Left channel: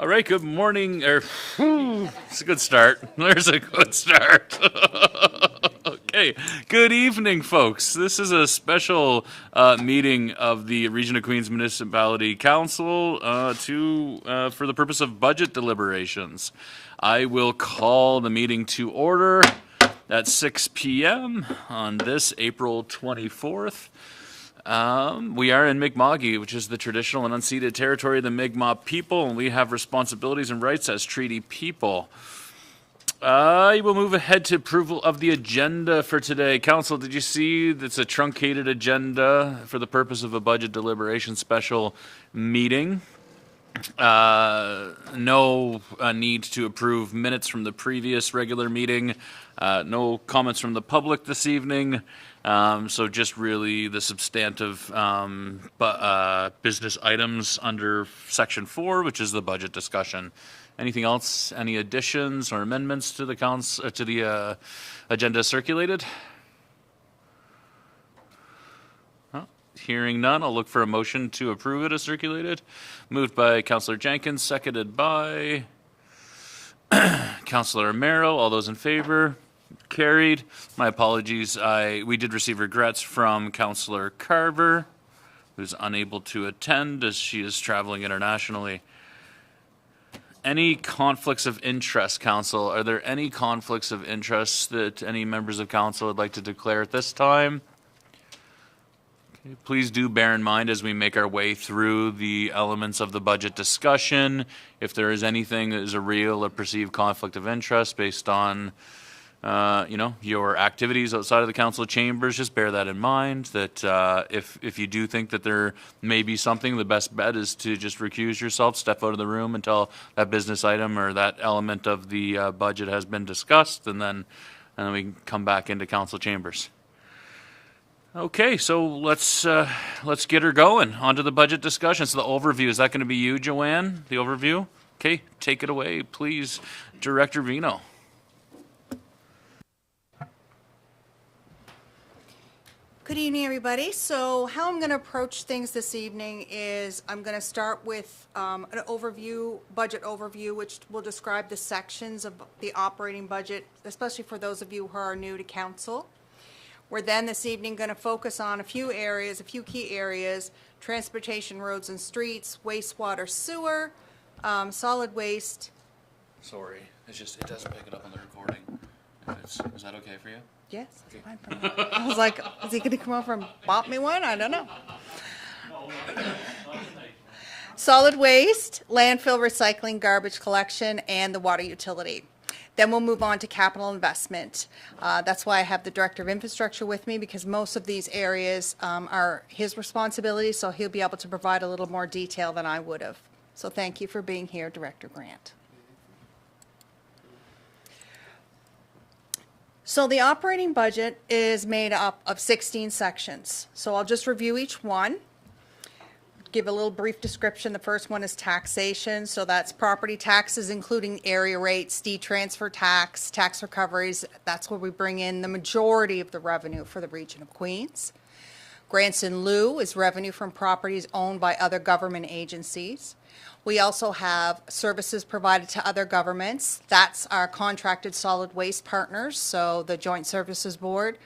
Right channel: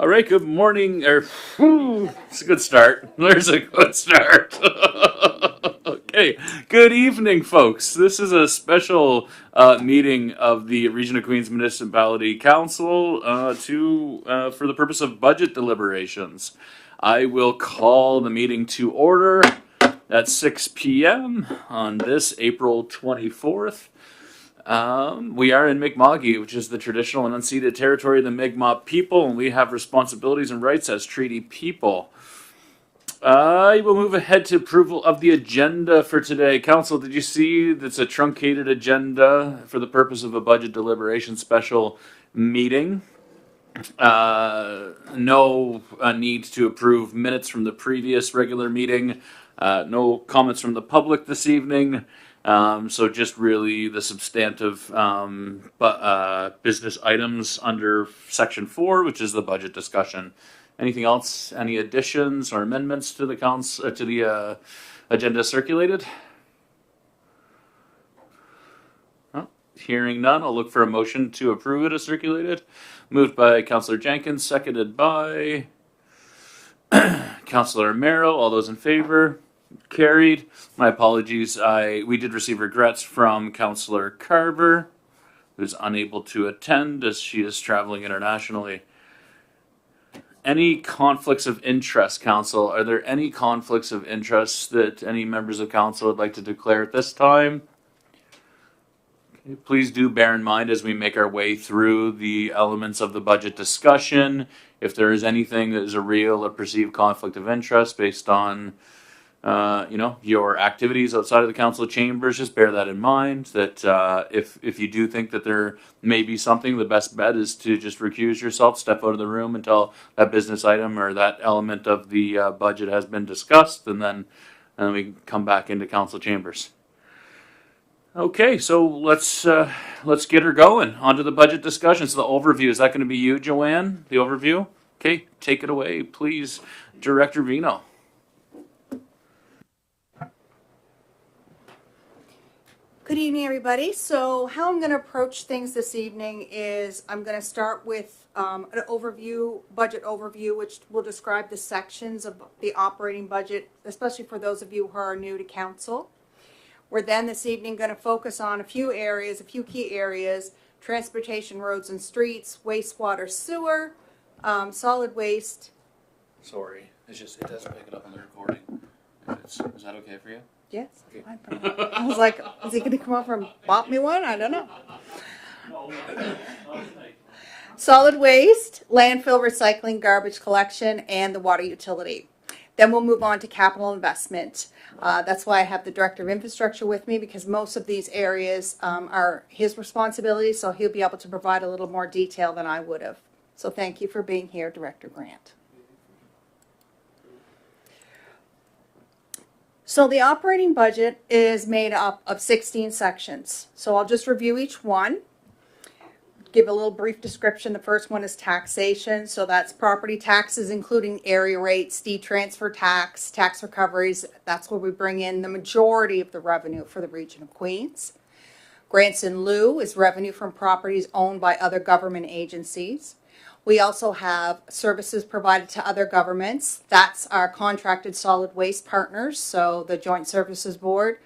All right, good morning. It's a good start. There's a good start. Okay, good evening, folks. This is a special meeting of the Region of Queens Municipality Council for the purpose of budget deliberations. I will call the meeting to order at 6 p.m. on this April 24th. We are in Mi'kma'ki, which is the traditional and unceded territory of the Mi'kmaq people, and we have responsibilities and rights as treaty people. I will move ahead to approval of the agenda for today. Council, did you see it's a truncated agenda for the purpose of a budget deliberation special meeting? No need to approve minutes from the previous regular meeting. No comments from the public this evening. So just really the substantive business items under section 4, which is the budget discussion. Anything else? Any additions or amendments to the agenda circulated? Well, hearing none, I'll look for a motion to approve it as circulated. Moved by Councillor Jenkins, seconded by Councillor Merrow. All those in favor? Carried. My apologies. We did receive regrets from Councillor Carver, who is unable to attend as she is traveling internationally. Any conflicts of interest, Council? Are there any conflicts of interest that any members of Council would like to declare at this time? Please do bear in mind as we make our way through the elements of the budget discussion, if there is anything that is a real or perceived conflict of interest based on your activities outside of the council chambers, just bear that in mind, that if you do think that there may be something, the best bet is to just recuse yourself, step out of the room until that business item or that element of the budget has been discussed, and then we can come back into council chambers. Okay, so let's get her going. Onto the budget discussion. So the overview, is that going to be you, Joanne? The overview? Okay, take it away, please, Director Vino. Good evening, everybody. So how I'm going to approach things this evening is I'm going to start with an overview, budget overview, which will describe the sections of the operating budget, especially for those of you who are new to council. We're then this evening going to focus on a few key areas: transportation, roads and streets, wastewater, sewer, solid waste. Sorry, it doesn't pick it up on the recording. Is that okay for you? Yes. Okay. I was like, is he going to come over and bop me one? I don't know. Solid waste, landfill recycling, garbage collection, and the water utility. Then we'll move on to capital investment. That's why I have the Director of Infrastructure with me, because most of these areas are his responsibility, so he'll be able to provide a little more detail than I would have. So thank you for being here, Director Grant. So the operating budget is made up of 16 sections. So I'll just review each one. Give a little brief description. The first one is taxation. So that's property taxes, including area rates, transfer tax, tax recoveries. That's where we bring in the majority of the revenue for the region of Queens. Grants in lieu is revenue from properties owned by other government agencies. We also have services provided to other governments. That's our contracted solid waste partners, so the Joint Services Board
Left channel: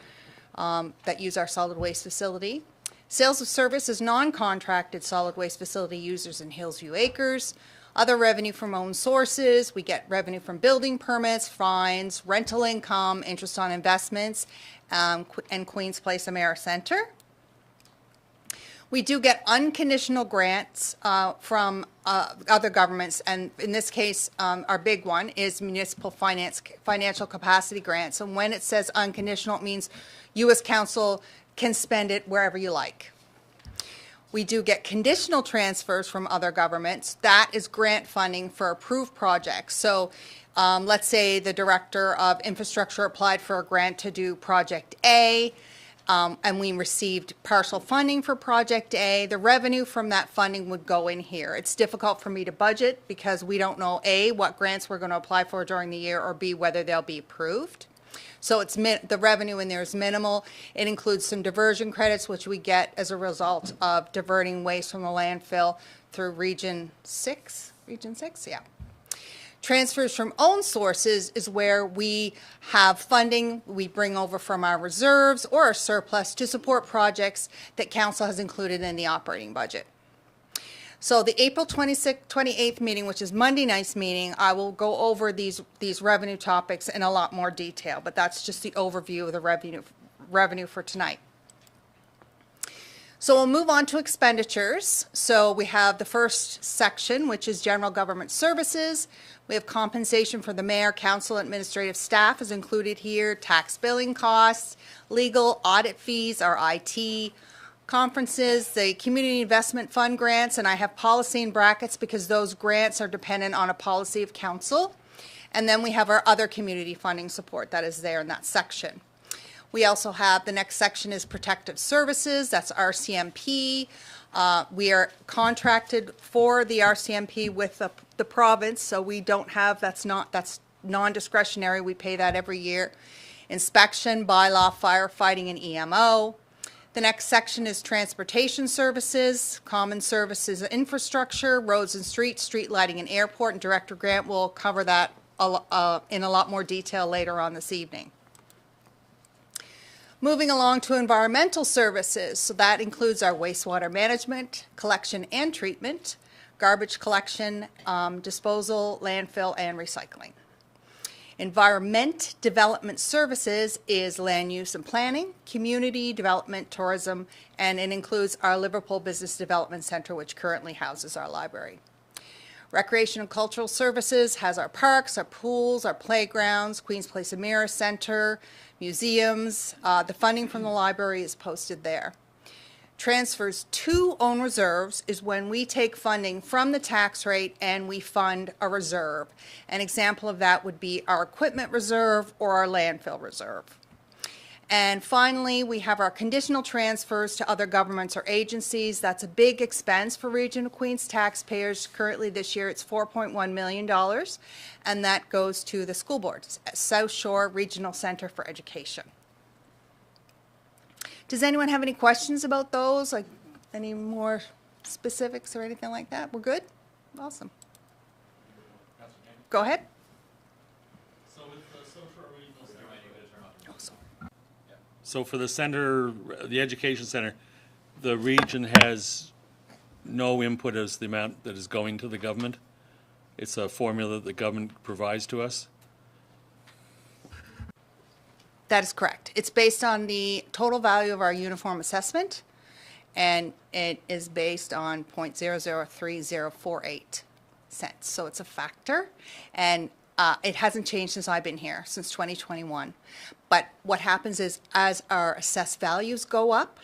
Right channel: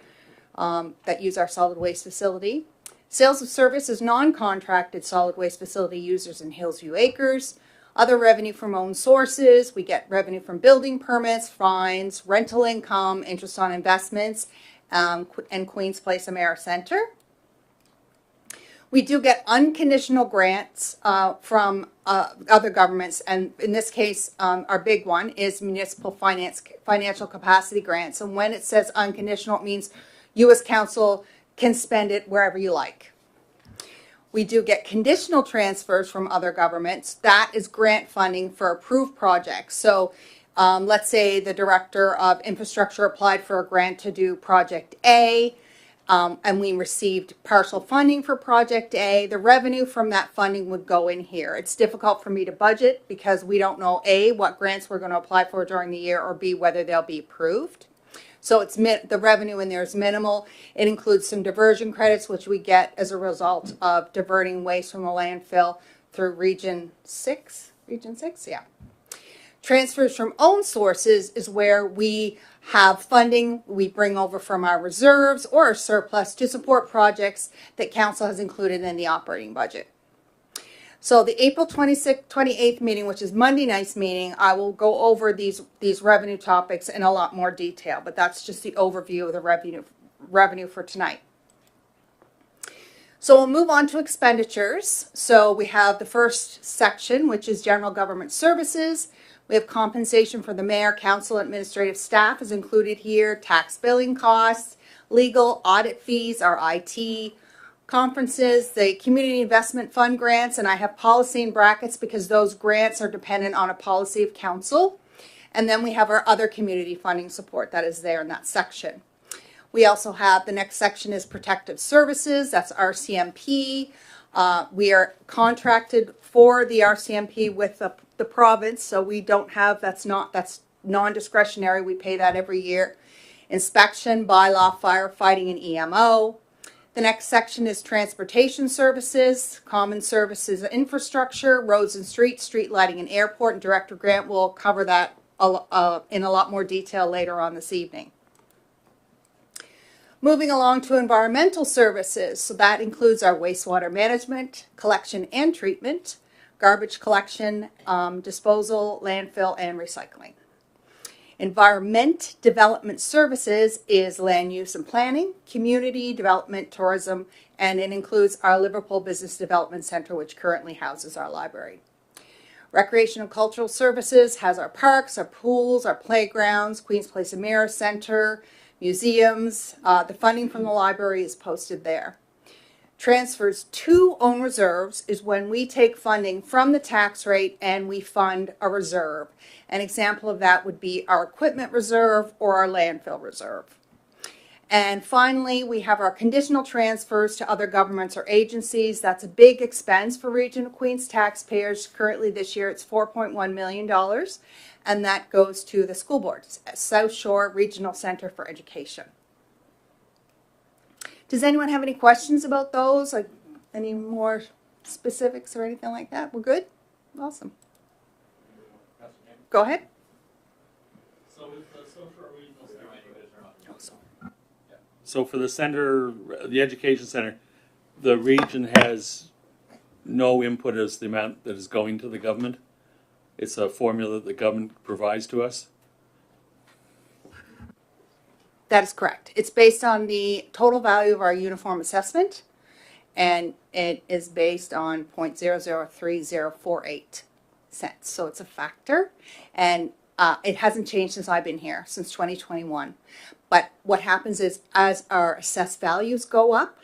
that use our solid waste facility. Sales of service is non-contracted solid waste facility users in Hillsview Acres. Other revenue from own sources. We get revenue from building permits, fines, rental income, interest on investments, and Queens Place Amera Center. We do get unconditional grants from other governments, and in this case, our big one is municipal financial capacity grants. And when it says unconditional, it means you as council can spend it wherever you like. We do get conditional transfers from other governments. That is grant funding for approved projects. So let's say the Director of Infrastructure applied for a grant to do Project A, and we received partial funding for Project A. The revenue from that funding would go in here. It's difficult for me to budget because we don't know A, what grants we're going to apply for during the year, or B, whether they'll be approved. So it's the revenue in there is minimal. It includes some diversion credits, which we get as a result of diverting waste from a landfill through Region 6, Region 6, yeah. Transfers from own sources is where we have funding we bring over from our reserves or our surplus to support projects that council has included in the operating budget. So the April 26th, 28th meeting, which is Monday night's meeting, I will go over these revenue topics in a lot more detail, but that's just the overview of the revenue for tonight. So we'll move on to expenditures. So we have the first section, which is general government services. We have compensation for the mayor, council, administrative staff is included here, tax billing costs, legal, audit fees, our IT, conferences, the community investment fund grants, and I have policy in brackets because those grants are dependent on a policy of council. And then we have our other community funding support that is there in that section. We also have, the next section is protective services, that's RCMP. We are contracted for the RCMP with the province, so we don't have, that's non-discretionary, we pay that every year. Inspection, bylaw, firefighting, and EMO. The next section is transportation services, common services, infrastructure, roads and streets, street lighting and airport, and Director Grant will cover that in a lot more detail later on this evening. Moving along to environmental services, so that includes our wastewater management, collection and treatment, garbage collection, disposal, landfill, and recycling. Environment development services is land use and planning, community development, tourism, and it includes our Liverpool Business Development Center, which currently houses our library. Recreation and cultural services has our parks, our pools, our playgrounds, Queen's Place and Mirror Center, museums. The funding from the library is posted there. Transfers to own reserves is when we take funding from the tax rate and we fund a reserve. An example of that would be our equipment reserve or our landfill reserve. And finally, we have our conditional transfers to other governments or agencies. That's a big expense for Region of Queens taxpayers. Currently this year it's $4.1 million, and that goes to the school boards at South Shore Regional Center for Education. Does anyone have any questions about those? Like any more specifics or anything like that? We're good? Awesome. Go ahead. So for the center, the education center, the region has no input as the amount that is going to the government. It's a formula that the government provides to us. That is correct. It's based on the total value of our uniform assessment, and it is based on 0.003048 cents. So it's a factor, and it hasn't changed since I've been here, since 2021. But what happens is as our assessed values go up,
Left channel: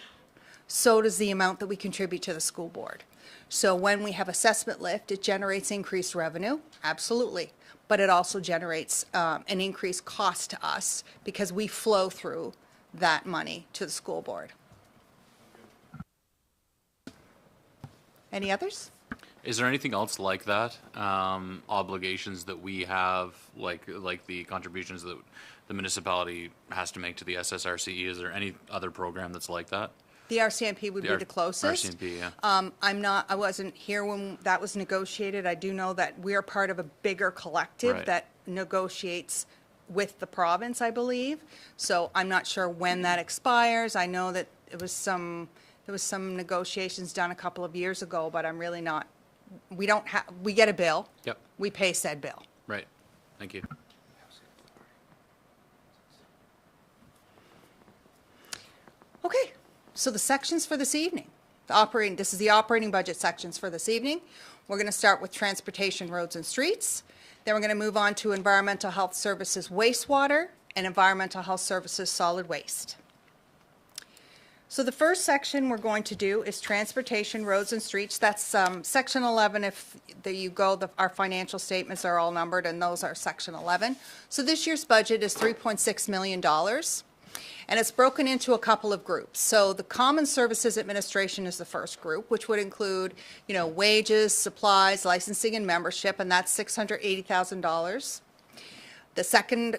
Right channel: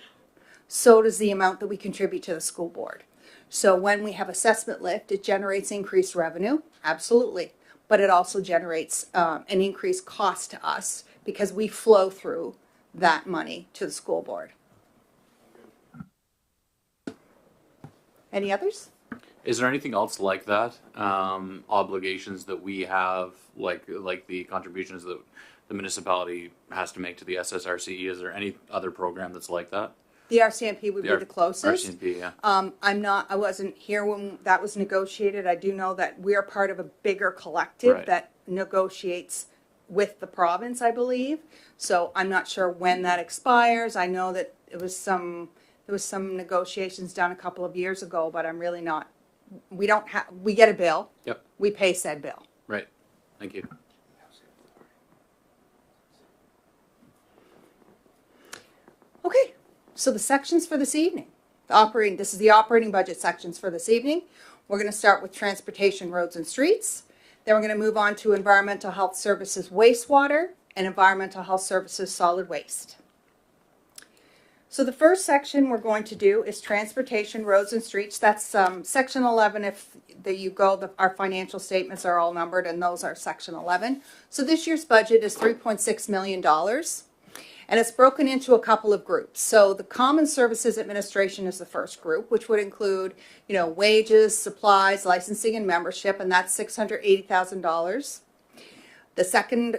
so does the amount that we contribute to the school board. So when we have assessment lift, it generates increased revenue, absolutely. But it also generates an increased cost to us because we flow through that money to the school board. Any others? Is there anything else like that? Obligations that we have, like the contributions that the municipality has to make to the SSRCE? Is there any other program that's like that? The RCMP would be the closest. RCMP, yeah. I wasn't here when that was negotiated. I do know that we are part of a bigger collective that negotiates with the province, I believe. So I'm not sure when that expires. I know that there was some negotiations done a couple of years ago, but I'm really not. We get a bill. Yep. We pay said bill. Right. Thank you. Okay. So the sections for this evening, this is the operating budget sections for this evening. We're going to start with transportation, roads and streets. Then we're going to move on to environmental health services, wastewater, and environmental health services, solid waste. So the first section we're going to do is transportation, roads and streets. That's section 11. If you go, our financial statements are all numbered and those are section 11. So this year's budget is $3.6 million. And it's broken into a couple of groups. So the Common Services Administration is the first group, which would include, wages, supplies, licensing, and membership, and that's $680,000. The second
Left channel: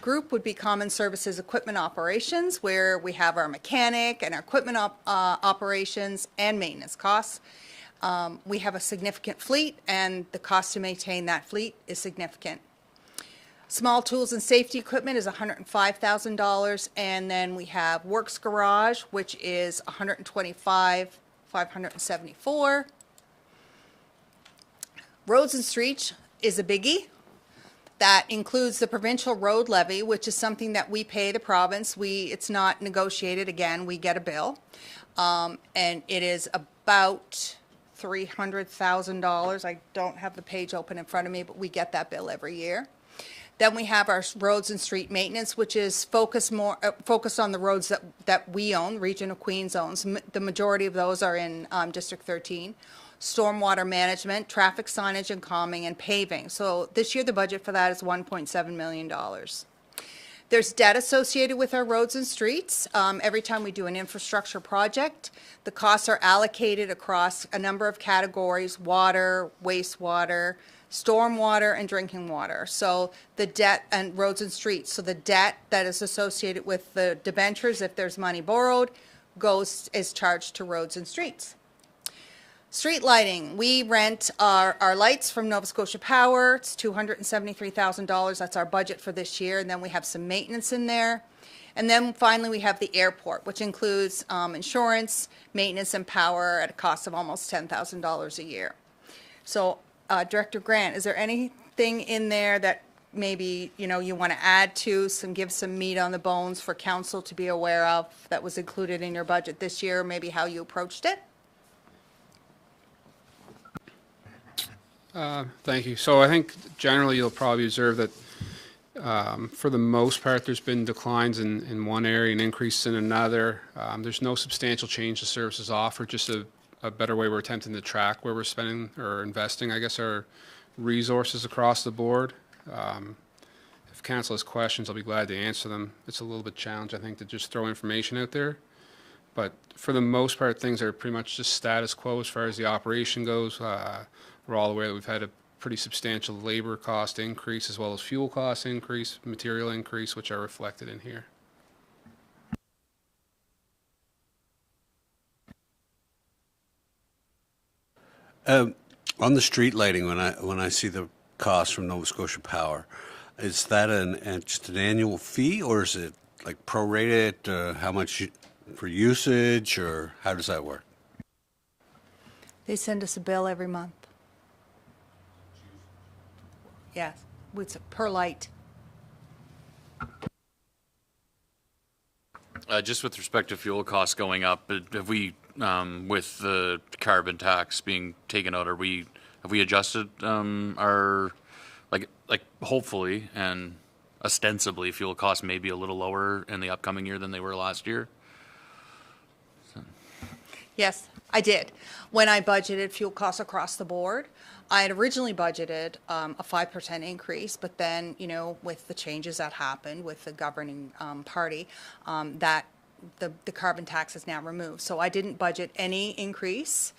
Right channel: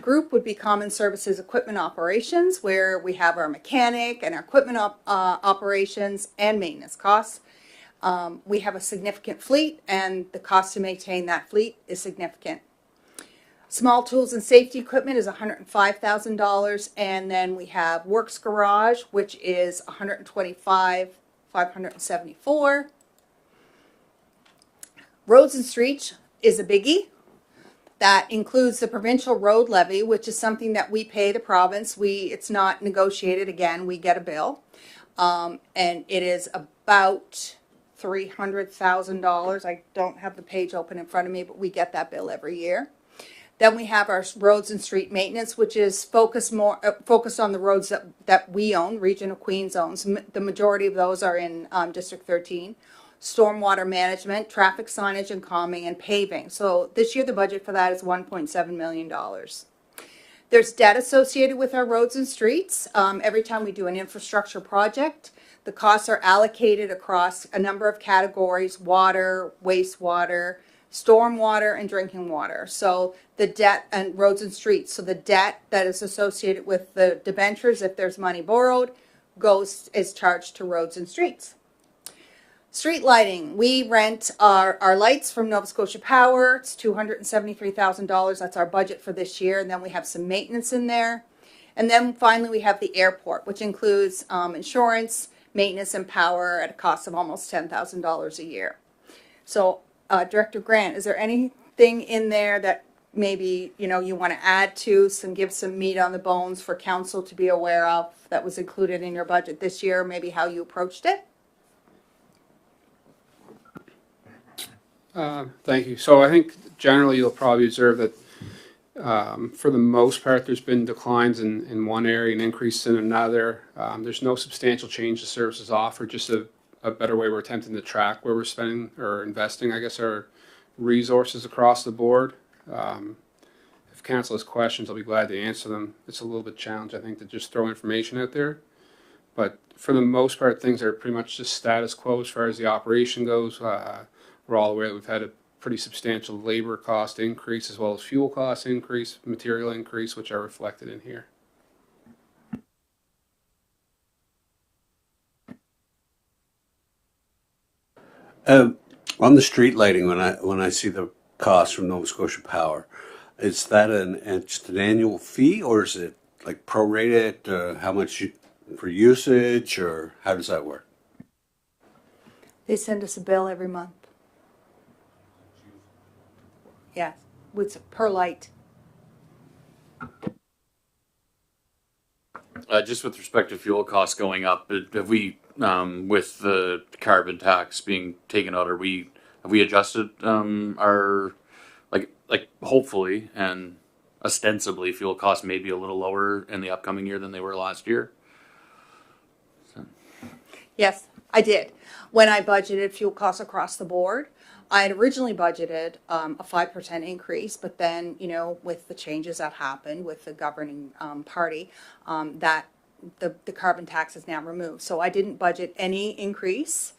group would be Common Services Equipment Operations, where we have our mechanic and our equipment operations and maintenance costs. We have a significant fleet, and the cost to maintain that fleet is significant. Small tools and safety equipment is $105,000, and then we have Works Garage, which is $125,574. Roads and streets is a biggie. That includes the provincial road levy, which is something that we pay the province. It's not negotiated. Again, we get a bill, and it is about $300,000. I don't have the page open in front of me, but we get that bill every year. Then we have our roads and street maintenance, which is focused on the roads that we own, Region of Queens owns. The majority of those are in District 13. Stormwater management, traffic signage and calming, and paving. So this year the budget for that is $1.7 million. There's debt associated with our roads and streets. Every time we do an infrastructure project, the costs are allocated across a number of categories: water, wastewater, stormwater, and drinking water. So the debt and roads and streets. So the debt that is associated with the debentures, if there's money borrowed, is charged to roads and streets. Street lighting. We rent our lights from Nova Scotia Power. It's $273,000. That's our budget for this year. And then we have some maintenance in there. And then finally we have the airport, which includes insurance, maintenance, and power at a cost of almost $10,000 a year. So Director Grant, is there anything in there that maybe you want to add to, give some meat on the bones for council to be aware of that was included in your budget this year, maybe how you approached it? Thank you. So I think generally you'll probably observe that for the most part there's been declines in one area and increases in another. There's no substantial change to services offered, just a better way we're attempting to track where we're spending or investing, I guess, our resources across the board. If council has questions, I'll be glad to answer them. It's a little bit challenging, I think, to just throw information out there. But for the most part, things are pretty much just status quo as far as the operation goes. We're all aware that we've had a pretty substantial labor cost increase as well as fuel cost increase, material increase, which are reflected in here. On the street lighting, when I see the cost from Nova Scotia Power, is that just an annual fee, or is it like prorated? How much for usage, or how does that work? They send us a bill every month. Yes, it's per light. Just with respect to fuel costs going up, have we, with the carbon tax being taken out, have we adjusted our like hopefully and ostensibly fuel costs may be a little lower in the upcoming year than they were last year? Yes, I did. When I budgeted fuel costs across the board, I had originally budgeted a 5% increase, but then, with the changes that happened with the governing party, that the carbon tax is now removed. So I didn't budget any increase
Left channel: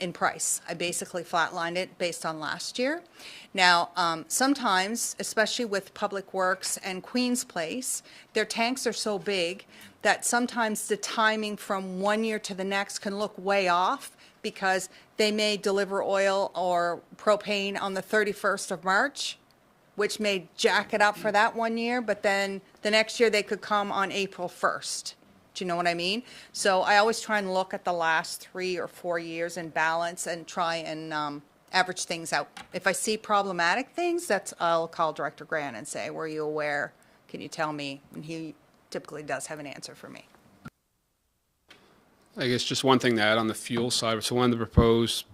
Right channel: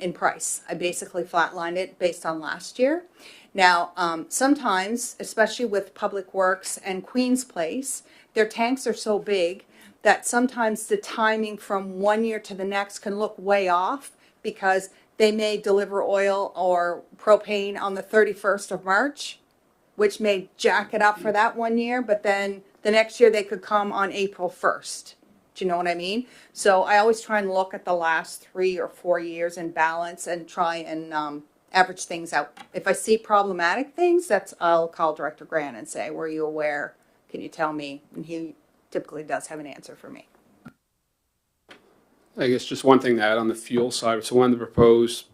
in price. I basically flatlined it based on last year. Now, sometimes, especially with Public Works and Queen's Place, their tanks are so big that sometimes the timing from one year to the next can look way off, because they may deliver oil or propane on the 31st of March, which may jack it up for that one year, but then the next year they could come on April 1st. Do you know what I mean? So I always try and look at the last 3 or 4 years in balance and try and average things out. If I see problematic things, I'll call Director Grant and say, were you aware? Can you tell me? And he typically does have an answer for me. I guess just one thing to add on the fuel side. So one of the proposed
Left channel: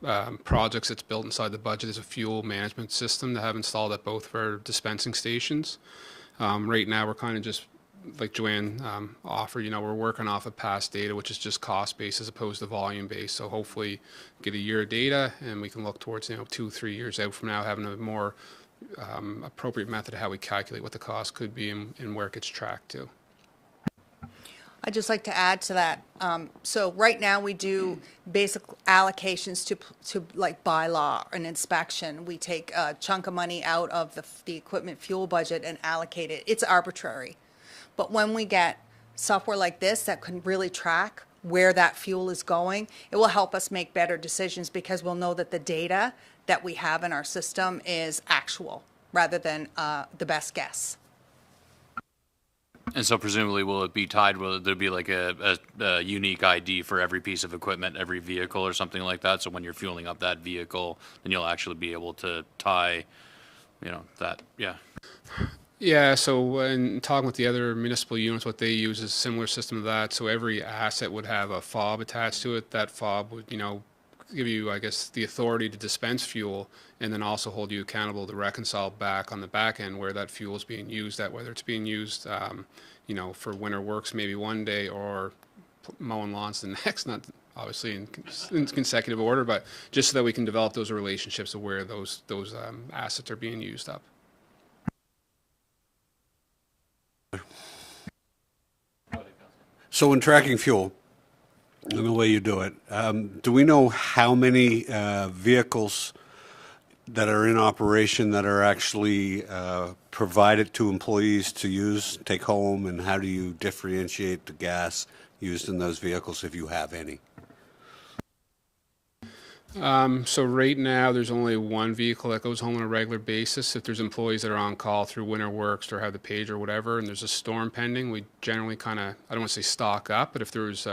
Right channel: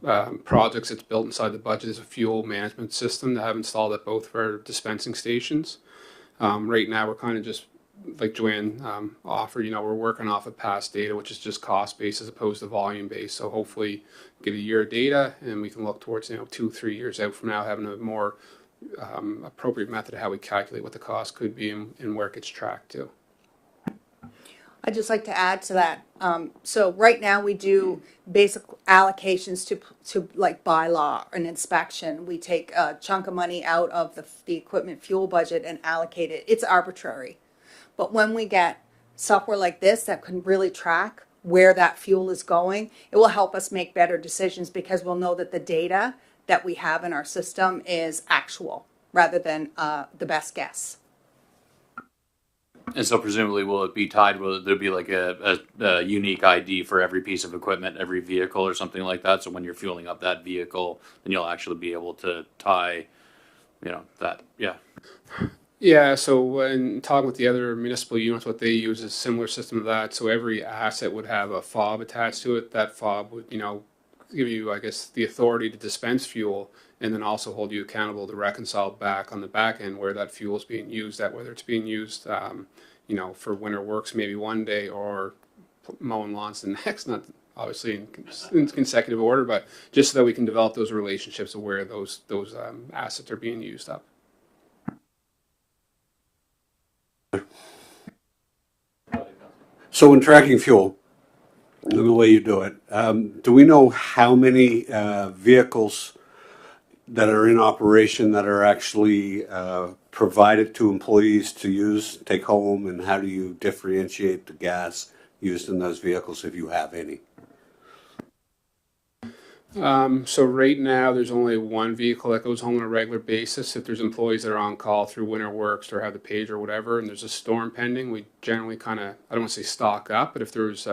projects that's built inside the budget is a fuel management system to have installed at both of our dispensing stations. Right now we're kind of just, like Joanne offered, we're working off of past data, which is just cost based as opposed to volume based. So hopefully get a year of data and we can look towards 2-3 years out from now having a more appropriate method of how we calculate what the cost could be and where it gets tracked to. I'd just like to add to that. So right now we do basic allocations to like bylaw and inspection. We take a chunk of money out of the equipment fuel budget and allocate it. It's arbitrary. But when we get software like this that can really track where that fuel is going, it will help us make better decisions because we'll know that the data that we have in our system is actual rather than the best guess. And so presumably will it be tied, will there be like a unique ID for every piece of equipment, every vehicle or something like that? So when you're fueling up that vehicle, then you'll actually be able to tie, that, yeah. Yeah, so when talking with the other municipal units, what they use is a similar system to that. So every asset would have a fob attached to it. That fob would, give you, I guess, the authority to dispense fuel and then also hold you accountable to reconcile back on the back end where that fuel is being used, that whether it's being used, for winter works maybe one day or mowing lawns the next, not obviously in consecutive order, but just so that we can develop those relationships of where those assets are being used up. So when tracking fuel, the way you do it, do we know how many vehicles that are in operation that are actually provided to employees to use, take home, and how do you differentiate the gas used in those vehicles if you have any? So right now, there's only one vehicle that goes home on a regular basis. If there's employees that are on call through winter works or have the page or whatever, and there's a storm pending, we generally kind of, I don't want to say stock up, but if there's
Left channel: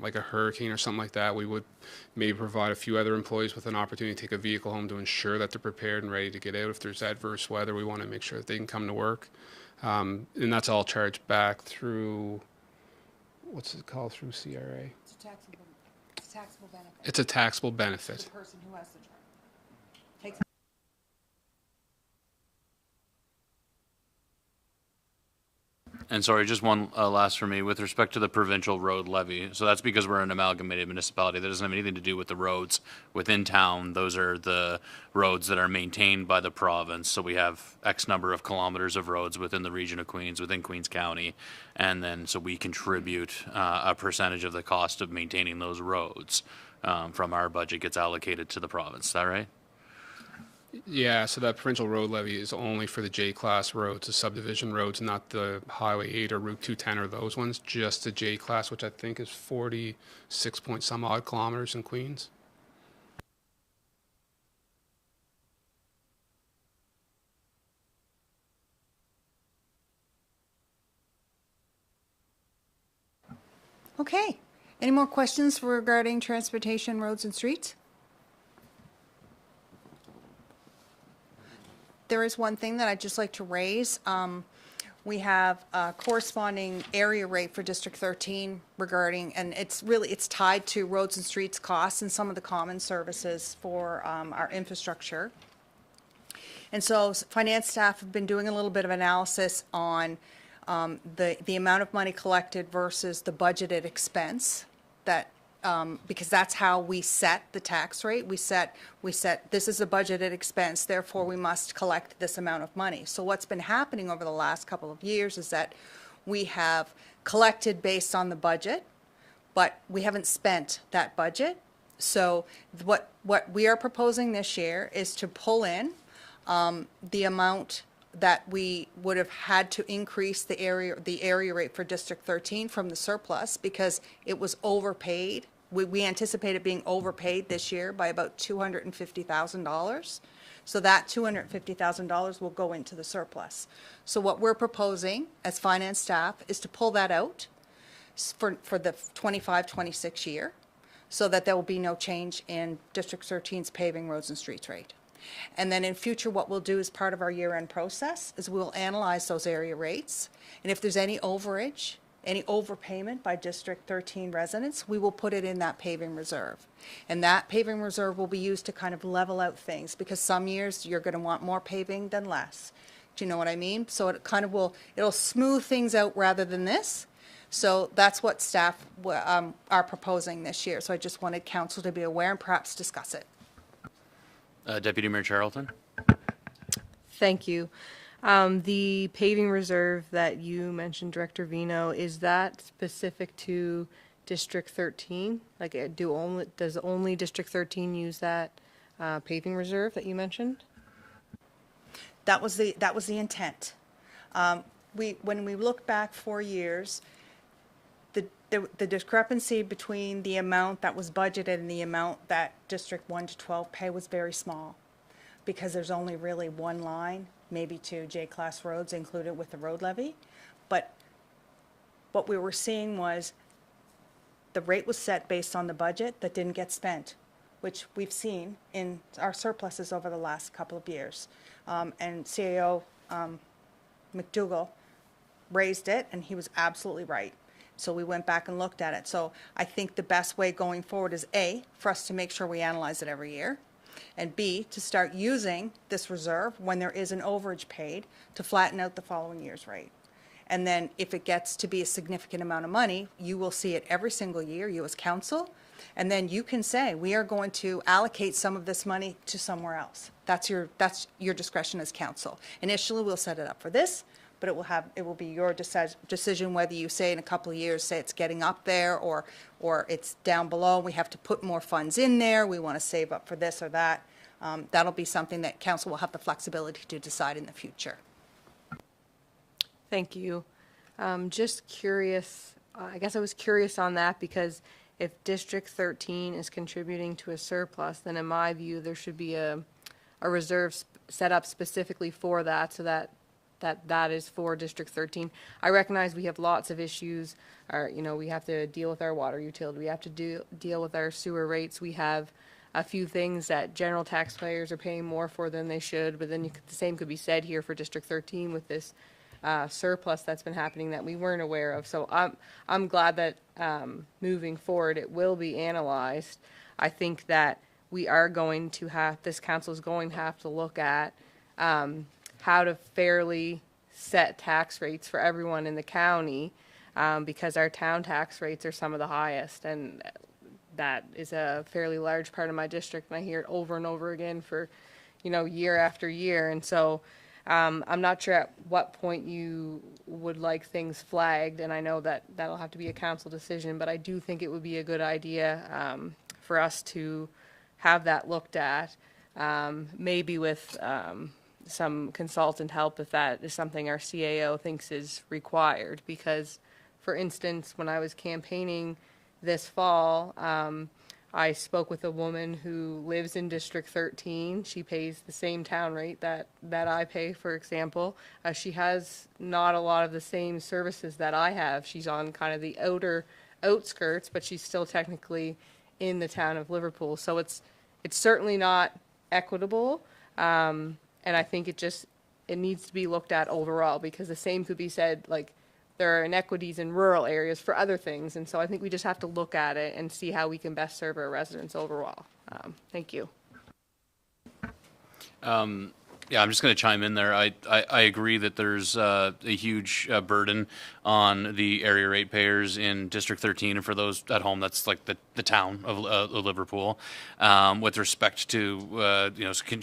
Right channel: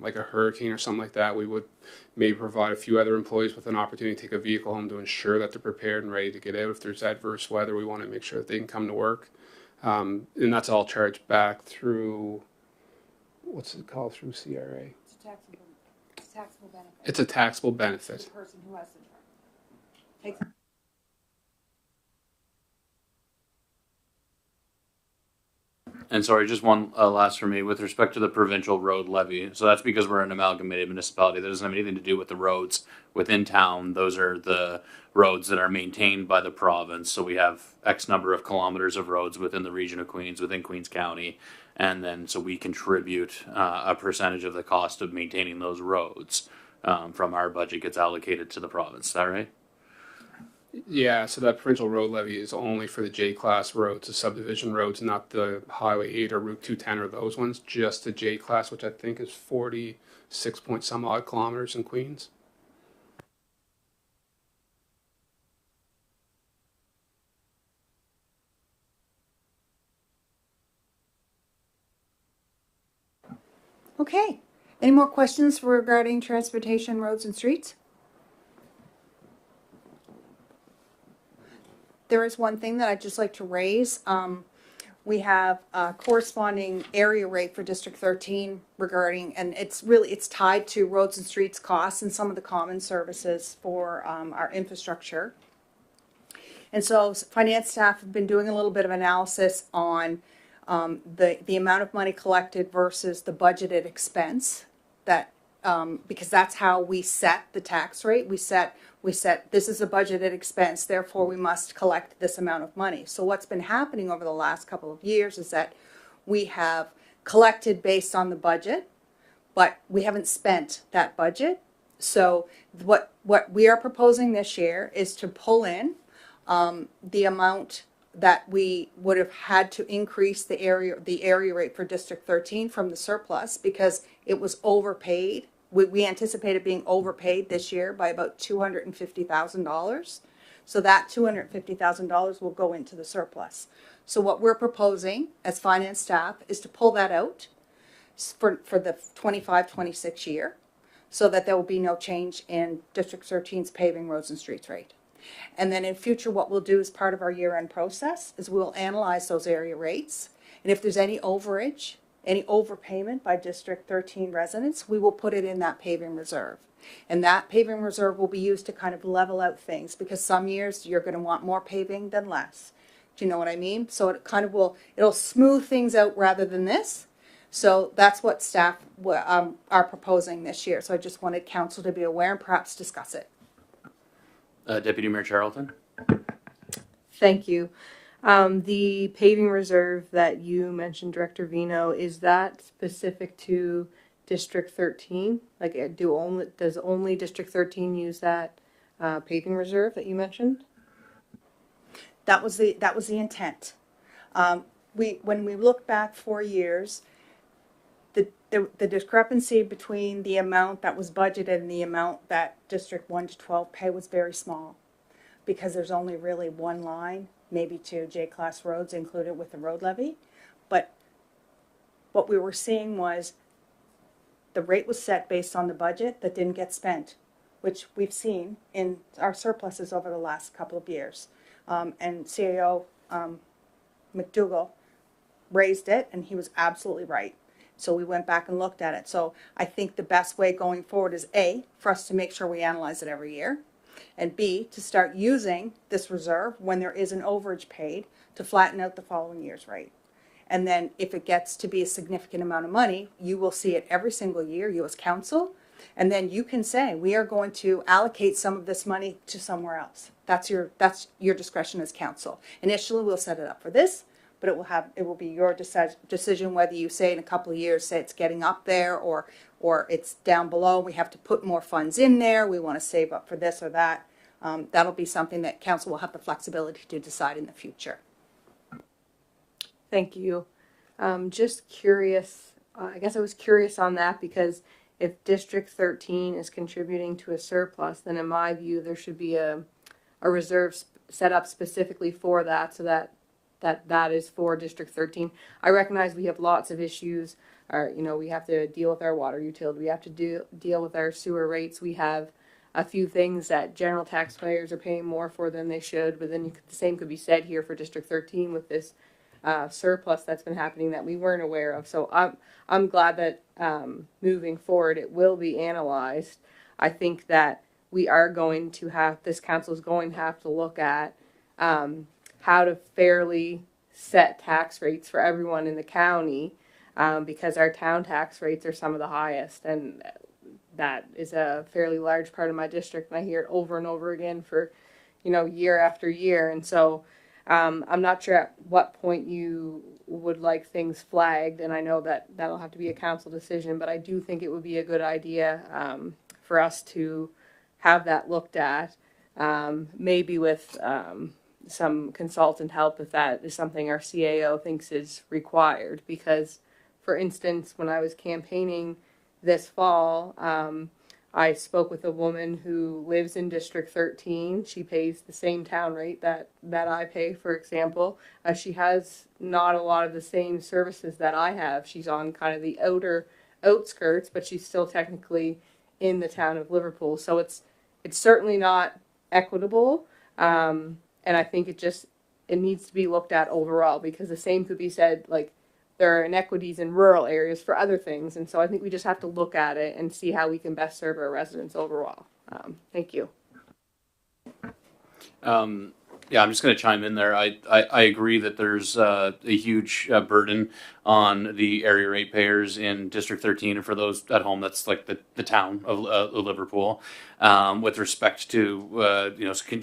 like a hurricane or something like that, we would maybe provide a few other employees with an opportunity to take a vehicle home to ensure that they're prepared and ready to get out. If there's adverse weather, we want to make sure that they can come to work. And that's all charged back through, what's it called, through CRA? It's taxable benefit. It's a taxable benefit. The person who has the truck. And sorry, just one last for me with respect to the provincial road levy. So that's because we're an amalgamated municipality. That doesn't have anything to do with the roads within town. Those are the roads that are maintained by the province. So we have X number of kilometers of roads within the region of Queens, within Queens County. And then so we contribute a percentage of the cost of maintaining those roads from our budget gets allocated to the province. Is that right? Yeah, so that provincial road levy is only for the J-class roads, the subdivision roads, not the Highway 8 or Route 210 or those ones, just the J-class, which I think is 46 point some odd kilometers in Queens. Okay. Any more questions regarding transportation, roads, and streets? There is one thing that I'd just like to raise. We have a corresponding area rate for District 13 regarding, and it's tied to roads and streets costs and some of the common services for our infrastructure. And so finance staff have been doing a little bit of analysis on the amount of money collected versus the budgeted expense that because that's how we set the tax rate. We set this is a budgeted expense, therefore we must collect this amount of money. So what's been happening over the last couple of years is that we have collected based on the budget, but we haven't spent that budget. So what we are proposing this year is to pull in the amount that we would have had to increase the area rate for District 13 from the surplus because it was overpaid. We anticipated being overpaid this year by about $250,000. So that $250,000 will go into the surplus. So what we're proposing as finance staff is to pull that out for the 25-26 year so that there will be no change in District 13's paving, roads, and streets rate. And then in future, what we'll do as part of our year-end process is we'll analyze those area rates. And if there's any overage, any overpayment by District 13 residents, we will put it in that paving reserve. And that paving reserve will be used to kind of level out things because some years you're going to want more paving than less. Do you know what I mean? So it kind of it'll smooth things out rather than this. So that's what staff are proposing this year. So I just wanted council to be aware and perhaps discuss it. Deputy Mayor Charlton? Thank you. The paving reserve that you mentioned, Director Vino, is that specific to District 13? Like, does only District 13 use that paving reserve that you mentioned? That was the Intent. When we look back 4 years, the discrepancy between the amount that was budgeted and the amount that District 1 to 12 pay was very small, because there's only really one line, maybe two J-class roads included with the road levy. But what we were seeing was the rate was set based on the budget that didn't get spent, which we've seen in our surpluses over the last couple of years. And CAO McDougall raised it, and he was absolutely right. So we went back and looked at it. So I think the best way going forward is A, for us to make sure we analyze it every year, and B, to start using this reserve when there is an overage paid to flatten out the following year's rate. And then if it gets to be a significant amount of money, you will see it every single year, you as council, and then you can say, we are going to allocate some of this money to somewhere else. That's your discretion as council. Initially, we'll set it up for this, but it will be your decision whether you say in a couple of years, say it's getting up there, or it's down below, we have to put more funds in there, we want to save up for this or that. That'll be something that council will have the flexibility to decide in the future. Thank you. Just curious, I guess I was curious on that because if District 13 is contributing to a surplus, then in my view, there should be a reserve set up specifically for that, so that is for District 13. I recognize we have lots of issues. We have to deal with our water utility. We have to deal with our sewer rates. We have a few things that general taxpayers are paying more for than they should, but then the same could be said here for District 13 with this surplus that's been happening that we weren't aware of. So I'm glad that moving forward it will be analyzed. I think that we are going to have, this council is going to have to look at how to fairly set tax rates for everyone in the county, because our town tax rates are some of the highest, and that is a fairly large part of my district, and I hear it over and over again for year after year. And so I'm not sure at what point you would like things flagged, and I know that that'll have to be a council decision, but I do think it would be a good idea for us to have that looked at, maybe with some consultant help if that is something our CAO thinks is required. Because, for instance, when I was campaigning this fall, I spoke with a woman who lives in District 13. She pays the same town rate that I pay, for example. She has not a lot of the same services that I have. She's on kind of the outer outskirts, but she's still technically in the town of Liverpool. So it's certainly not equitable, and I think it needs to be looked at overall, because the same could be said, like, there are inequities in rural areas for other things, and so I think we just have to look at it and see how we can best serve our residents overall. Thank you. Yeah, I'm just going to chime in there. I agree that there's a huge burden on the area ratepayers in District 13, and for those at home, that's like the town of Liverpool, with respect to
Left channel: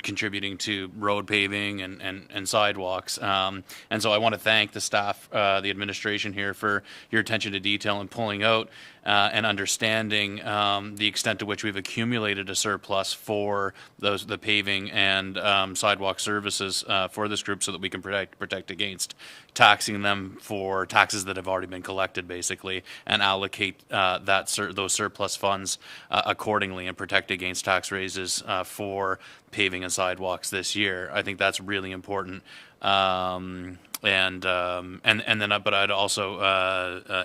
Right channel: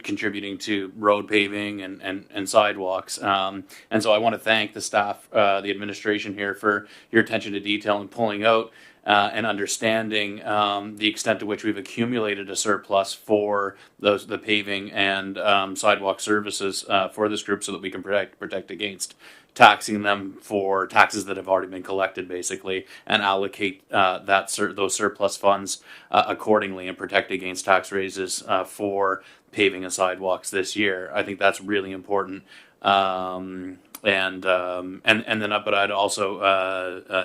contributing to road paving and sidewalks. And so I want to thank the staff, the administration here, for your attention to detail and pulling out and understanding the extent to which we've accumulated a surplus for the paving and sidewalk services for this group, so that we can protect against taxing them for taxes that have already been collected, basically, and allocate those surplus funds accordingly and protect against tax raises for paving and sidewalks this year. I think that's really important. But I'd also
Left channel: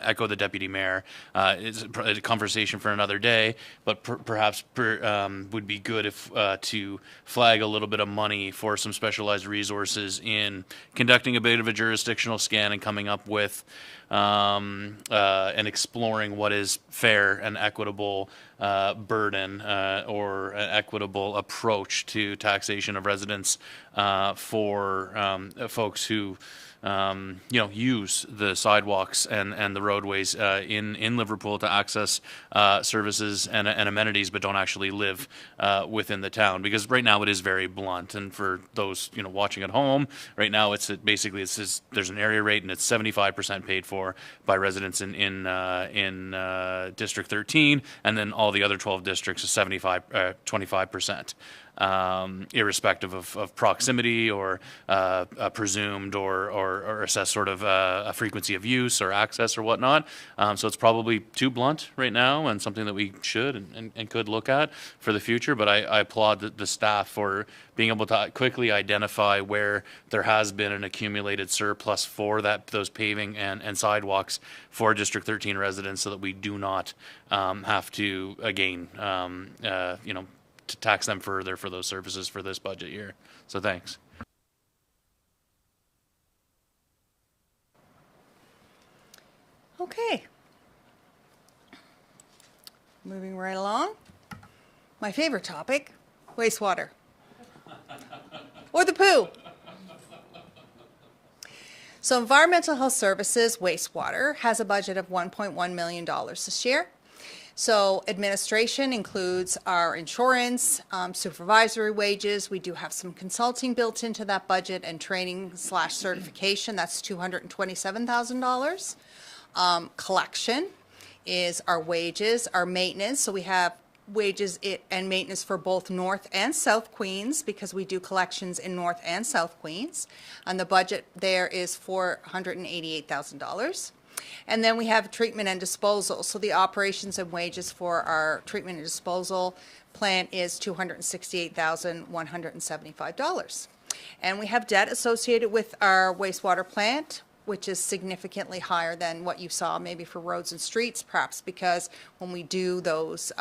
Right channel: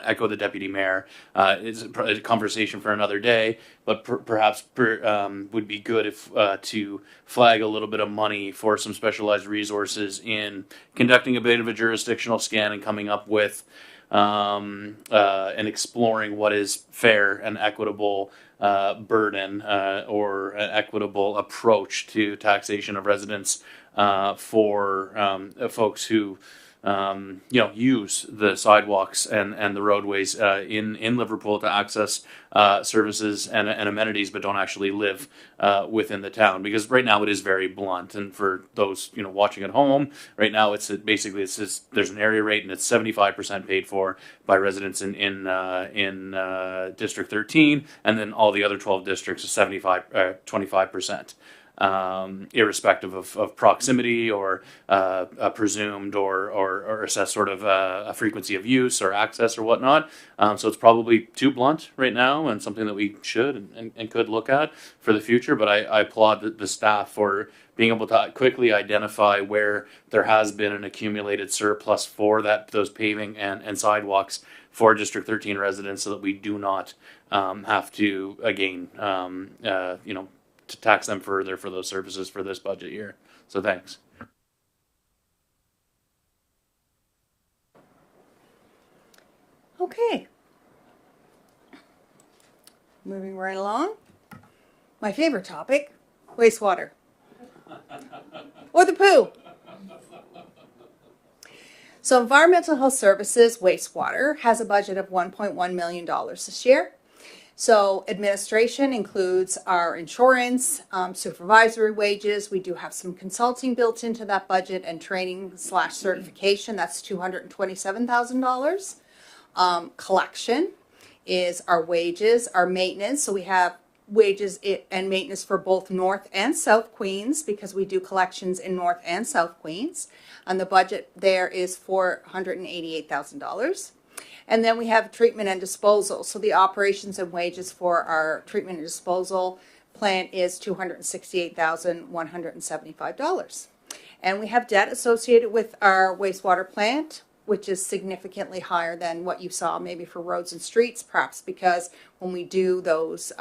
echo the deputy mayor. It's a conversation for another day, but perhaps would be good if to flag a little bit of money for some specialized resources in conducting a bit of a jurisdictional scan and coming up with and exploring what is fair and equitable burden or an equitable approach to taxation of residents for folks who use the sidewalks and the roadways in Liverpool to access services and amenities, but don't actually live within the town. Because right now it is very blunt, and for those watching at home, right now it's there's an area rate, and it's 75% paid for by residents in District 13, and then all the other 12 districts is 25%. irrespective of proximity or presumed or assessed sort of a frequency of use or access or whatnot. So it's probably too blunt right now and something that we should and could look at for the future. But I applaud the staff for being able to quickly identify where there has been an accumulated surplus for those paving and sidewalks for District 13 residents, so that we do not have to again to tax them further for those services for this budget year. So thanks. Okay. Moving right along. My favorite topic, wastewater. Or the poo. So Environmental Health Services wastewater has a budget of $1.1 million this year. So administration includes our insurance, supervisory wages. We do have some consulting built into that budget and training / certification. That's $227,000. Collection is our wages, our maintenance. So we have wages and maintenance for both North and South Queens, because we do collections in North and South Queens. And the budget there is $488,000. And then we have treatment and disposal. So the operations and wages for our treatment and disposal plant is $268,175. And we have debt associated with our wastewater plant, which is significantly higher than what you saw maybe for roads and streets, perhaps because when we do those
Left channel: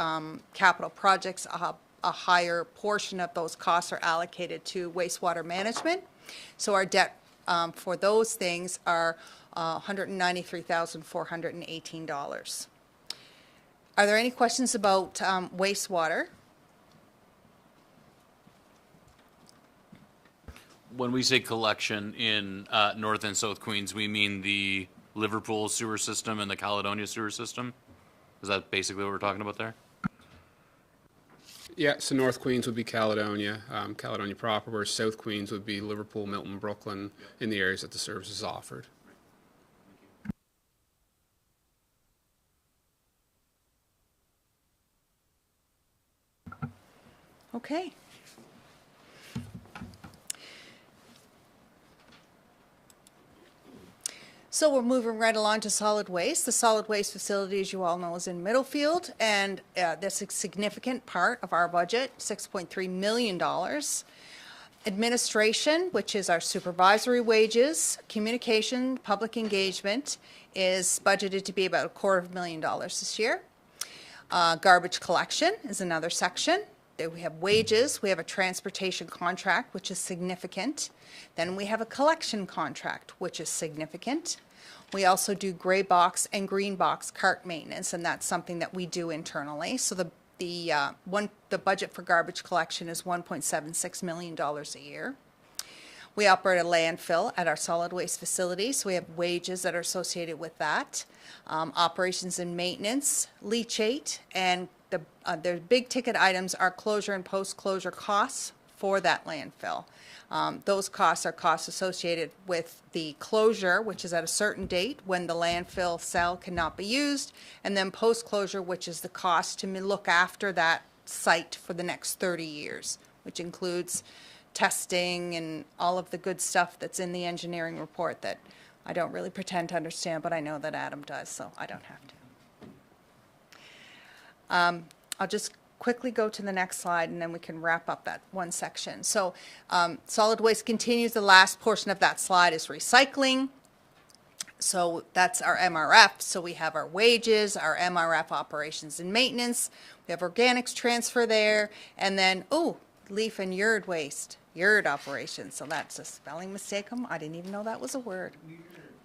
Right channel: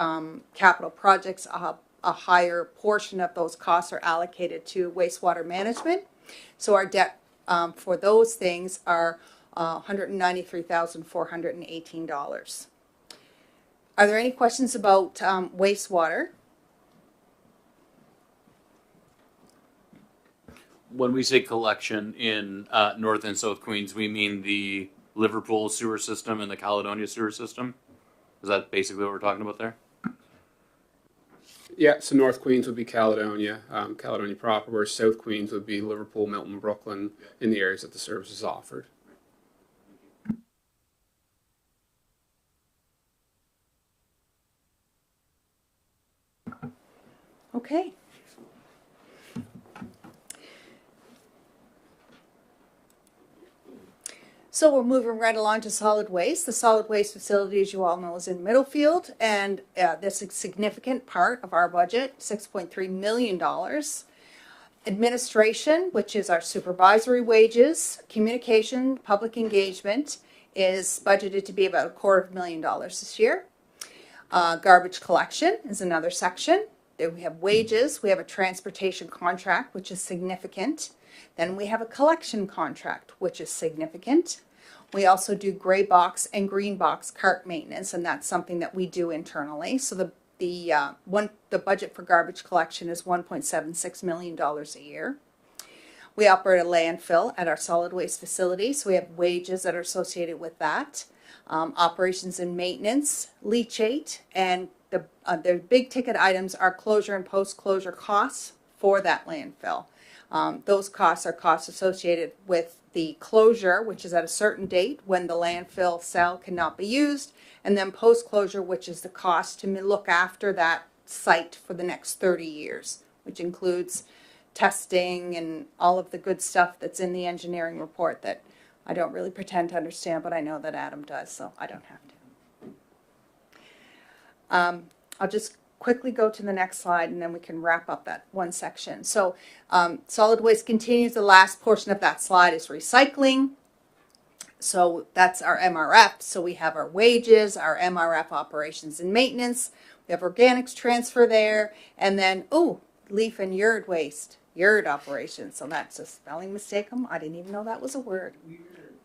capital projects, a higher portion of those costs are allocated to wastewater management. So our debt for those things are $193,418. Are there any questions about wastewater? When we say collection in North and South Queens, we mean the Liverpool sewer system and the Caledonia sewer system? Is that basically what we're talking about there? Yeah, so North Queens would be Caledonia, Caledonia proper, where South Queens would be Liverpool, Milton, Brooklyn, in the areas that the service is offered. Okay. So we're moving right along to solid waste. The solid waste facility, as you all know, is in Middlefield, and this is a significant part of our budget, $6.3 million. Administration, which is our supervisory wages, communication, public engagement, is budgeted to be about $250,000 this year. Garbage collection is another section. There we have wages. We have a transportation contract, which is significant. Then we have a collection contract, which is significant. We also do gray box and green box cart maintenance, and that's something that we do internally. So the budget for garbage collection is $1.76 million a year. We operate a landfill at our solid waste facility, so we have wages that are associated with that. Operations and maintenance, leachate, and the big ticket items are closure and post-closure costs for that landfill. Those costs are costs associated with the closure, which is at a certain date when the landfill cell cannot be used, and then post-closure, which is the cost to look after that site for the next 30 years, which includes testing and all of the good stuff that's in the engineering report that I don't really pretend to understand, but I know that Adam does, so I don't have to. I'll just quickly go to the next slide and then we can wrap up that one section. So solid waste continues. The last portion of that slide is recycling. So that's our MRF. So we have our wages, our MRF operations and maintenance. We have organics transfer there. And then, leaf and yard waste, yard operations. So that's a spelling mistake. I didn't even know that was a word.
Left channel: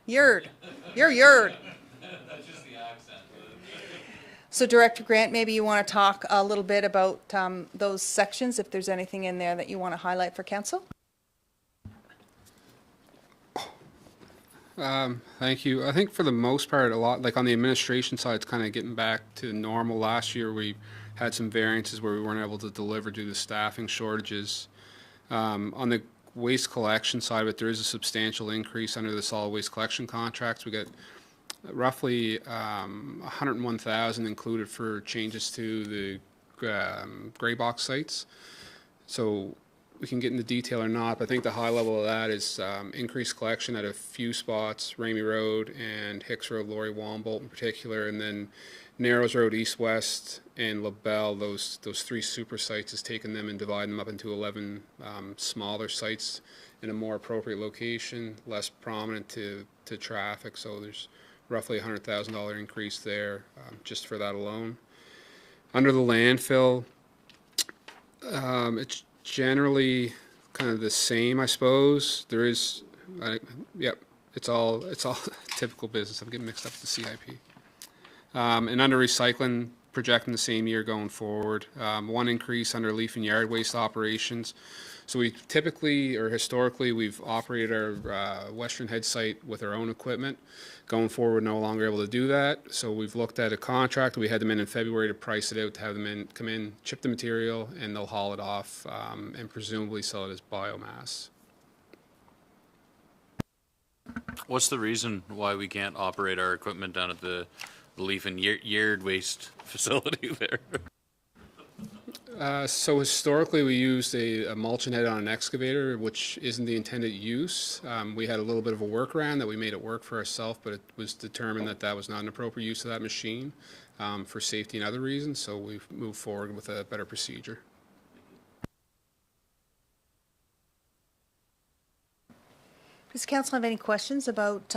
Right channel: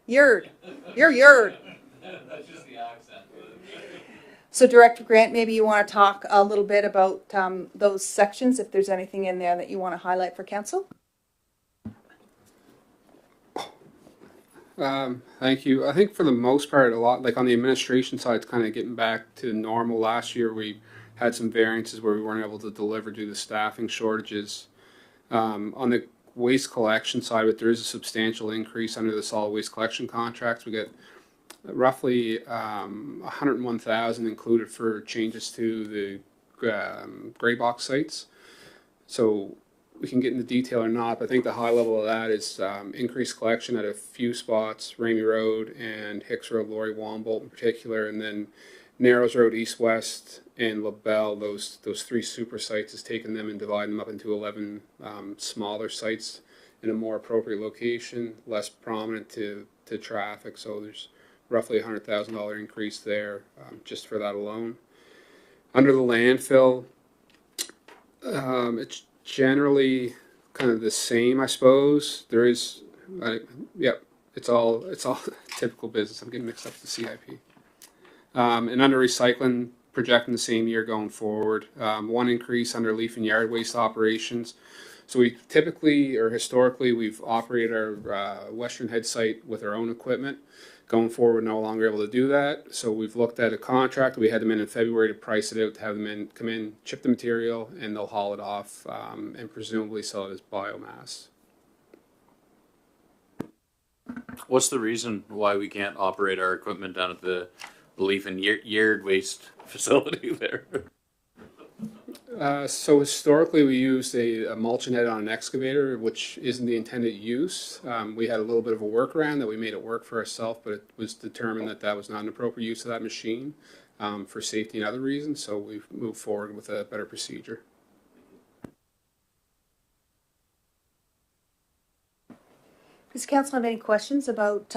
Yard. Your yard. So Director Grant, maybe you want to talk a little bit about those sections, if there's anything in there that you want to highlight for council. Thank you. I think for the most part, a lot, like on the administration side, it's kind of getting back to normal. Last year, we had some variances where we weren't able to deliver due to staffing shortages. On the waste collection side of it, there is a substantial increase under the solid waste collection contracts. We get roughly $101,000 included for changes to the gray box sites. So we can get into detail or not, but I think the high level of that is increased collection at a few spots, Ramey Road and Hicks Road, Laurie Wombolt in particular, and then Narrows Road, East West, and LaBelle. Those three super sites is taking them and dividing them up into 11 smaller sites in a more appropriate location, less prominent to traffic. So there's roughly $100,000 increase there just for that alone. Under the landfill, it's generally kind of the same, I suppose. There is, it's all typical business. I'm getting mixed up with the CIP. And under recycling, projecting the same year going forward. One increase under leaf and yard waste operations. So we typically, or historically, we've operated our Western Head site with our own equipment. Going forward, we're no longer able to do that. So we've looked at a contract. We had them in February to price it out, to have them come in, chip the material, and they'll haul it off and presumably sell it as biomass. What's the reason why we can't operate our equipment down at the leaf and yard waste facility there? So historically, we used a mulch net on an excavator, which isn't the intended use. We had a little bit of a workaround that we made it work for ourselves, but it was determined that that was not an appropriate use of that machine for safety and other reasons. So we've moved forward with a better procedure. Does council have any questions about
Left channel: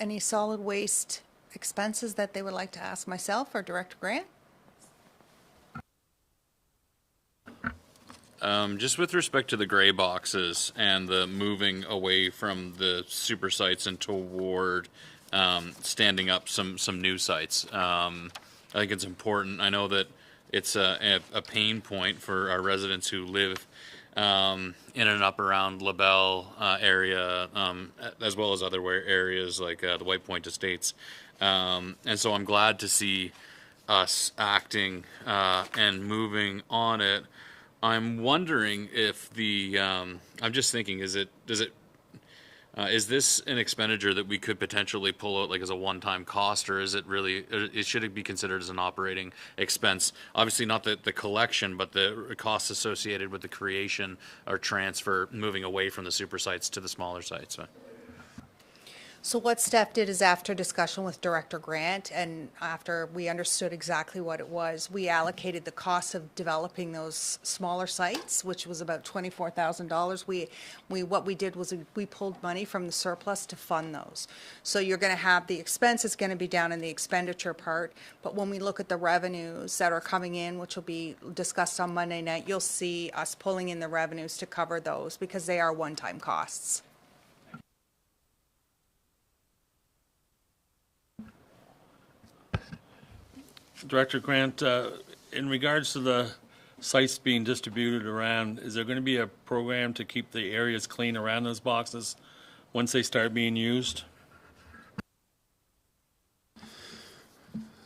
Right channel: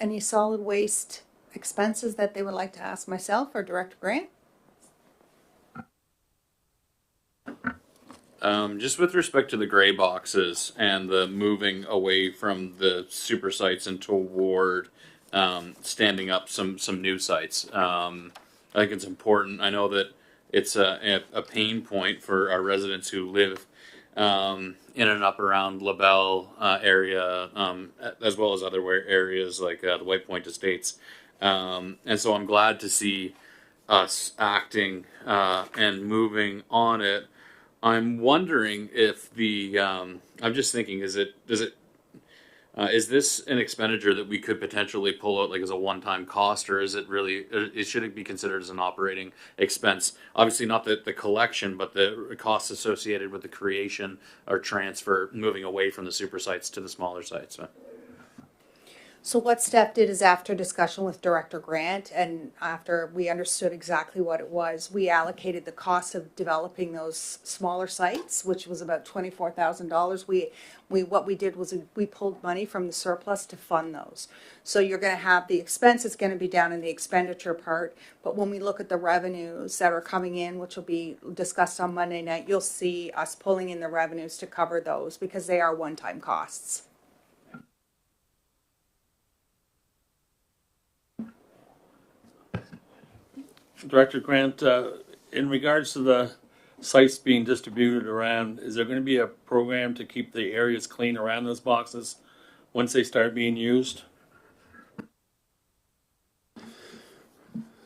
any solid waste expenses that they would like to ask myself or Director Grant? Just with respect to the gray boxes and the moving away from the super sites and toward standing up some new sites, I think it's important. I know that it's a pain point for our residents who live in and up around LaBelle area, as well as other areas like the White Point Estates. And so I'm glad to see us acting and moving on it. I'm wondering if I'm just thinking, is this an expenditure that we could potentially pull out like as a one-time cost, or is it really, should it be considered as an operating expense? Obviously not the collection, but the costs associated with the creation or transfer, moving away from the super sites to the smaller sites. So what Steph did is, after discussion with Director Grant and after we understood exactly what it was, we allocated the cost of developing those smaller sites, which was about $24,000. What we did was we pulled money from the surplus to fund those. So you're going to have the expense is going to be down in the expenditure part, but when we look at the revenues that are coming in, which will be discussed on Monday night, you'll see us pulling in the revenues to cover those because they are one-time costs. Director Grant, in regards to the sites being distributed around, is there going to be a program to keep the areas clean around those boxes once they start being used?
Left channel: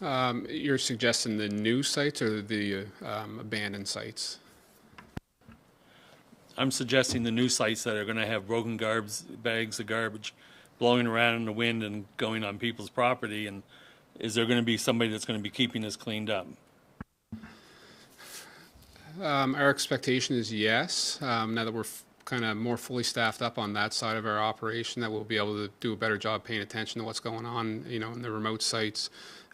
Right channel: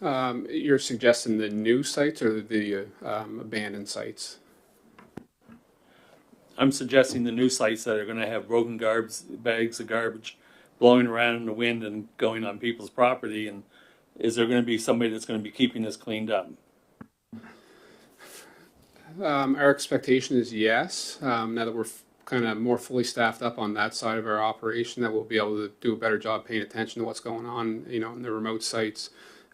You're suggesting the new sites or the abandoned sites? I'm suggesting the new sites that are going to have broken bags of garbage blowing around in the wind and going on people's property. And is there going to be somebody that's going to be keeping this cleaned up? Our expectation is yes. Now that we're kind of more fully staffed up on that side of our operation, that we'll be able to do a better job paying attention to what's going on, in the remote sites.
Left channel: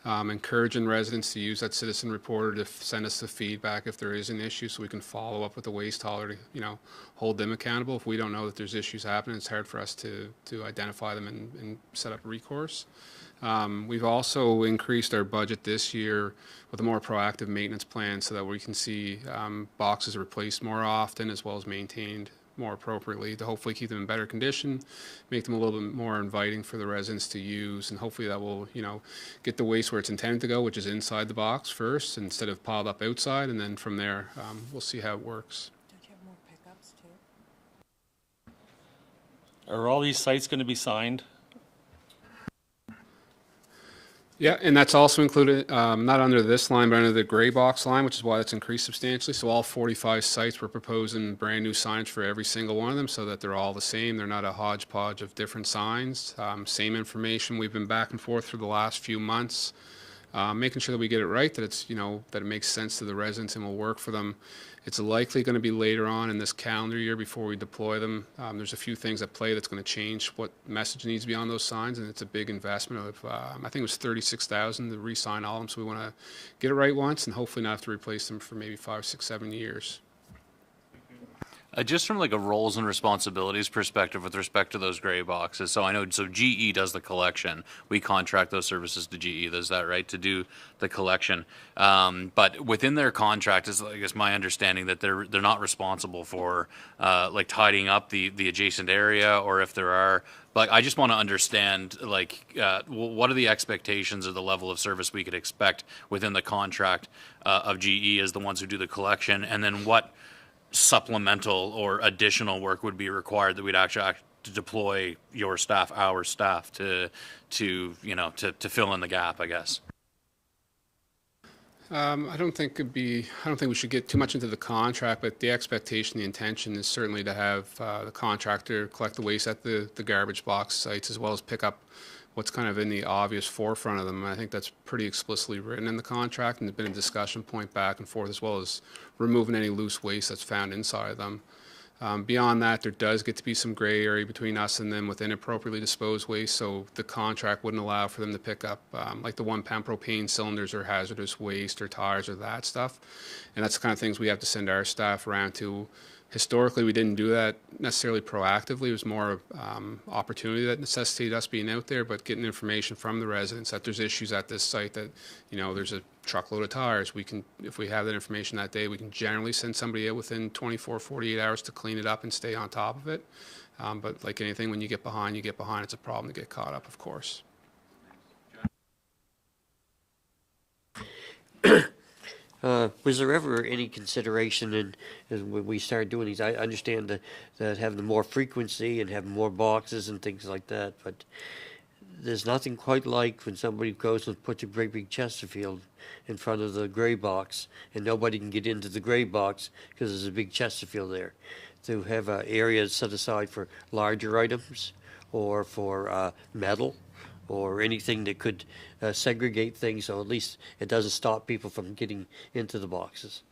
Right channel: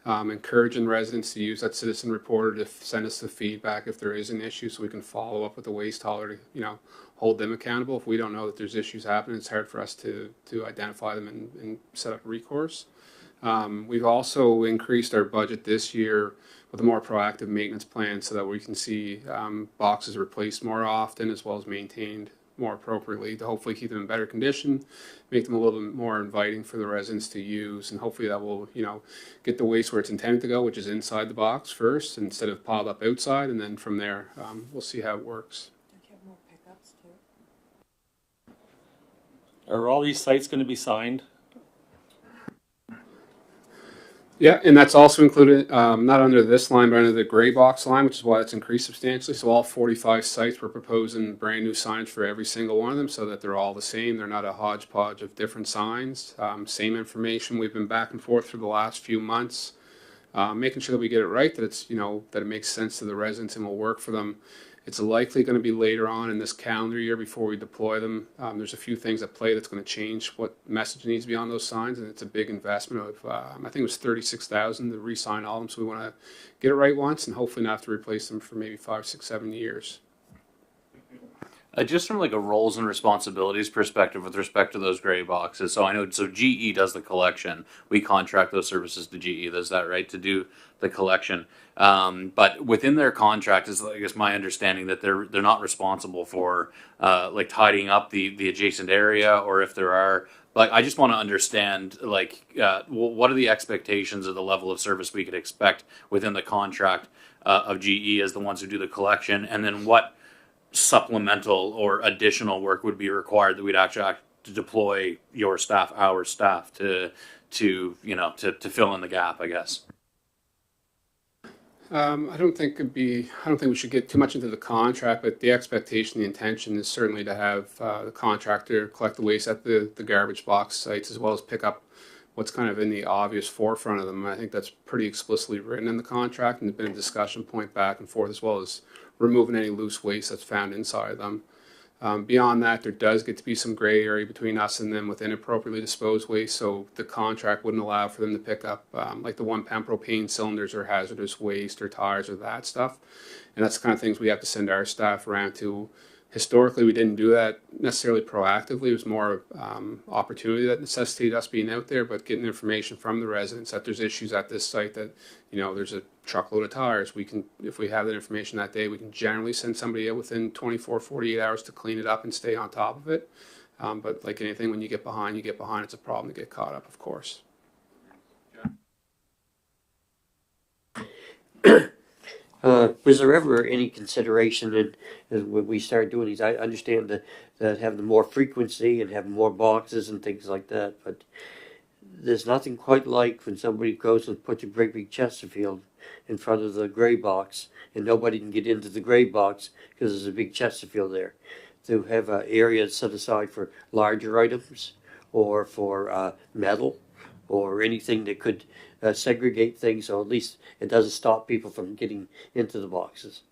Encouraging residents to use that citizen reporter to send us the feedback if there is an issue, so we can follow up with the waste hauler to, hold them accountable. If we don't know that there's issues happening, it's hard for us to identify them and set up recourse. We've also increased our budget this year with a more proactive maintenance plan so that we can see boxes replaced more often as well as maintained more appropriately to hopefully keep them in better condition, make them a little bit more inviting for the residents to use, and hopefully that will, get the waste where it's intended to go, which is inside the box first instead of piled up outside, and then from there we'll see how it works. Are all these sites going to be signed? Yeah, and that's also included, not under this line, but under the gray box line, which is why it's increased substantially. So all 45 sites, we're proposing brand new signage for every single one of them so that they're all the same. They're not a hodgepodge of different signs. Same information. We've been back and forth for the last few months, making sure that we get it right, that it's, that it makes sense to the residents and will work for them. It's likely going to be later on in this calendar year before we deploy them. There's a few things at play that's going to change what message needs to be on those signs, and it's a big investment of, I think it was 36,000 to re-sign all of them. So we want to get it right once and hopefully not have to replace them for maybe 5, 6, 7 years. Just from like a roles and responsibilities perspective with respect to those gray boxes. So I know, so GE does the collection. We contract those services to GE. Is that right? To do the collection. But within their contract is, I guess, my understanding that they're not responsible for like tidying up the adjacent area, or if there are. Like, I just want to understand, like, what are the expectations of the level of service we could expect within the contract of GE as the ones who do the collection, and then what supplemental or additional work would be required that we'd actually have to deploy your staff, our staff, to fill in the gap, I guess. I don't think we should get too much into the contract, but the expectation, the intention is certainly to have the contractor collect the waste at the garbage box sites, as well as pick up what's kind of in the obvious forefront of them. I think that's pretty explicitly written in the contract, and there's been a discussion point back and forth, as well as removing any loose waste that's found inside of them. Beyond that, there does get to be some gray area between us and them with inappropriately disposed waste, so the contract wouldn't allow for them to pick up like the 1 pound propane cylinders or hazardous waste or tires or that stuff. And that's the kind of things we have to send our staff around to. Historically, we didn't do that necessarily proactively. It was more opportunity that necessitated us being out there, but getting information from the residents that there's issues at this site, that, you know, there's a truckload of tires. We can, if we have that information that day, we can generally send somebody out within 24, 48 hours to clean it up and stay on top of it. But like anything, when you get behind, you get behind. It's a problem to get caught up, of course. Was there ever any consideration in when we started doing these? I understand that having more frequency and having more boxes and things like that, but there's nothing quite like when somebody goes and puts a great big Chesterfield in front of the gray box and nobody can get into the gray box because there's a big Chesterfield there. To have an area set aside for larger items or for metal or anything that could segregate things, so at least it doesn't stop people from getting into the boxes.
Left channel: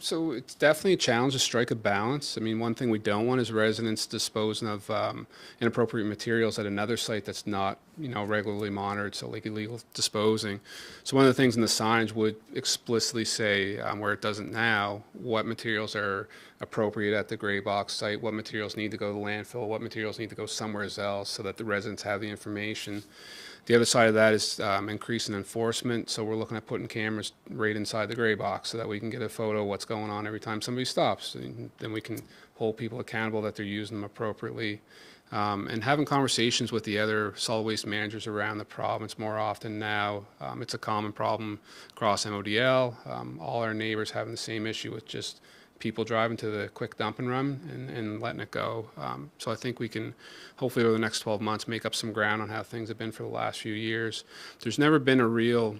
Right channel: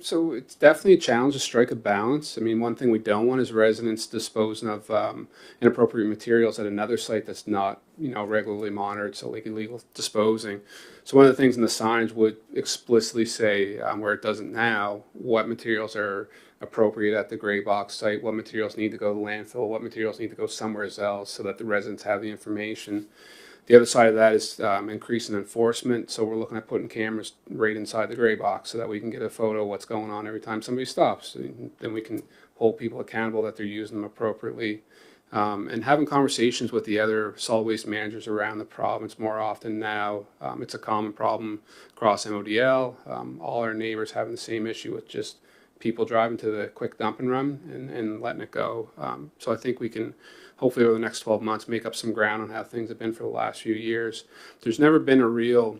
So it's definitely a challenge to strike a balance. I mean, one thing we don't want is residents disposing of inappropriate materials at another site that's not, you know, regularly monitored, so like illegal disposing. So one of the things in the signage would explicitly say, where it doesn't now, what materials are appropriate at the gray box site, what materials need to go to landfill, what materials need to go somewhere else, so that the residents have the information. The other side of that is increasing enforcement. So we're looking at putting cameras right inside the gray box so that we can get a photo of what's going on every time somebody stops. And then we can hold people accountable that they're using them appropriately. And having conversations with the other solid waste managers around the province more often now. It's a common problem across MODL. All our neighbors having the same issue with just people driving to the quick dump and run and letting it go. So I think we can hopefully over the next 12 months make up some ground on how things have been for the last few years. There's never been a real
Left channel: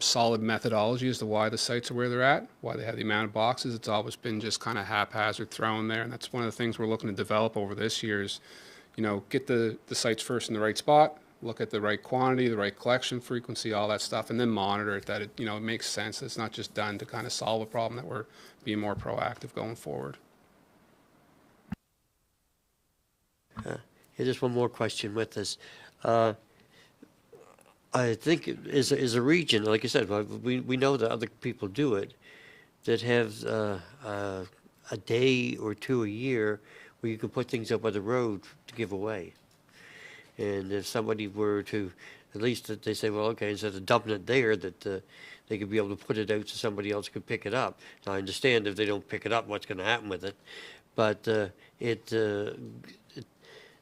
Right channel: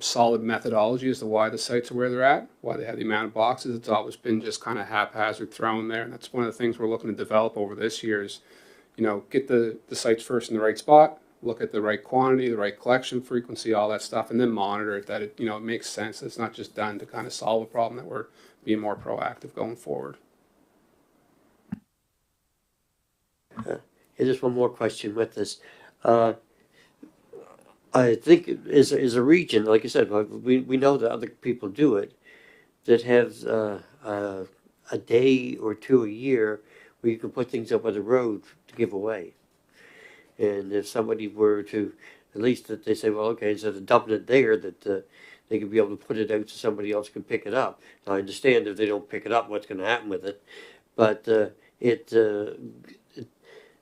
solid methodology as to why the sites are where they're at, why they have the amount of boxes. It's always been just kind of haphazard thrown there, and that's one of the things we're looking to develop over this year is, you know, get the sites first in the right spot, look at the right quantity, the right collection frequency, all that stuff, and then monitor it, that it, you know, it makes sense. It's not just done to kind of solve a problem, that we're being more proactive going forward. And just one more question with this. I think is a region, like I said, we know that other people do it, that have a day or two a year where you can put things up on the road to give away. And if somebody were to, at least that they say, well, okay, instead of dumping it there, that they could be able to put it out so somebody else can pick it up. Now, I understand if they don't pick it up, what's going to happen with it, but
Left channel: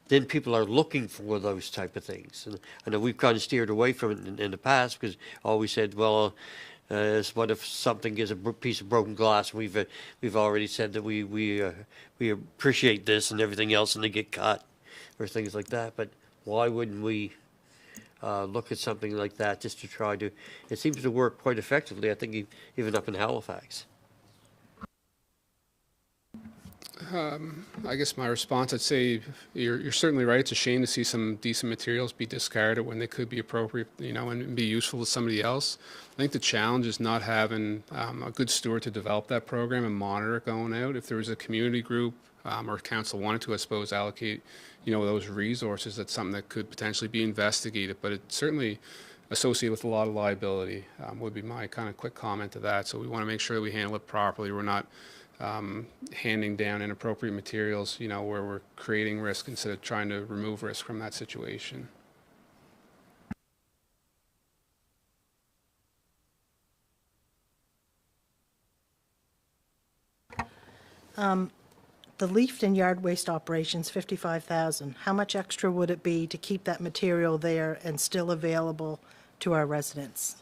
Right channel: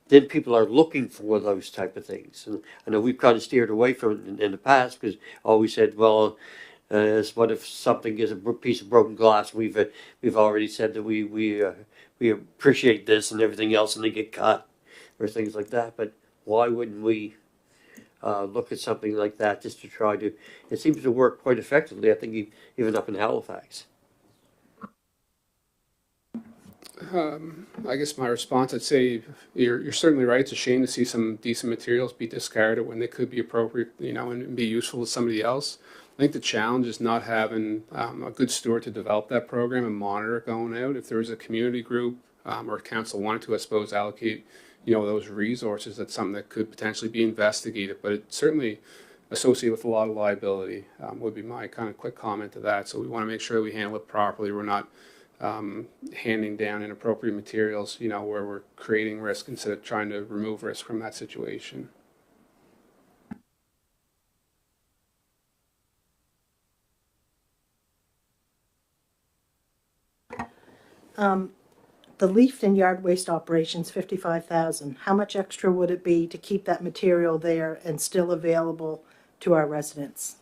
then people are looking for those type of things. And I know we've kind of steered away from it in the past because always said, well, what if something is a piece of broken glass? We've already said that we appreciate this and everything else, and they get cut or things like that. But why wouldn't we look at something like that just to try to? It seems to work quite effectively. I think even up in Halifax. I guess my response, I'd say you're certainly right. It's a shame to see some decent materials be discarded when they could be appropriate, and be useful to somebody else. I think the challenge is not having a good steward to develop that program and monitor it going out. If there was a community group or council wanted to, I suppose, allocate, those resources, that's something that could potentially be investigated. But it certainly associated with a lot of liability would be my kind of quick comment to that. So we want to make sure that we handle it properly. We're not handing down inappropriate materials, where we're creating risk instead of trying to remove risk from that situation. The leaf and yard waste operations, 55,000. How much extra would it be to keep that material there and still available to our residents?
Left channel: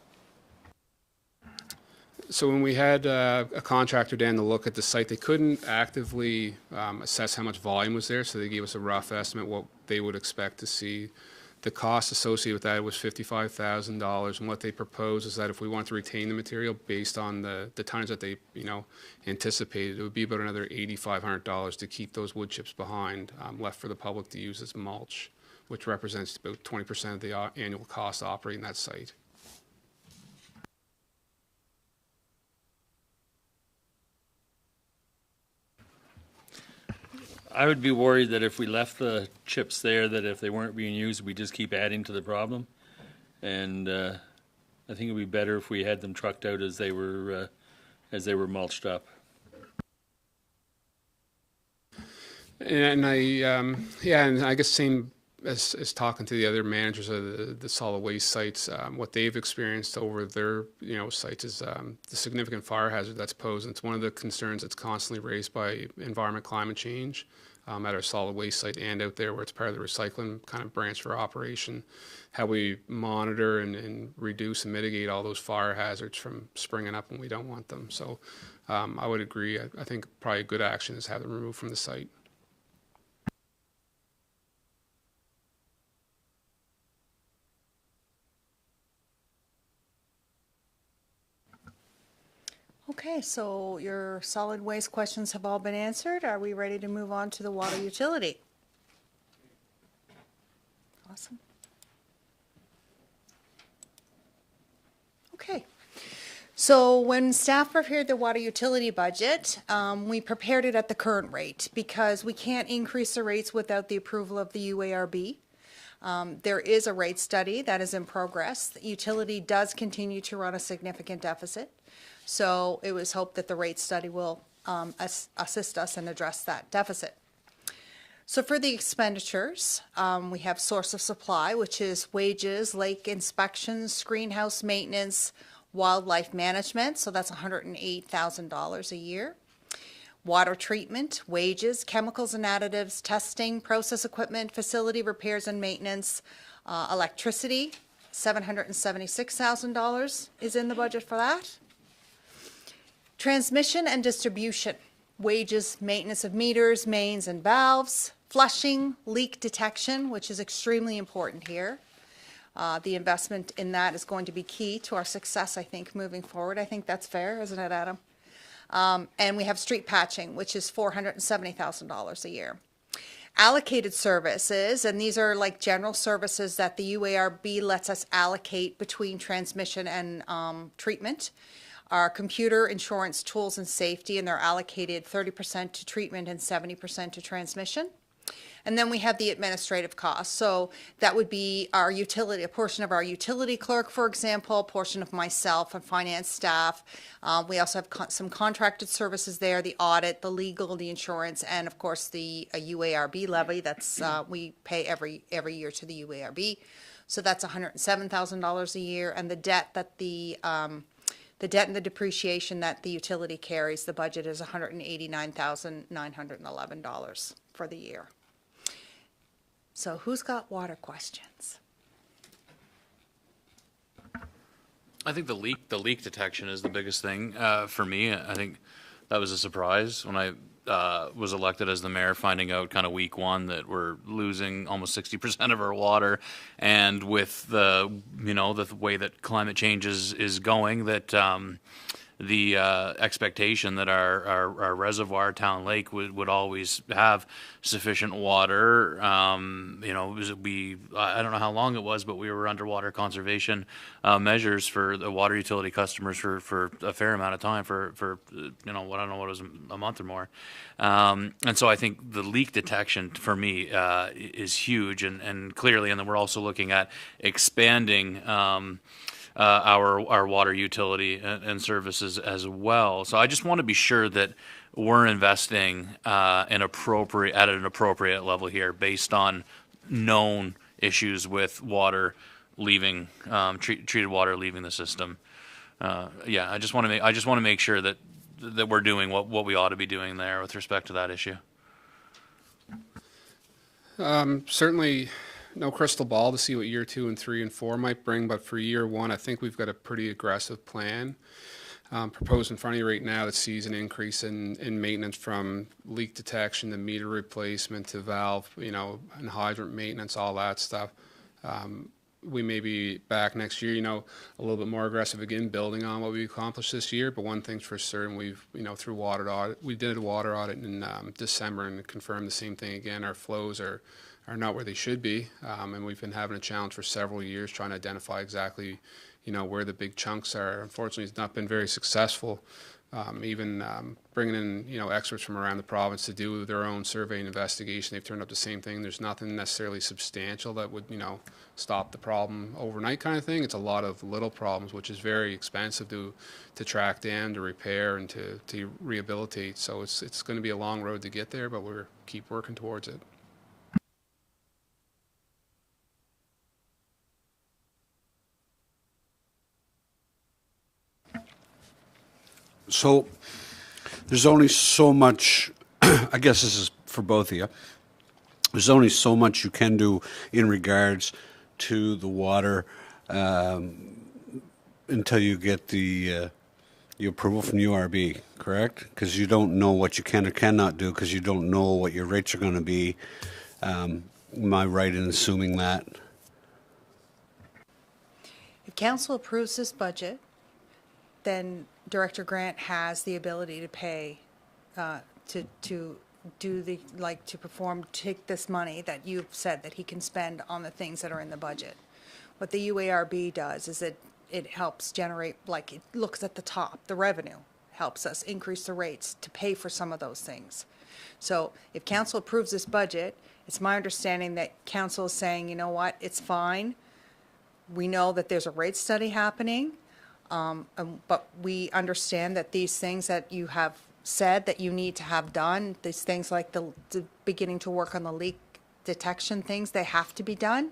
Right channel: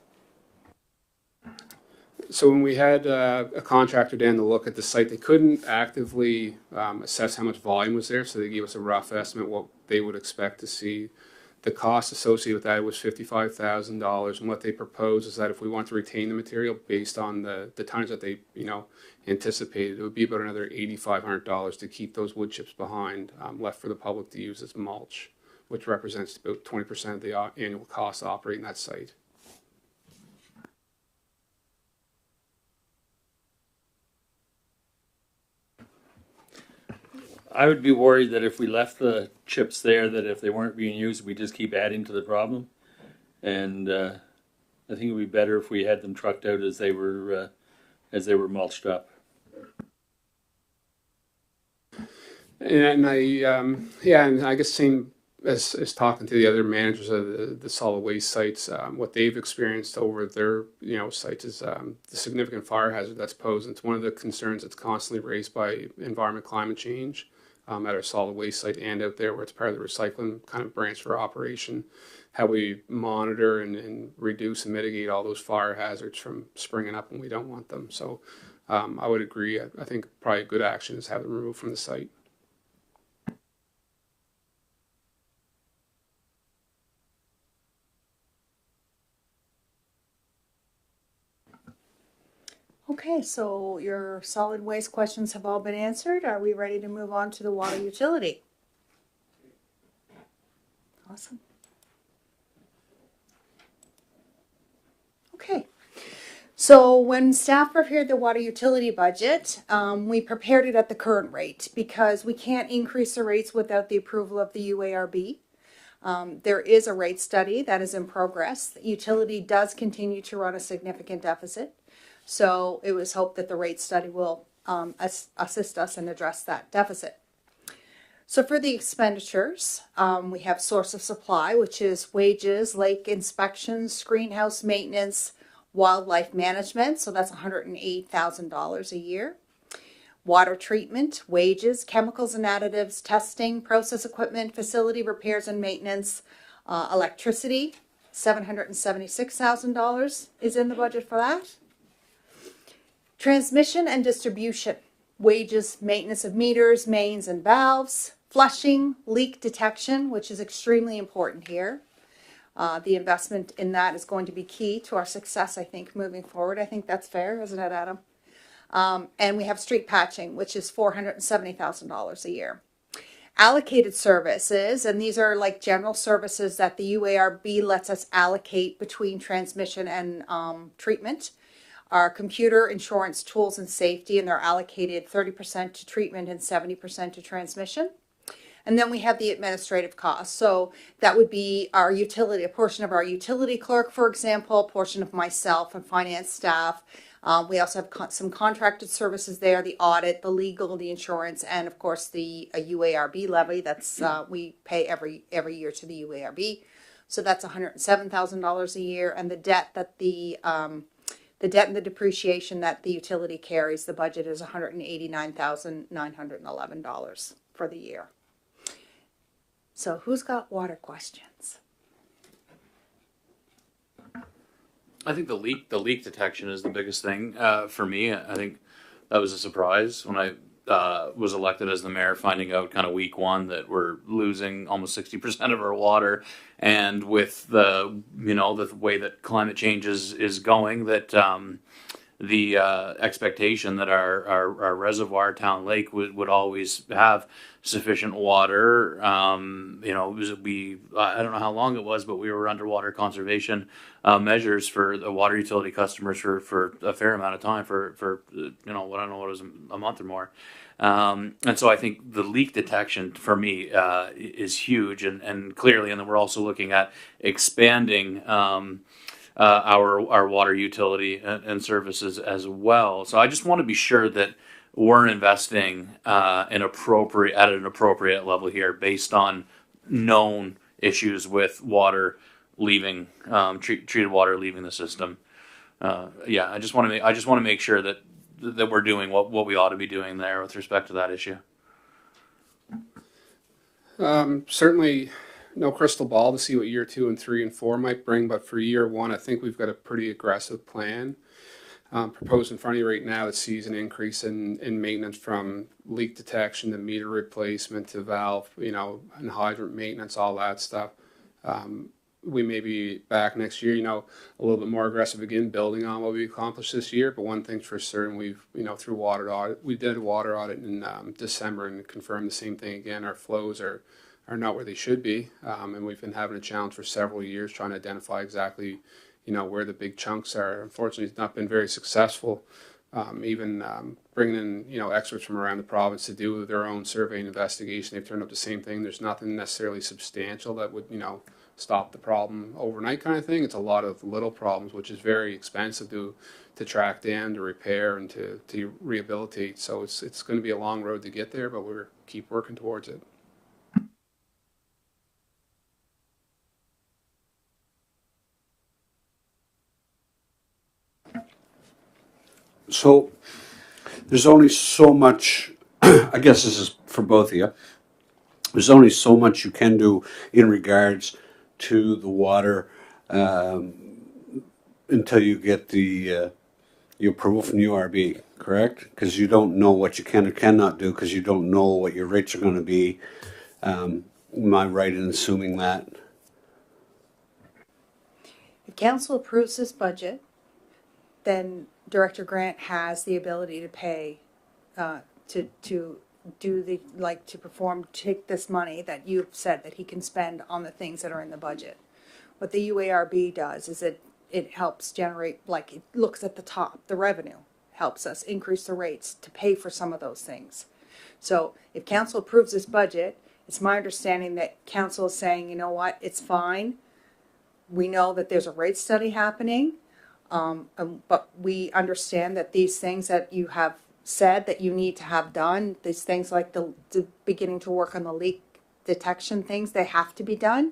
So when we had a contractor down to look at the site, they couldn't actively assess how much volume was there, so they gave us a rough estimate what they would expect to see. The cost associated with that was $55,000, and what they propose is that if we want to retain the material based on the tonnage that they anticipated, it would be about another $8,500 to keep those wood chips behind, left for the public to use as mulch, which represents about 20% of the annual cost of operating that site. I would be worried that if we left the chips there, that if they weren't being used, we just keep adding to the problem. And I think it'd be better if we had them trucked out as they were mulched up. And I guess same as talking to the other managers of the solid waste sites, what they've experienced over their sites is the significant fire hazard that's posed. It's one of the concerns that's constantly raised by environment climate change at our solid waste site and out there where it's part of the recycling kind of branch for operation. How we monitor and reduce and mitigate all those fire hazards from springing up when we don't want them. So I would agree. I think probably a good action is have them removed from the site. Okay, so your solid waste questions have all been answered. Are we ready to move on to the water utility? Awesome. Okay, so when staff prepared the water utility budget, we prepared it at the current rate because we can't increase the rates without the approval of the UARB. There is a rate study that is in progress. The utility does continue to run a significant deficit. So it was hoped that the rate study will assist us and address that deficit. So for the expenditures, we have source of supply, which is wages, lake inspections, greenhouse maintenance, wildlife management. So that's $108,000 a year. Water treatment, wages, chemicals and additives, testing, process equipment, facility repairs and maintenance, electricity, $776,000 is in the budget for that. Transmission and distribution, wages, maintenance of meters, mains and valves, flushing, leak detection, which is extremely important here. The investment in that is going to be key to our success, I think, moving forward. I think that's fair, isn't it, Adam? And we have street patching, which is $470,000 a year. Allocated services, and these are like general services that the UARB lets us allocate between transmission and treatment. Our computer, insurance, tools, and safety, and they're allocated 30% to treatment and 70% to transmission. And then we have the administrative costs. So that would be our utility, a portion of our utility clerk, for example, a portion of myself and finance staff. We also have some contracted services there, the audit, the legal, the insurance, and of course the UARB levy that's we pay every year to the UARB. So that's $107,000 a year, and the debt that the debt and the depreciation that the utility carries, the budget is $189,911 for the year. So who's got water questions? I think the leak detection is the biggest thing for me. I think that was a surprise when I was elected as the mayor, finding out kind of week one that we're losing almost 60% of our water, and with the the way that climate change is going, that the expectation that our reservoir town lake would always have sufficient water. I don't know how long it was, but we were underwater conservation measures for the water utility customers for a fair amount of time for I don't know what it was, a month or more. And so I think the leak detection for me is huge, and clearly, and then we're also looking at expanding our water utility and services as well. So I just want to be sure that we're investing at an appropriate level here, based on known issues with water leaving, treated water leaving the system. I just want to make sure that we're doing what we ought to be doing there with respect to that issue. Certainly no crystal ball to see what year 2 and 3 and 4 might bring, but for year 1, I think we've got a pretty aggressive plan proposed in front of you right now that sees an increase in maintenance, from leak detection to meter replacement to valve, and hydrant maintenance, all that stuff. We may be back next year, a little bit more aggressive again, building on what we accomplished this year. But one thing's for certain, we've, through water audit, we did a water audit in December and confirmed the same thing again. Our flows are not where they should be, and we've been having a challenge for several years trying to identify exactly, where the big chunks are. Unfortunately, it's not been very successful. Even bringing in, experts from around the province to do their own survey and investigation, they've turned up the same thing. There's nothing necessarily substantial that would, stop the problem overnight kind of thing. It's a lot of little problems, which is very expensive to track down, to repair, and to rehabilitate. So it's going to be a long road to get there, but we're keep working towards it. So there's only so much, I guess this is for both of you, there's only so much you can do in regards to the water until you get the approval from URB, correct? Because you don't know what you can or cannot do, because you don't know what your rates are going to be. Am I right in assuming that? If council approves this budget, then Director Grant has the ability to pay, to do the, to perform, take this money that you've said that he can spend on the things that are in the budget. What the UARB does is it helps generate, it looks at the top, the revenue, helps us increase the rates to pay for some of those things. So if council approves this budget, it's my understanding that council is saying, you know what, it's fine. We know that there's a rate study happening. But we understand that these things that you have said that you need to have done, these things like the beginning to work on the leak detection things, they have to be done,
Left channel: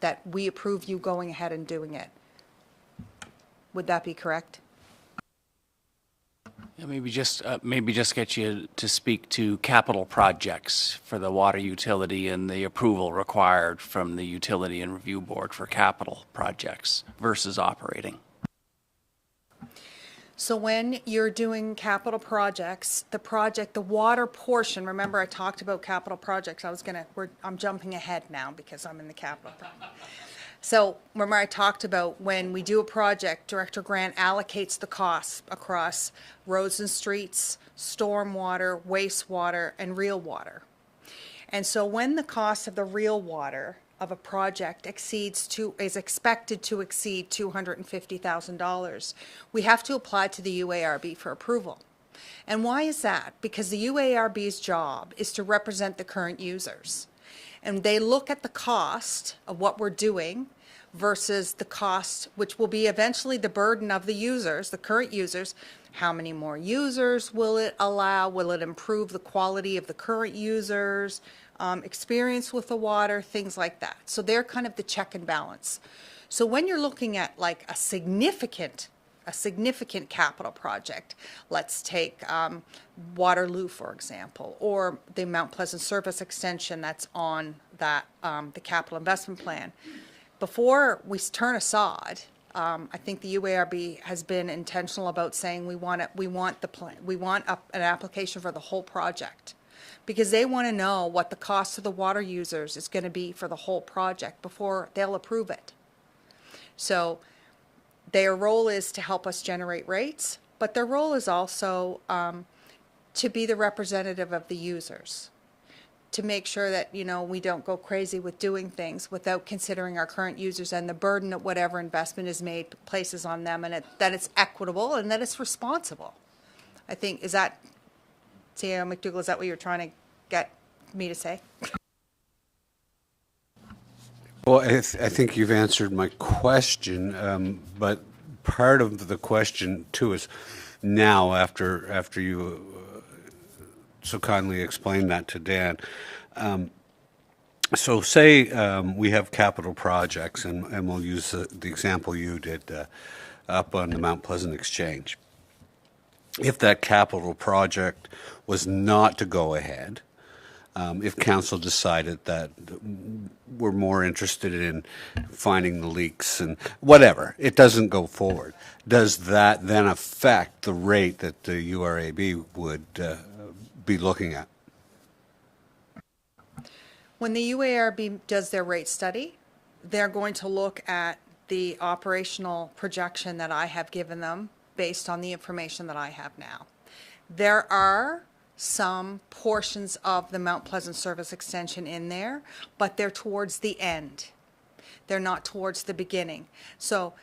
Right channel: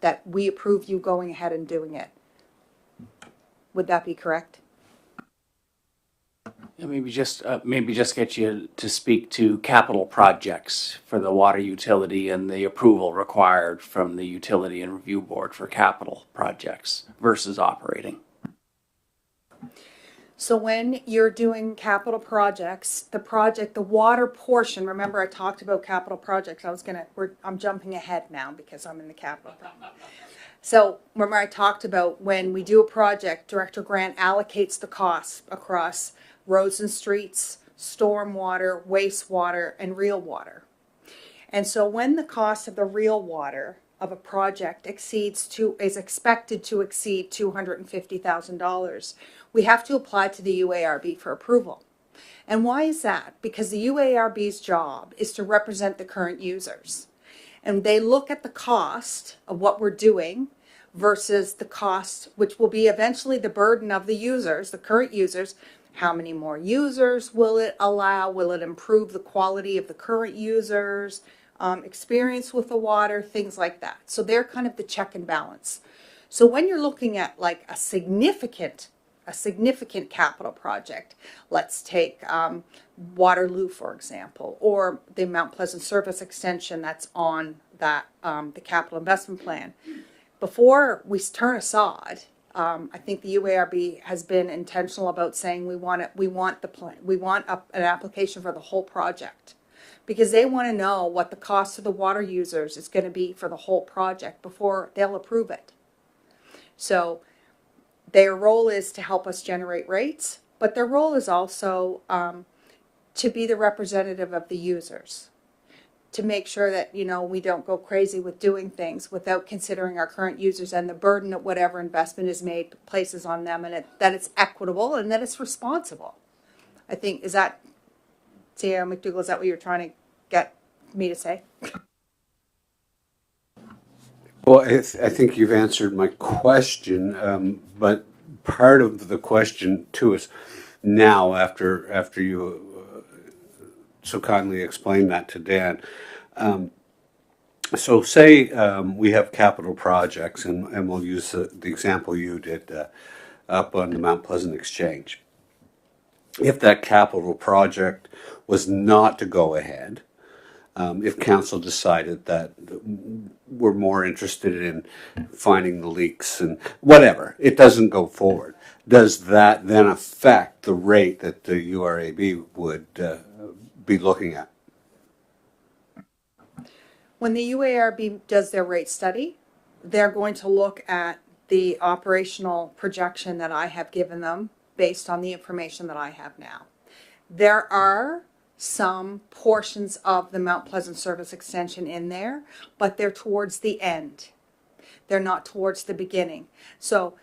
that we approve you going ahead and doing it. Would that be correct? Yeah, maybe just get you to speak to capital projects for the water utility and the approval required from the Utility and Review Board for capital projects versus operating. So when you're doing capital projects, the water portion, remember I talked about capital projects. I'm jumping ahead now because I'm in the capital. So remember I talked about when we do a project, Director Grant allocates the costs across roads and streets, stormwater, wastewater, and real water. And so when the cost of the real water of a project is expected to exceed $250,000, we have to apply to the UARB for approval. And why is that? Because the UARB's job is to represent the current users. And they look at the cost of what we're doing versus the cost, which will be eventually the burden of the users, the current users. How many more users will it allow? Will it improve the quality of the current users? Experience with the water, things like that. So they're kind of the check and balance. So when you're looking at a significant capital project, let's take Waterloo, for example, or the Mount Pleasant Service Extension that's on that the capital investment plan. Before we turn a sod, I think the UARB has been intentional about saying we want an application for the whole project, because they want to know what the cost of the water users is going to be for the whole project before they'll approve it. So their role is to help us generate rates, but their role is also to be the representative of the users, to make sure that, you know, we don't go crazy with doing things without considering our current users and the burden that whatever investment is made places on them, and that it's equitable and that it's responsible. I think, is that, Sarah McDougall, is that what you're trying to get me to say? Well, I think you've answered my question, but part of the question too is now after you so kindly explained that to Dan. So say we have capital projects, and we'll use the example you did up on the Mount Pleasant Exchange. If that capital project was not to go ahead, if council decided that we're more interested in finding the leaks and whatever, it doesn't go forward, does that then affect the rate that the URAB would be looking at? When the UARB does their rate study, they're going to look at the operational projection that I have given them based on the information that I have now. There are some portions of the Mount Pleasant Service Extension in there, but they're towards the end. They're not towards the beginning. So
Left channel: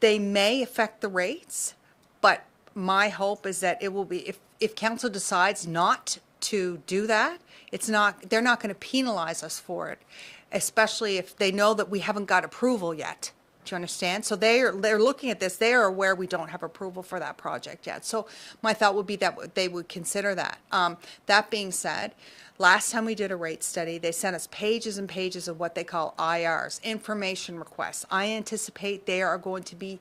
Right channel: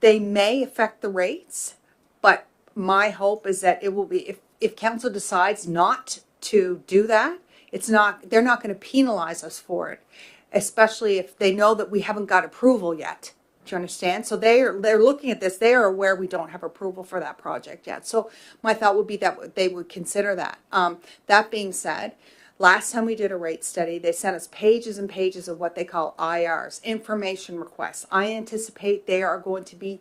they may affect the rates, but my hope is that it will be, if council decides not to do that, they're not going to penalize us for it, especially if they know that we haven't got approval yet. Do you understand? So they're looking at this. They are aware we don't have approval for that project yet. So my thought would be that they would consider that. That being said, last time we did a rate study, they sent us pages and pages of what they call IRs, information requests. I anticipate there are going to be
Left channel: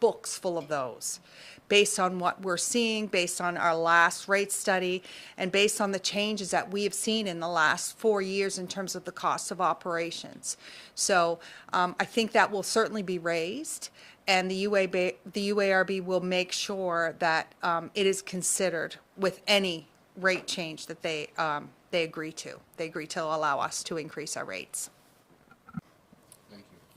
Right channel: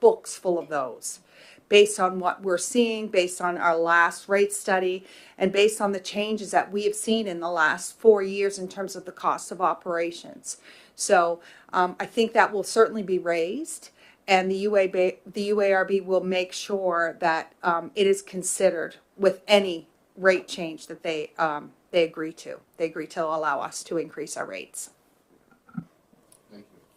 books full of those, based on what we're seeing, based on our last rate study, and based on the changes that we have seen in the last 4 years in terms of the cost of operations. So I think that will certainly be raised, and the UARB will make sure that it is considered with any rate change that they agree to. They agree to allow us to increase our rates.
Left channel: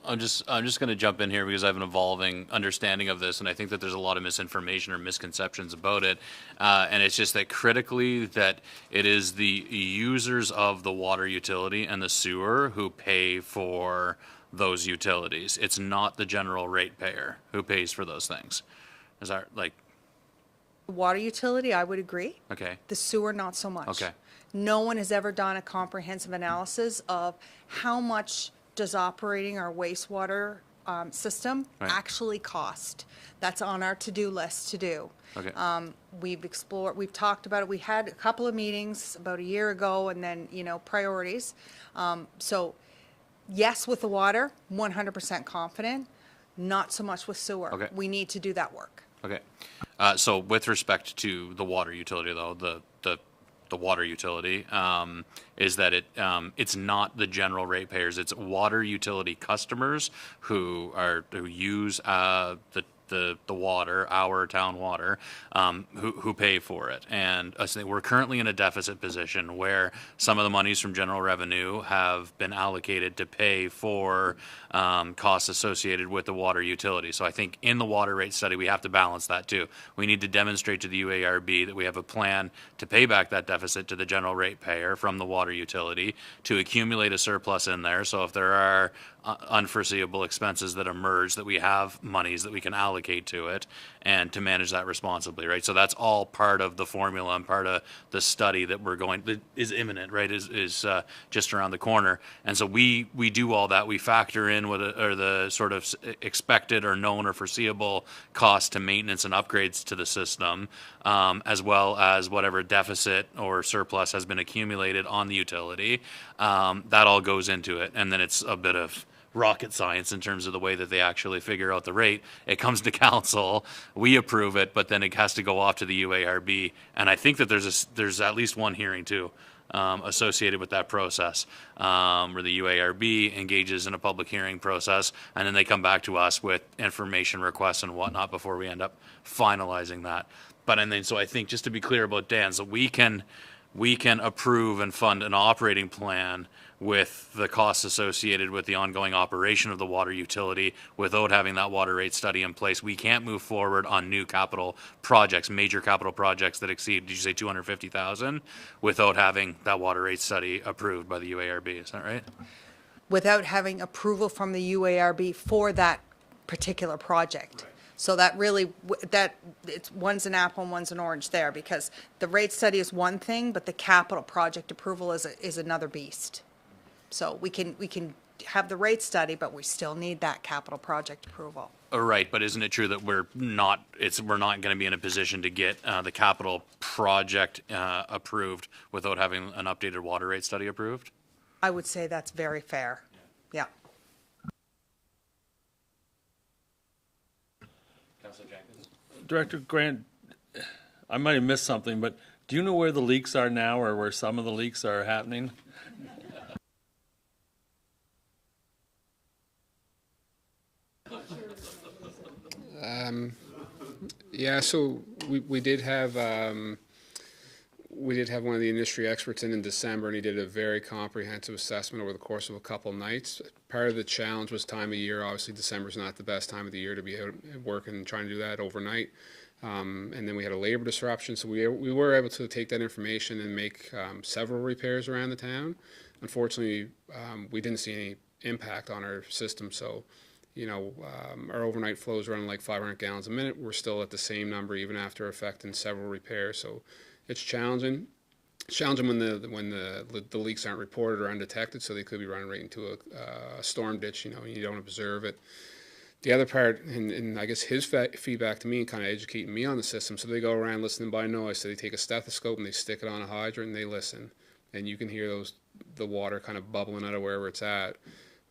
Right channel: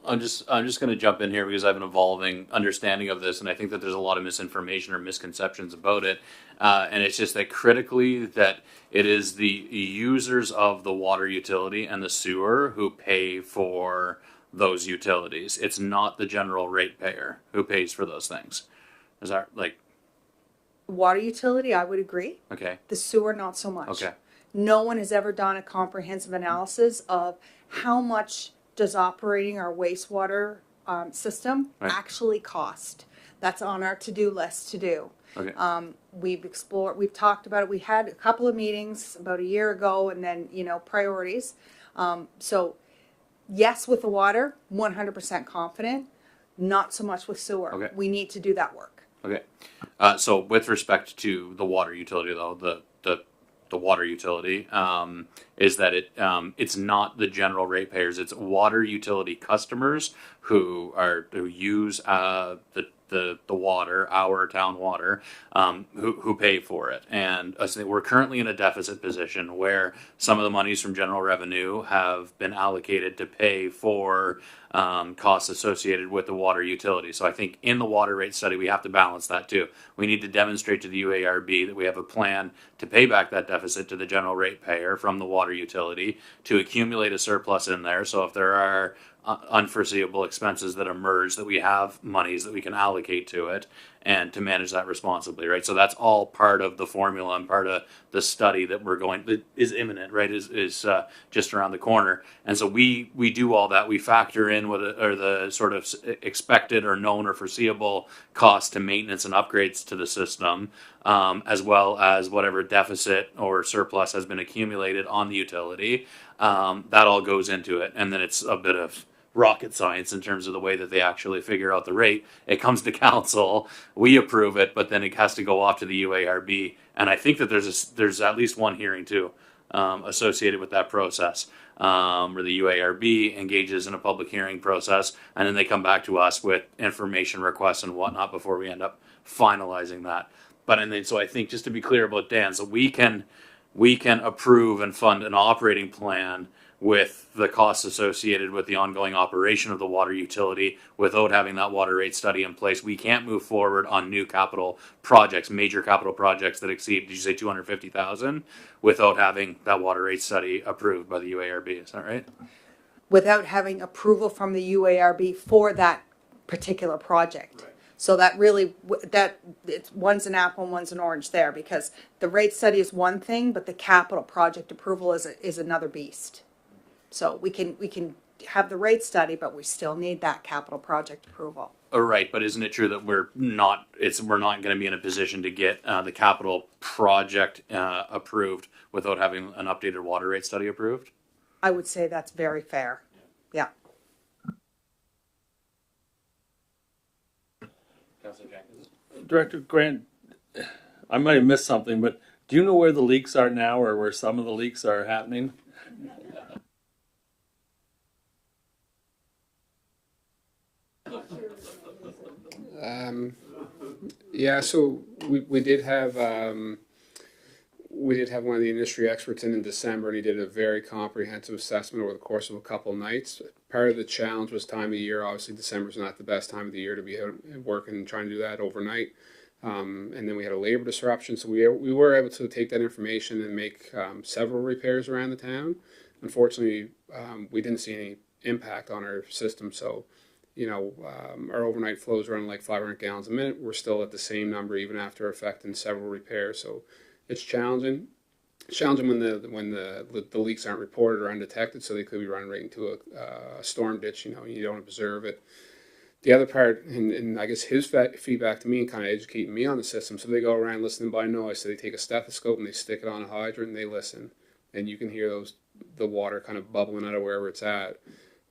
I'm just going to jump in here because I have an evolving understanding of this, and I think that there's a lot of misinformation or misconceptions about it. And it's just that critically that it is the users of the water utility and the sewer who pay for those utilities. It's not the general ratepayer who pays for those things. Is that like? Water utility, I would agree. Okay. The sewer, not so much. Okay. No one has ever done a comprehensive analysis of how much does operating our wastewater system actually cost. That's on our to-do list to do. Okay. We've talked about it. We had a couple of meetings about a year ago, and then, priorities. So yes, with the water, 100% confident. Not so much with sewer. Okay. We need to do that work. Okay. So with respect to the water utility, though, the water utility is that it's not the general ratepayers. It's water utility customers who use the water, our town water, who pay for it. And we're currently in a deficit position where some of the monies from general revenue have been allocated to pay for costs associated with the water utility. So I think in the water rate study, we have to balance that too. We need to demonstrate to the UARB that we have a plan to pay back that deficit to the general ratepayer from the water utility, to accumulate a surplus in there. So if there are unforeseeable expenses that emerge, that we have monies that we can allocate to it, and to manage that responsibly, right? So that's all part of the formula and part of the study that that is imminent, right? Is just around the corner. And so we do all that. We factor in the sort of expected or known or foreseeable cost to maintenance and upgrades to the system, as well as whatever deficit or surplus has been accumulated on the utility. That all goes into it, and then it's a bit of rocket science in terms of the way that they actually figure out the rate. It comes to council, we approve it, but then it has to go off to the UARB. And I think that there's at least one hearing too associated with that process, where the UARB engages in a public hearing process, and then they come back to us with information requests and whatnot before we end up finalizing that. So I think, just to be clear about Dan, so we can we can approve and fund an operating plan with the costs associated with the ongoing operation of the water utility without having that water rate study in place. We can't move forward on new capital projects, major capital projects that exceed, did you say 250,000, without having that water rate study approved by the UARB. Is that right? Without having approval from the UARB for that particular project. So that really, that it's one's an apple and one's an orange there, because the rate study is one thing, but the capital project approval is another beast. So we can have the rate study, but we still need that capital project approval. Oh, right, but isn't it true that we're not going to be in a position to get the capital project approved without having an updated water rate study approved? I would say that's very fair. Yeah. Director Grant, I might have missed something, but do you know where the leaks are now, or where some of the leaks are happening? Yeah, so we did have one of the industry experts in December, and he did a very comprehensive assessment over the course of a couple of nights. Part of the challenge was time of year. Obviously, December's not the best time of the year to be out working and trying to do that overnight. And then we had a labor disruption, so we were able to take that information and make several repairs around the town. Unfortunately, we didn't see any impact on our system, so our overnight flows running like 500 gallons a minute. We're still at the same number even after effecting several repairs. So it's challenging. It's challenging when the leaks aren't reported or undetected, so they could be running right into a storm ditch. And you don't observe it. The other part, and I guess his feedback to me, kind of educating me on the system. So they go around listening by noise. So they take a stethoscope and they stick it on a hydrant and they listen, and you can hear the water kind of bubbling out of wherever it's at.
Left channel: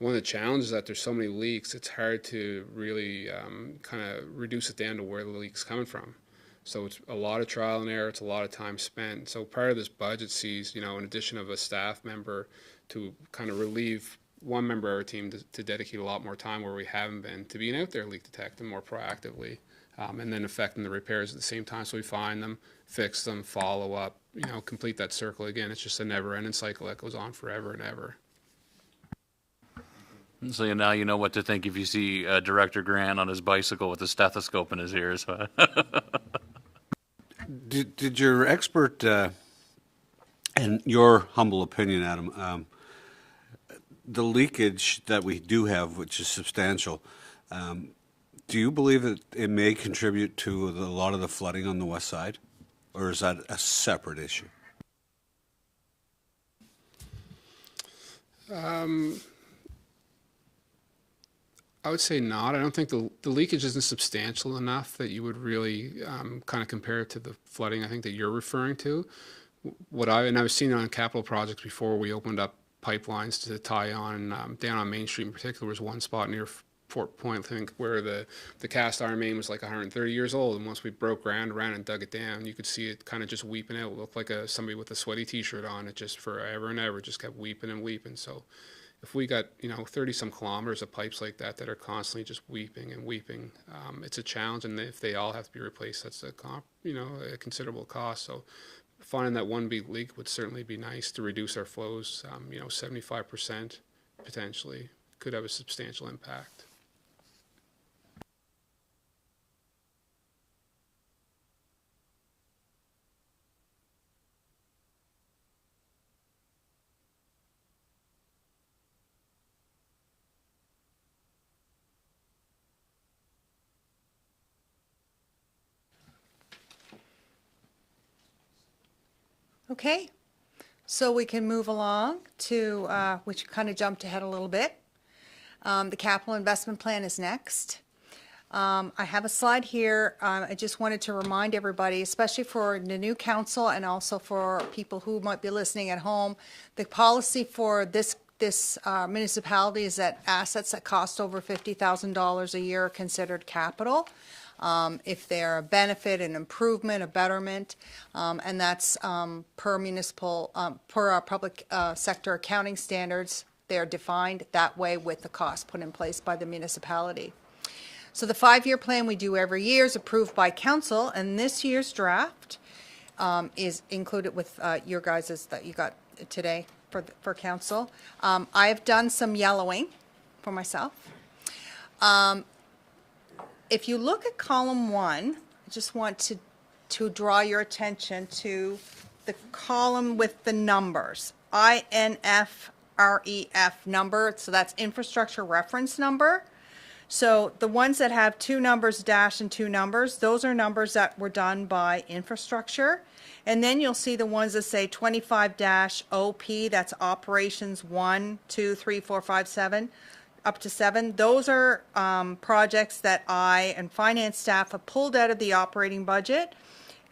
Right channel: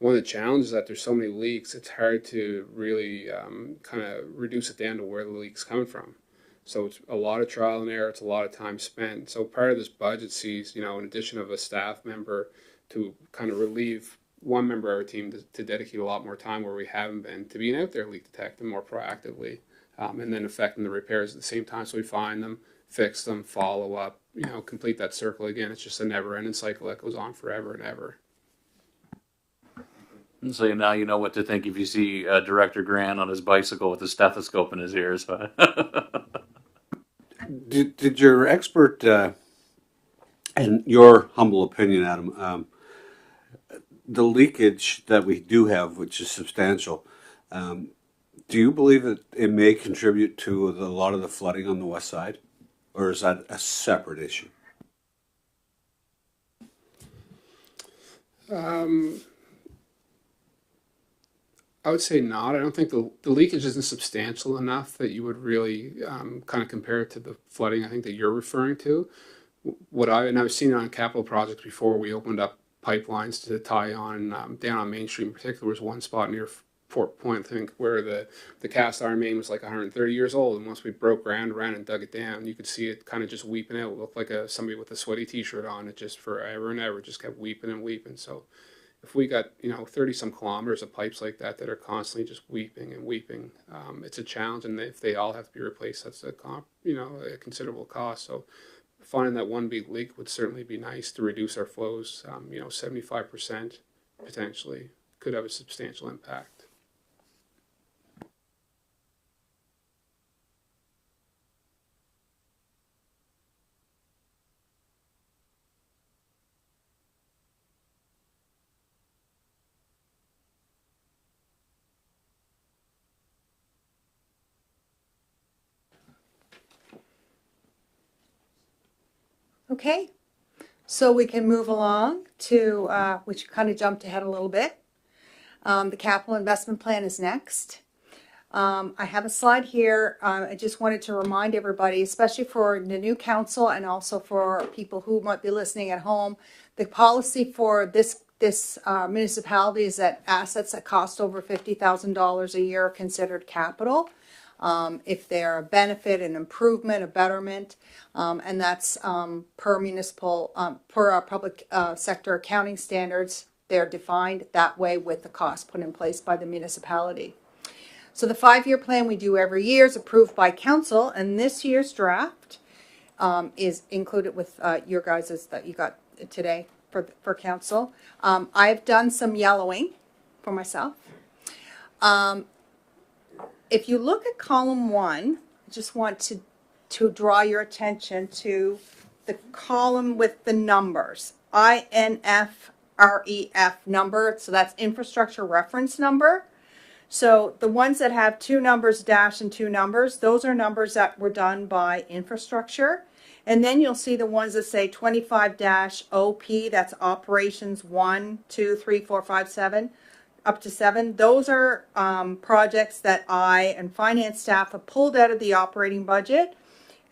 One of the challenges is that there's so many leaks, it's hard to really kind of reduce it down to where the leak's coming from. So it's a lot of trial and error, it's a lot of time spent. So part of this budget sees, in addition of a staff member to kind of relieve one member of our team to dedicate a lot more time where we haven't been, to being out there leak detecting more proactively, and then affecting the repairs at the same time. So we find them, fix them, follow up, complete that circle again. It's just a never-ending cycle that goes on forever and ever. So now you know what to think if you see Director Grant on his bicycle with a stethoscope in his ears. Did your expert, and your humble opinion, Adam, the leakage that we do have, which is substantial, do you believe that it may contribute to a lot of the flooding on the west side? Or is that a separate issue? I would say not. I don't think the leakage isn't substantial enough that you would really kind of compare it to the flooding I think that you're referring to. And I've seen it on capital projects before. We opened up pipelines to tie on down on Main Street in particular. Was one spot near Fort Point, I think, where the cast iron main was like 130 years old, and once we broke ground around and dug it down, you could see it kind of just weeping out. It looked like somebody with a sweaty t-shirt on. It just forever and ever just kept weeping and weeping. So if we got 30 some kilometers of pipes like that are constantly just weeping and weeping, it's a challenge. And if they all have to be replaced, that's a considerable cost. So finding that one big leak would certainly be nice to reduce our flows. 75% potentially could have a substantial impact. Okay, so we can move along to, which kind of jumped ahead a little bit. The capital investment plan is next. I have a slide here. I just wanted to remind everybody, especially for the new council and also for people who might be listening at home, the policy for this municipality is that assets that cost over $50,000 a year are considered capital. If they're a benefit, an improvement, a betterment, and that's per municipal, per our public sector accounting standards, they're defined that way with the cost put in place by the municipality. So the 5-year plan we do every year is approved by council, and this year's draft is included with your guys's that you got today for council. I've done some yellowing for myself. If you look at column 1, I just want to draw your attention to the column with the numbers. INFREF number, so that's infrastructure reference number. So the ones that have 2 numbers dash and 2 numbers, those are numbers that were done by infrastructure. And then you'll see the ones that say 25-OP, that's operations 1, 2, 3, 4, 5, 7, up to 7. Those are projects that I and finance staff have pulled out of the operating budget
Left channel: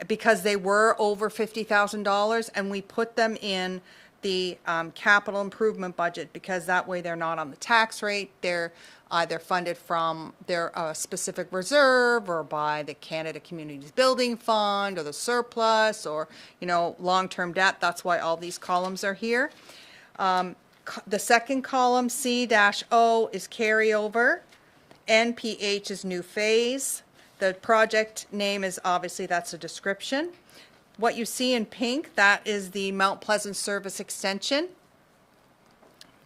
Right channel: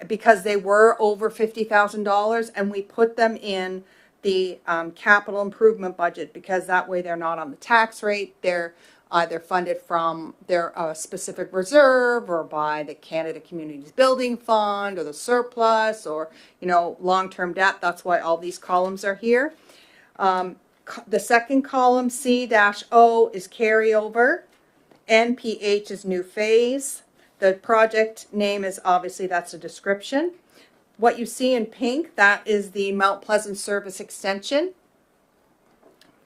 because they were over $50,000, and we put them in the capital improvement budget because that way they're not on the tax rate. They're either funded from their specific reserve or by the Canada Communities Building Fund or the surplus or, long-term debt. That's why all these columns are here. The second column, C-O, is carryover. NPH is new phase. The project name is obviously, that's a description. What you see in pink, that is the Mount Pleasant Service Extension.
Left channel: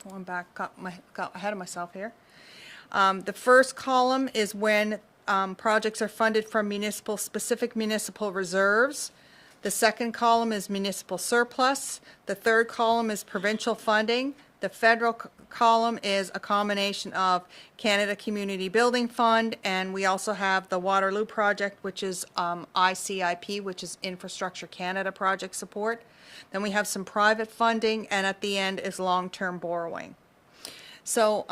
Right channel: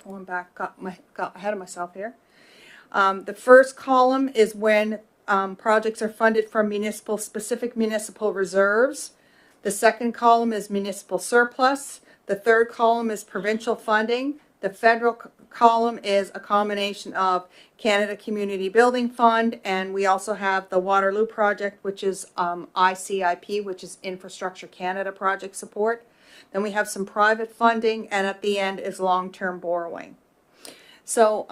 Going back, got ahead of myself here. The first column is when projects are funded from specific municipal reserves. The second column is municipal surplus. The third column is provincial funding. The federal column is a combination of Canada Community Building Fund, and we also have the Waterloo project, which is ICIP, which is Infrastructure Canada project support. Then we have some private funding, and at the end is long-term borrowing. So,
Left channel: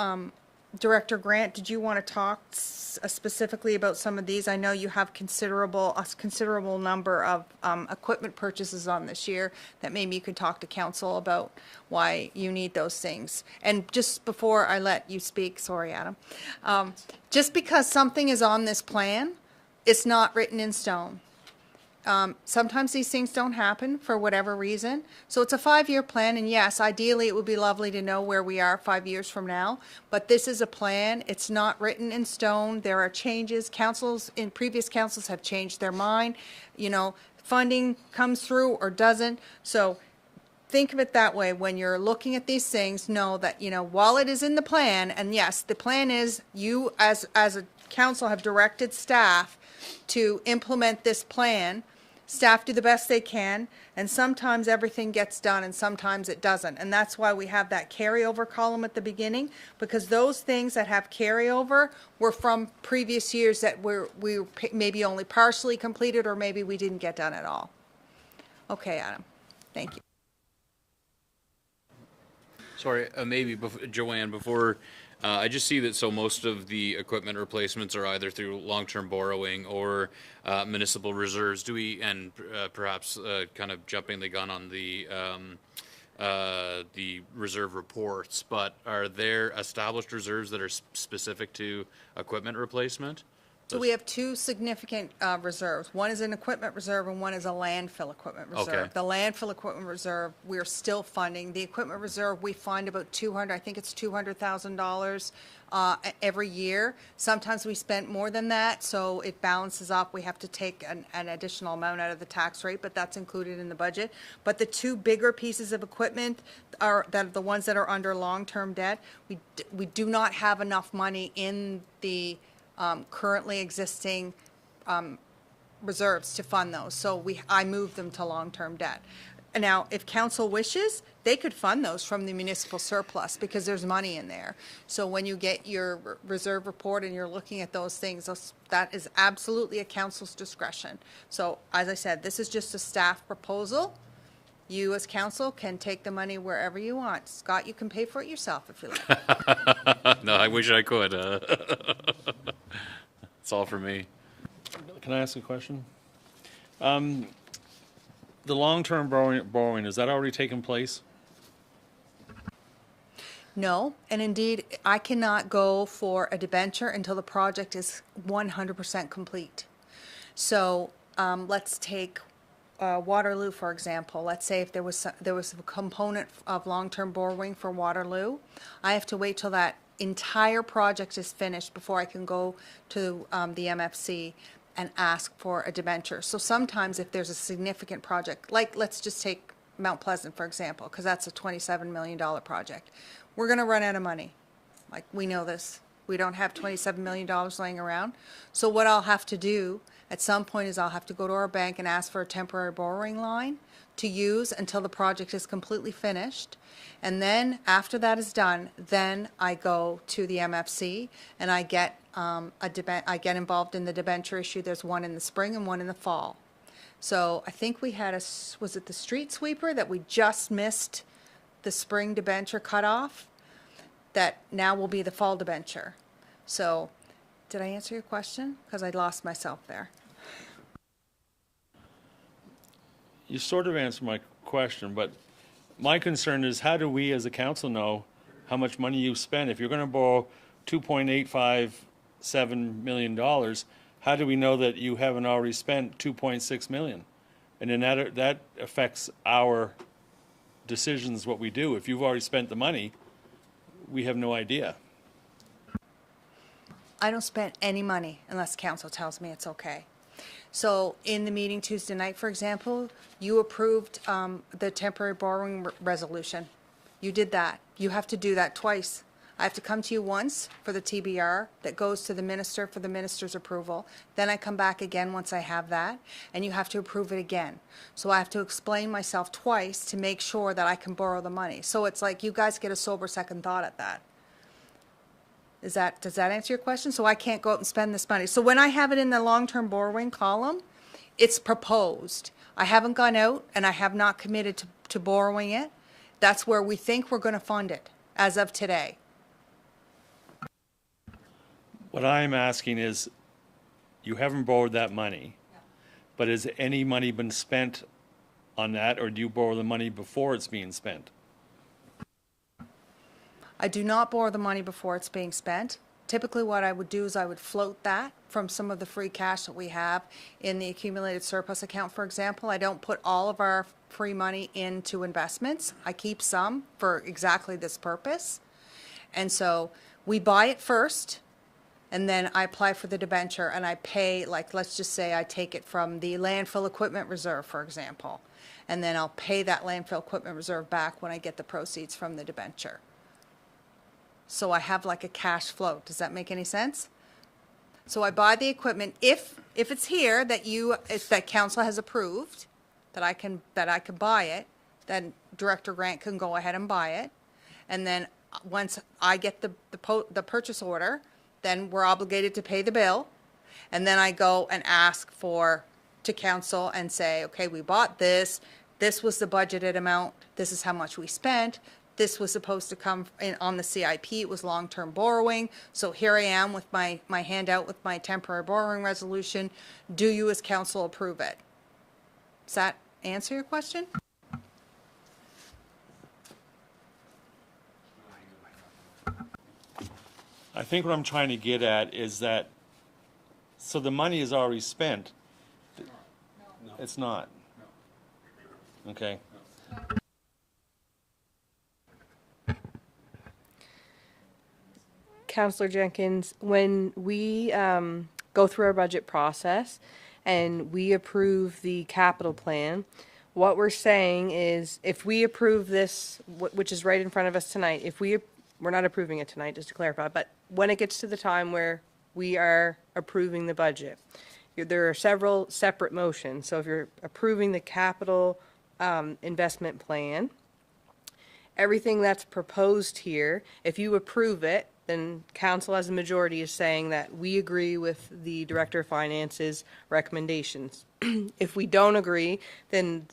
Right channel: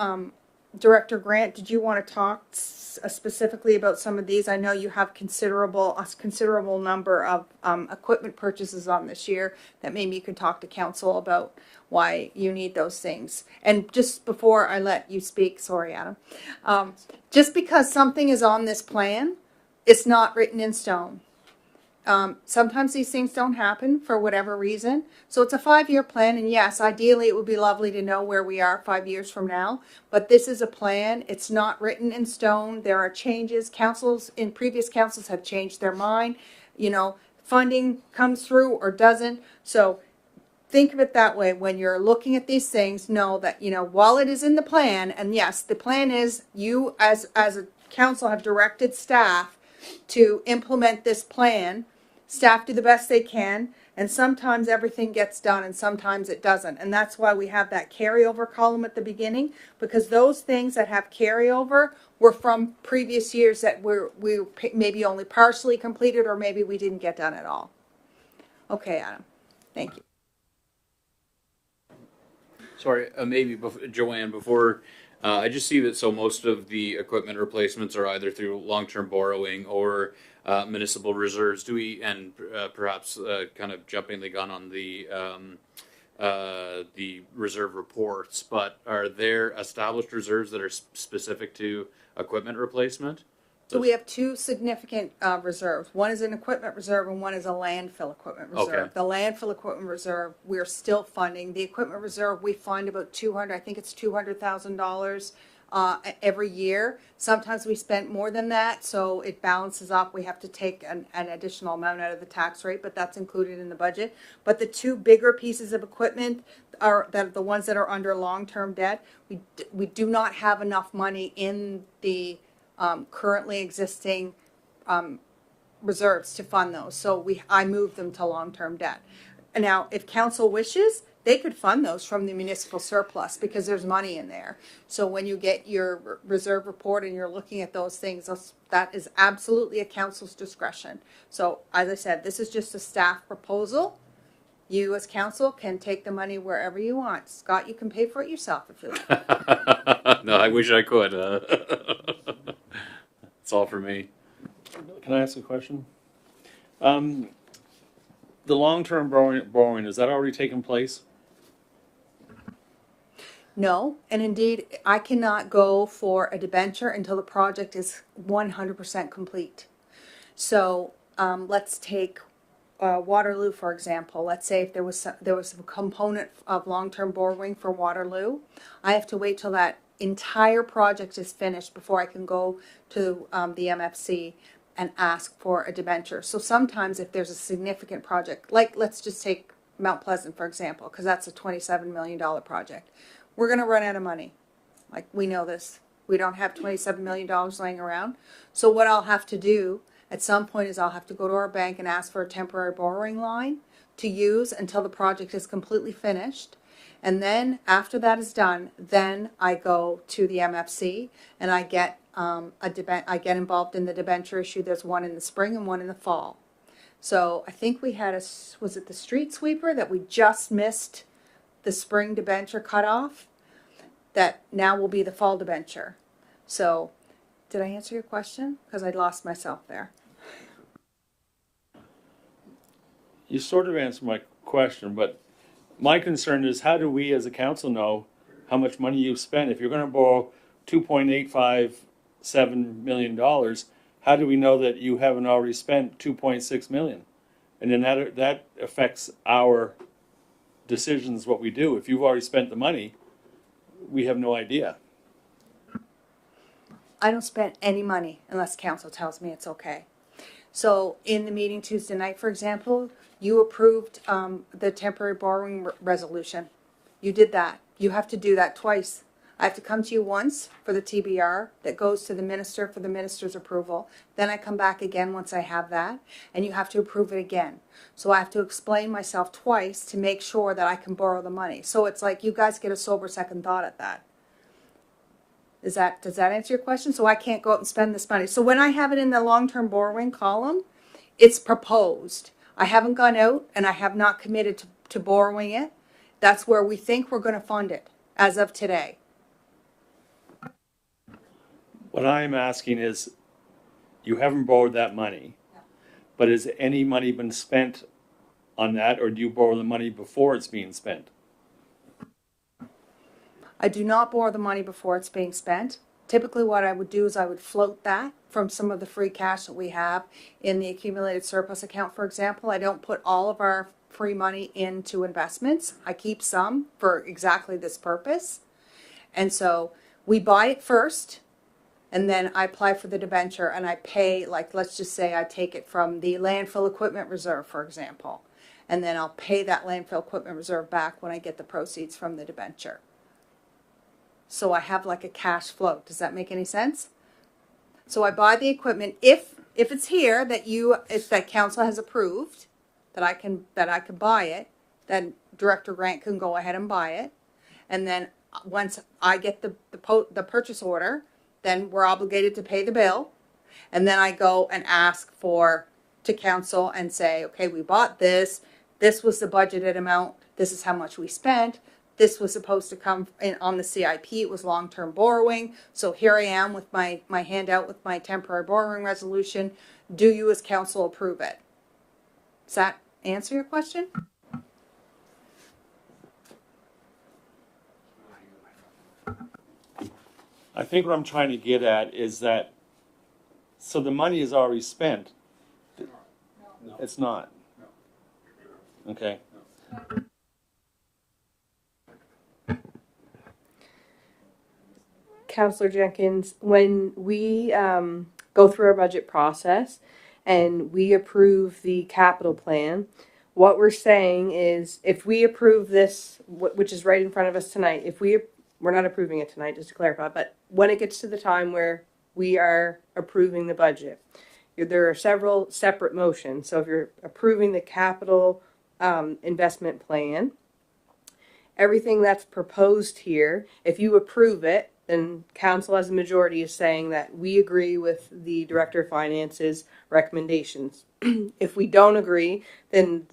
Director Grant, did you want to talk specifically about some of these? I know you have a considerable number of equipment purchases on this year that maybe you could talk to council about why you need those things. And just before I let you speak, sorry, Adam, just because something is on this plan, it's not written in stone. Sometimes these things don't happen for whatever reason. So it's a 5-year plan, and yes, ideally it would be lovely to know where we are 5 years from now. But this is a plan. It's not written in stone. There are changes. Previous councils have changed their mind. Funding comes through or doesn't. So think of it that way when you're looking at these things. Know that while it is in the plan, and yes, the plan is you as a council have directed staff to implement this plan. Staff do the best they can, and sometimes everything gets done and sometimes it doesn't. And that's why we have that carryover column at the beginning, because those things that have carryover were from previous years that we maybe only partially completed, or maybe we didn't get done at all. Okay, Adam. Thank you. Sorry, maybe Joanne, before I just see that most of the equipment replacements are either through long-term borrowing or municipal reserves. Do we, and perhaps kind of jumping the gun on the reserve reports, but are there established reserves that are specific to equipment replacement? So we have 2 significant reserves. One is an equipment reserve and one is a landfill equipment reserve. Okay. The landfill equipment reserve, we're still funding. The equipment reserve, we fund about $200,000 every year. Sometimes we spend more than that, so it balances up. We have to take an additional amount out of the tax rate, but that's included in the budget. But the 2 bigger pieces of equipment are the ones that are under long-term debt. We do not have enough money in the currently existing reserves to fund those. So I moved them to long-term debt. And now, if council wishes, they could fund those from the municipal surplus because there's money in there. So when you get your reserve report and you're looking at those things, that is absolutely a council's discretion. So as I said, this is just a staff proposal. You as council can take the money wherever you want. Scott, you can pay for it yourself if you like. No, I wish I could. That's all for me. Can I ask a question? The long-term borrowing, is that already taken place? No, and indeed, I cannot go for a debenture until the project is 100% complete. So let's take Waterloo, for example. Let's say if there was a component of long-term borrowing for Waterloo, I have to wait till that entire project is finished before I can go to the MFC. and ask for a debenture. So sometimes if there's a significant project, like let's just take Mount Pleasant, for example, because that's a $27 million project. We're going to run out of money. Like, we know this. We don't have $27 million laying around. So what I'll have to do at some point is I'll have to go to our bank and ask for a temporary borrowing line to use until the project is completely finished. And then after that is done, then I go to the MFC and I get I get involved in the debenture issue. There's one in the spring and one in the fall. So I think we had was it the street sweeper that we just missed the spring debenture cutoff? That now will be the fall debenture. So did I answer your question? Because I lost myself there. You sort of answered my question, but my concern is how do we as a council know how much money you spend? If you're going to borrow $2.857 million, how do we know that you haven't already spent $2.6 million? And then that affects our decisions, what we do. If you've already spent the money, we have no idea. I don't spend any money unless council tells me it's okay. So in the meeting Tuesday night, for example, you approved the temporary borrowing resolution. You did that. You have to do that twice. I have to come to you once for the TBR that goes to the minister for the minister's approval. Then I come back again once I have that, and you have to approve it again. So I have to explain myself twice to make sure that I can borrow the money. So it's like you guys get a sober second thought at that. Does that answer your question? So I can't go out and spend this money. So when I have it in the long-term borrowing column, it's proposed. I haven't gone out and I have not committed to borrowing it. That's where we think we're going to fund it as of today. What I'm asking is, you haven't borrowed that money, but has any money been spent on that, or do you borrow the money before it's being spent? I do not borrow the money before it's being spent. Typically what I would do is I would float that from some of the free cash that we have in the accumulated surplus account, for example. I don't put all of our free money into investments. I keep some for exactly this purpose. And so we buy it first, and then I apply for the debenture and I pay, like, let's just say I take it from the landfill equipment reserve, for example. And then I'll pay that landfill equipment reserve back when I get the proceeds from the debenture. So I have like a cash flow. Does that make any sense? So I buy the equipment if it's here if that council has approved that I can buy it, then Director Grant can go ahead and buy it. And then once I get the purchase order, then we're obligated to pay the bill. And then I go and ask to council and say, okay, we bought this. This was the budgeted amount. This is how much we spent. This was supposed to come in on the CIP. It was long-term borrowing. So here I am with my handout with my temporary borrowing resolution. Do you as council approve it? Does that answer your question? I think what I'm trying to get at is that, so the money is already spent. It's not. Okay. Councillor Jenkins, when we go through our budget process and we approve the capital plan, what we're saying is if we approve this, which is right in front of us tonight, we're not approving it tonight, just to clarify, but when it gets to the time where we are approving the budget, there are several separate motions. So if you're approving the capital investment plan, everything that's proposed here, if you approve it, then council as a majority is saying that we agree with the Director of Finance's recommendations. If we don't agree, then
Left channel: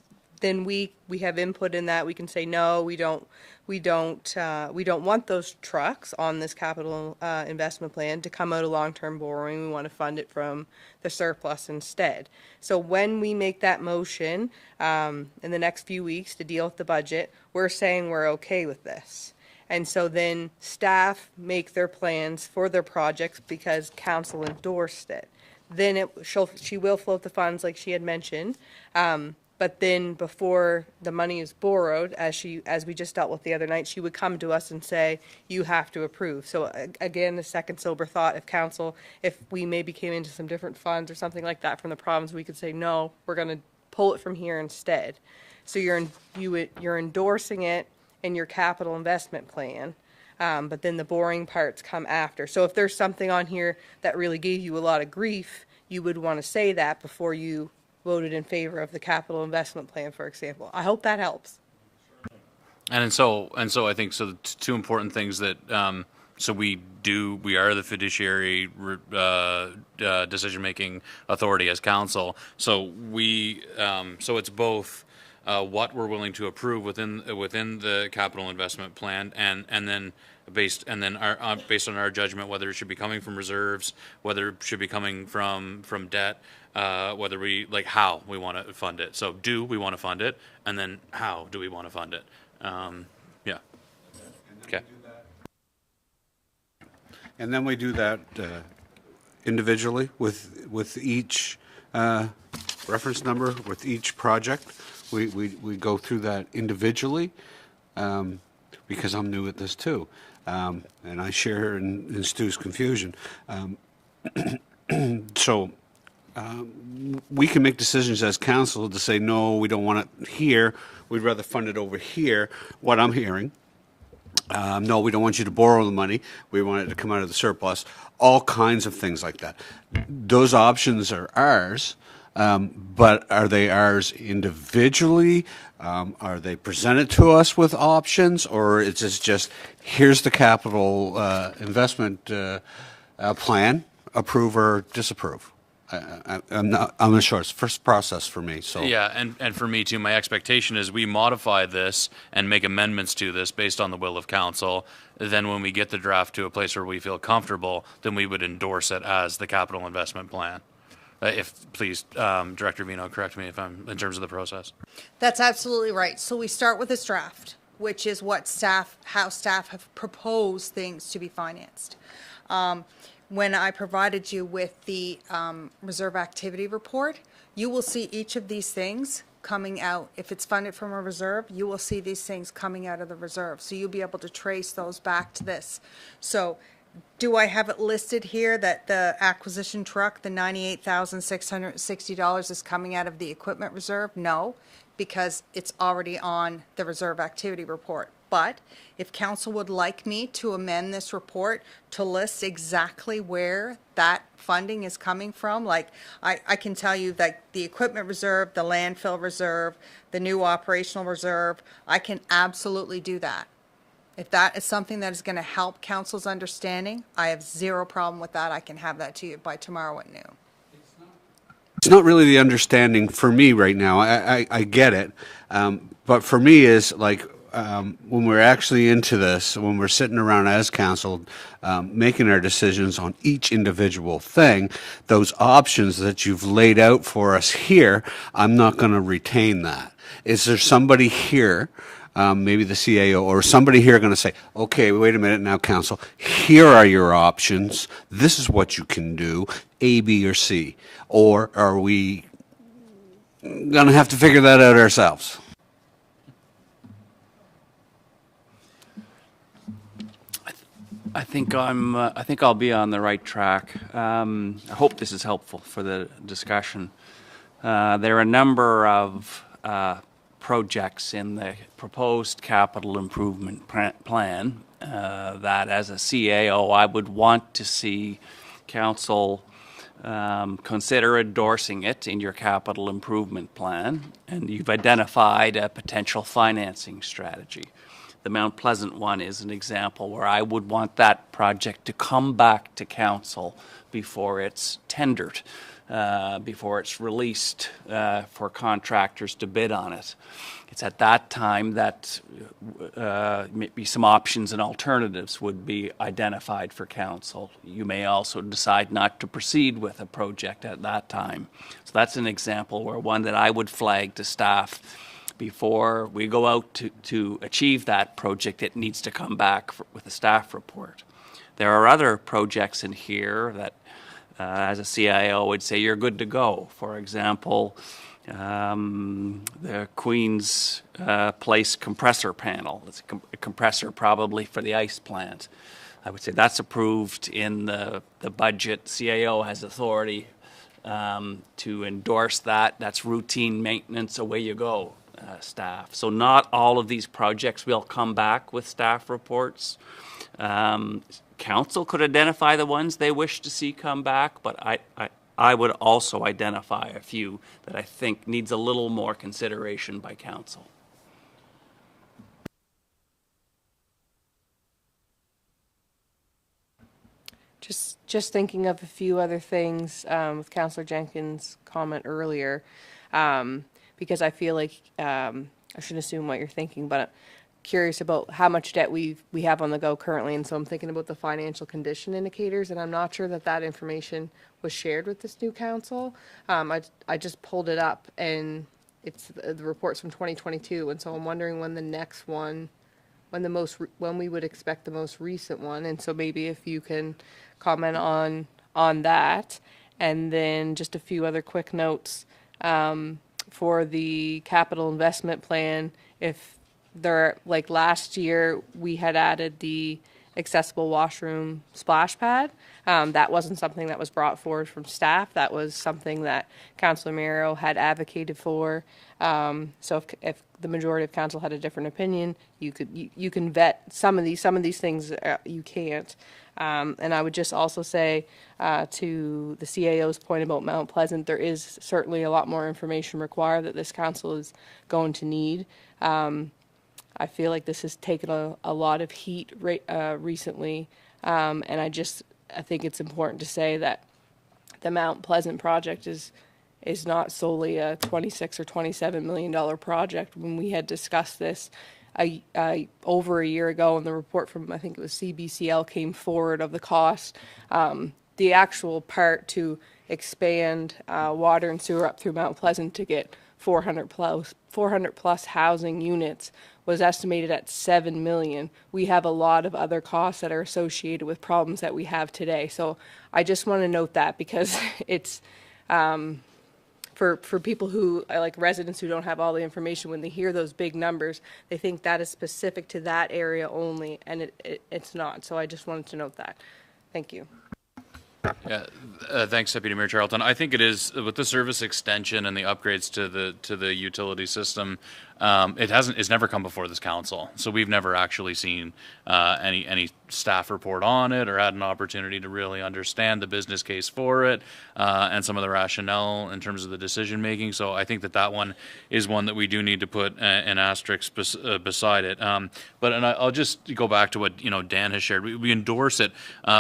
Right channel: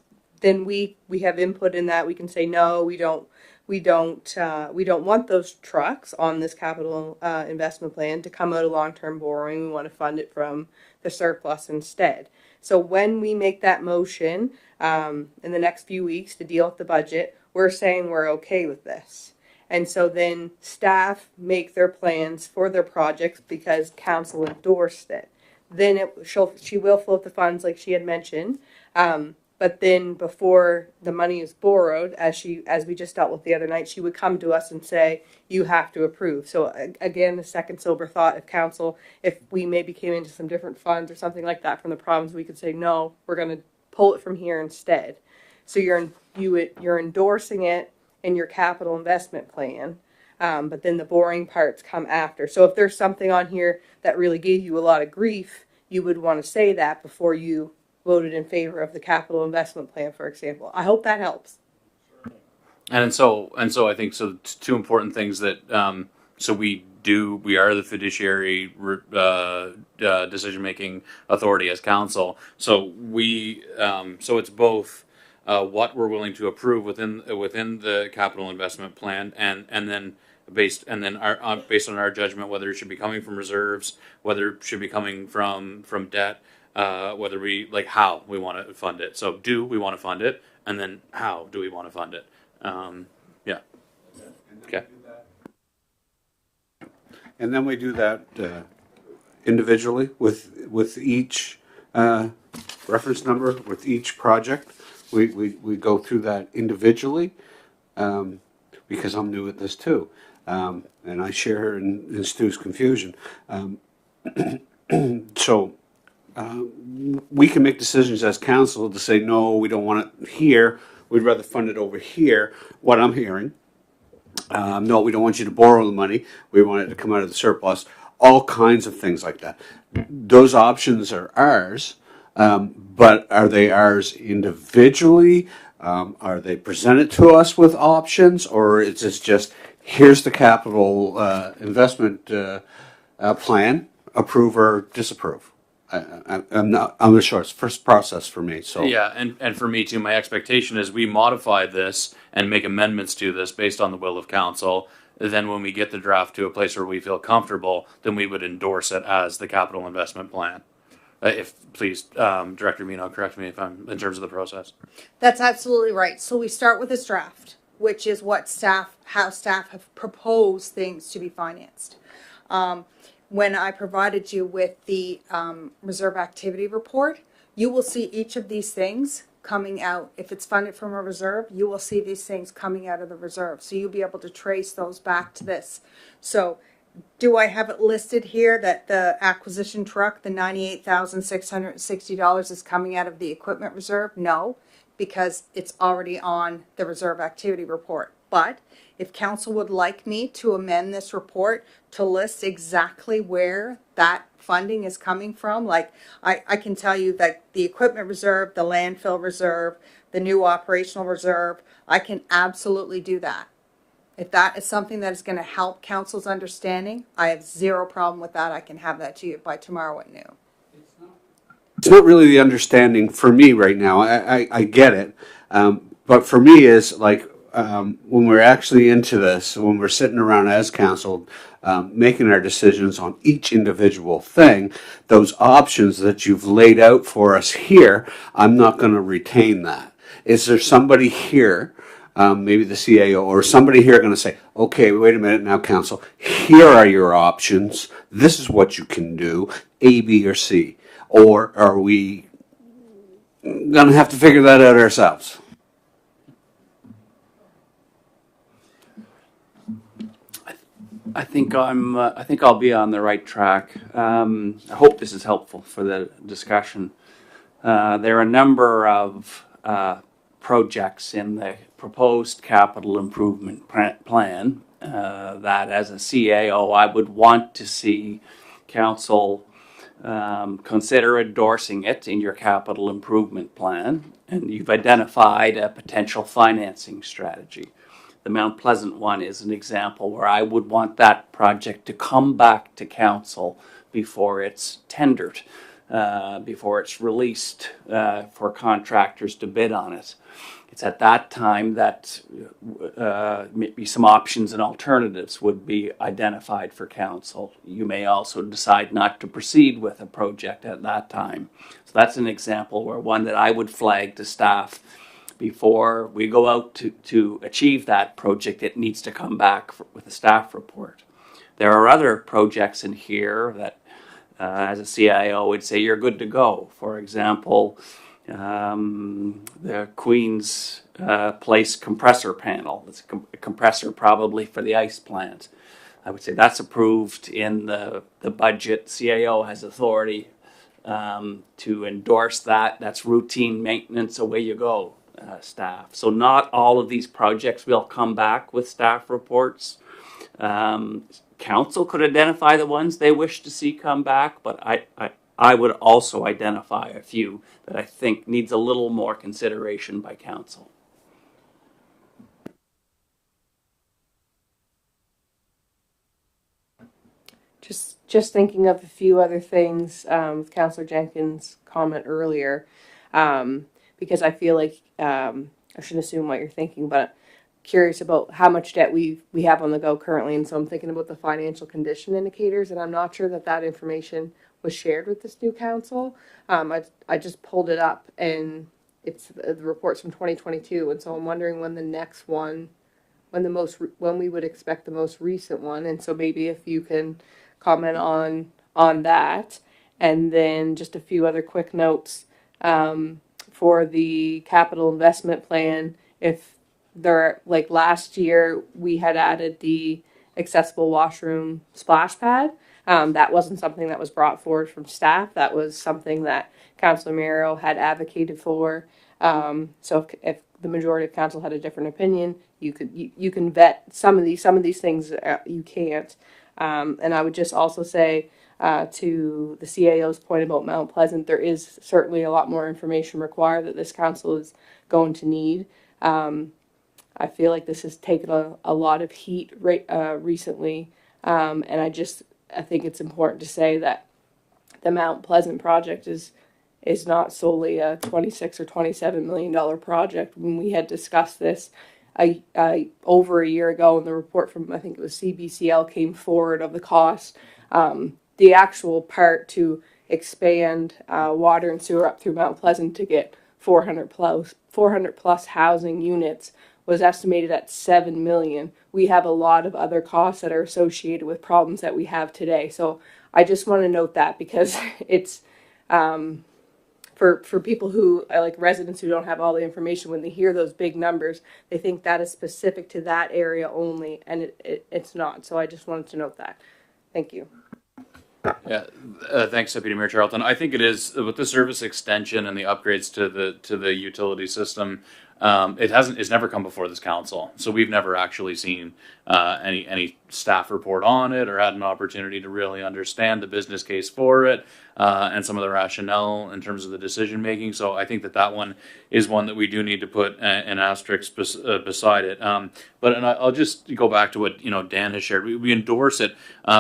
we have input in that. We can say no, we don't want those trucks on this capital investment plan to come out of long-term borrowing. We want to fund it from the surplus instead. So when we make that motion in the next few weeks to deal with the budget, we're saying we're okay with this. And so then staff make their plans for their projects because council endorsed it. Then she will float the funds like she had mentioned. But then before the money is borrowed, as we just dealt with the other night, she would come to us and say, you have to approve. So again, the second sober thought of council, if we maybe came into some different funds or something like that from the province, we could say, no, we're going to pull it from here instead. So you're endorsing it in your capital investment plan. But then the boring parts come after. So if there's something on here that really gave you a lot of grief, you would want to say that before you voted in favor of the capital investment plan, for example. I hope that helps. And so I think so. Two important things that so we are the fiduciary decision making authority as council. So so it's both what we're willing to approve within the capital investment plan, and then based on our judgment whether it should be coming from reserves, whether it should be coming from debt. Whether we how we want to fund it. So do we want to fund it, and then how do we want to fund it? Yeah. Okay. And then we do that individually with each reference number, with each project. We go through that individually because I'm new at this too, and I share in Stu's confusion. So. We can make decisions as council to say, no, we don't want it here. We'd rather fund it over here. What I'm hearing, no, we don't want you to borrow the money. We want it to come out of the surplus. All kinds of things like that. Those options are ours, but are they ours individually? Are they presented to us with options, or is this just here's the capital investment plan, approve or disapprove? I'm not sure. It's the first process for me. So Yeah, and for me too, my expectation is we modify this and make amendments to this based on the will of council. Then when we get the draft to a place where we feel comfortable, then we would endorse it as the capital investment plan. If please, Director Vino, correct me if I'm in terms of the process. That's absolutely right. So we start with this draft, which is how staff have proposed things to be financed. When I provided you with the reserve activity report, you will see each of these things coming out. If it's funded from a reserve, you will see these things coming out of the reserve. So you'll be able to trace those back to this. So do I have it listed here that the acquisition truck, the $98,660 is coming out of the equipment reserve? No, because it's already on the reserve activity report. But if council would like me to amend this report to list exactly where that funding is coming from, like I can tell you that the equipment reserve, the landfill reserve, the new operational reserve, I can absolutely do that. If that is something that is going to help council's understanding, I have zero problem with that. I can have that to you by tomorrow at noon. it's not really the understanding for me right now. I get it, but for me is like when we're actually into this, when we're sitting around as council, making our decisions on each individual thing, those options that you've laid out for us here, I'm not going to retain that. Is there somebody here, maybe the CAO or somebody here going to say, okay, wait a minute now, council, here are your options. This is what you can do, A, B, or C. Or are we going to have to figure that out ourselves? I think I'll be on the right track. I hope this is helpful for the discussion. There are a number of projects in the proposed capital improvement plan that, as a CAO, I would want to see council consider endorsing it in your capital improvement plan, and you've identified a potential financing strategy. The Mount Pleasant one is an example where I would want that project to come back to council before it's tendered, before it's released for contractors to bid on it. It's at that time that maybe some options and alternatives would be identified for council. You may also decide not to proceed with a project at that time. So that's an example where one that I would flag to staff. Before we go out to achieve that project, it needs to come back with a staff report. There are other projects in here that, as a CIO, would say you're good to go. For example, the Queen's Place compressor panel. It's a compressor probably for the ice plant. I would say that's approved in the budget. CAO has authority to endorse that. That's routine maintenance. Away you go, staff. So not all of these projects will come back with staff reports. Council could identify the ones they wish to see come back, but I would also identify a few that I think needs a little more consideration by council. Just thinking of a few other things with Councillor Jenkins' comment earlier, because I feel like I should assume what you're thinking, but curious about how much debt we have on the go currently, and so I'm thinking about the financial condition indicators, and I'm not sure that information was shared with this new council. I just pulled it up, and it's the reports from 2022, and so I'm wondering when the next one, when we would expect the most recent one, and so maybe if you can comment on that, and then just a few other quick notes for the capital investment plan. If there, like last year, we had added the accessible washroom splash pad. That wasn't something that was brought forward from staff. That was something that Councillor Miro had advocated for. So if the majority of council had a different opinion, you can vet some of these things. You can't. And I would just also say to the CAO's point about Mount Pleasant, there is certainly a lot more information required that this council is going to need. I feel like this has taken a lot of heat recently, and I think it's important to say that the Mount Pleasant project is not solely a $26 or $27 million project. When we had discussed this over a year ago, and the report from, I think it was CBCL, came forward of the cost. The actual part to expand water and sewer up through Mount Pleasant to get 400 plus housing units was estimated at $7 million. We have a lot of other costs that are associated with problems that we have today. So I just want to note that, because it's for people who, like residents who don't have all the information, when they hear those big numbers, they think that is specific to that area only, and it's not. So I just wanted to note that. Thank you. Yeah, thanks, Deputy Mayor Charlton. I think it is with the service extension and the upgrades to the utility system. It's never come before this council, so we've never actually seen any staff report on it or had an opportunity to really understand the business case for it and some of the rationale in terms of the decision making. So I think that one is one that we do need to put an asterisk beside it. But I'll just go back to what Dan has shared. We endorse it.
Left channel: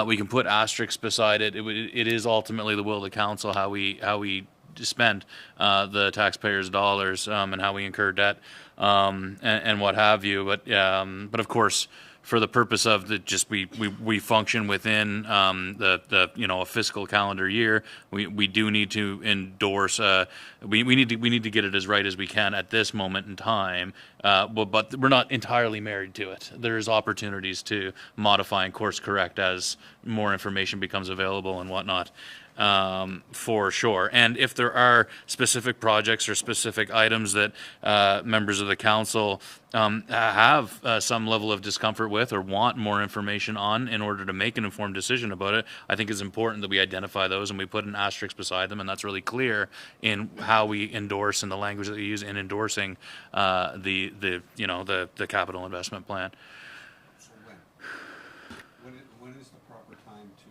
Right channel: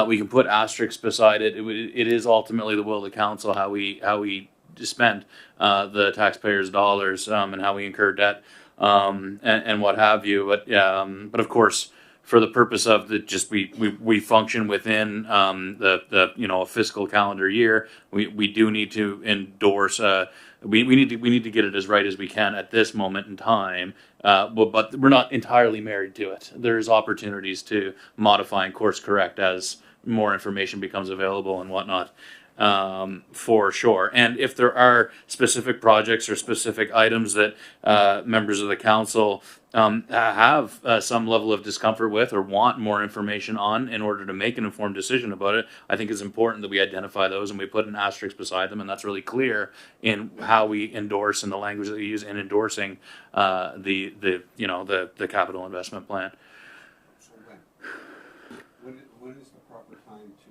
We can put asterisks beside it. It is ultimately the will of the council how we spend the taxpayers' dollars and how we incur debt and what have you. But of course, for the purpose of we function within a fiscal calendar year, we do need to endorse. We need to get it as right as we can at this moment in time. But we're not entirely married to it. There's opportunities to modify and course correct as more information becomes available and whatnot. For sure. And if there are specific projects or specific items that members of the council have some level of discomfort with or want more information on in order to make an informed decision about it, I think it's important that we identify those and we put an asterisk beside them, and that's really clear in how we endorse and the language that we use in endorsing the capital investment plan. When is the proper time to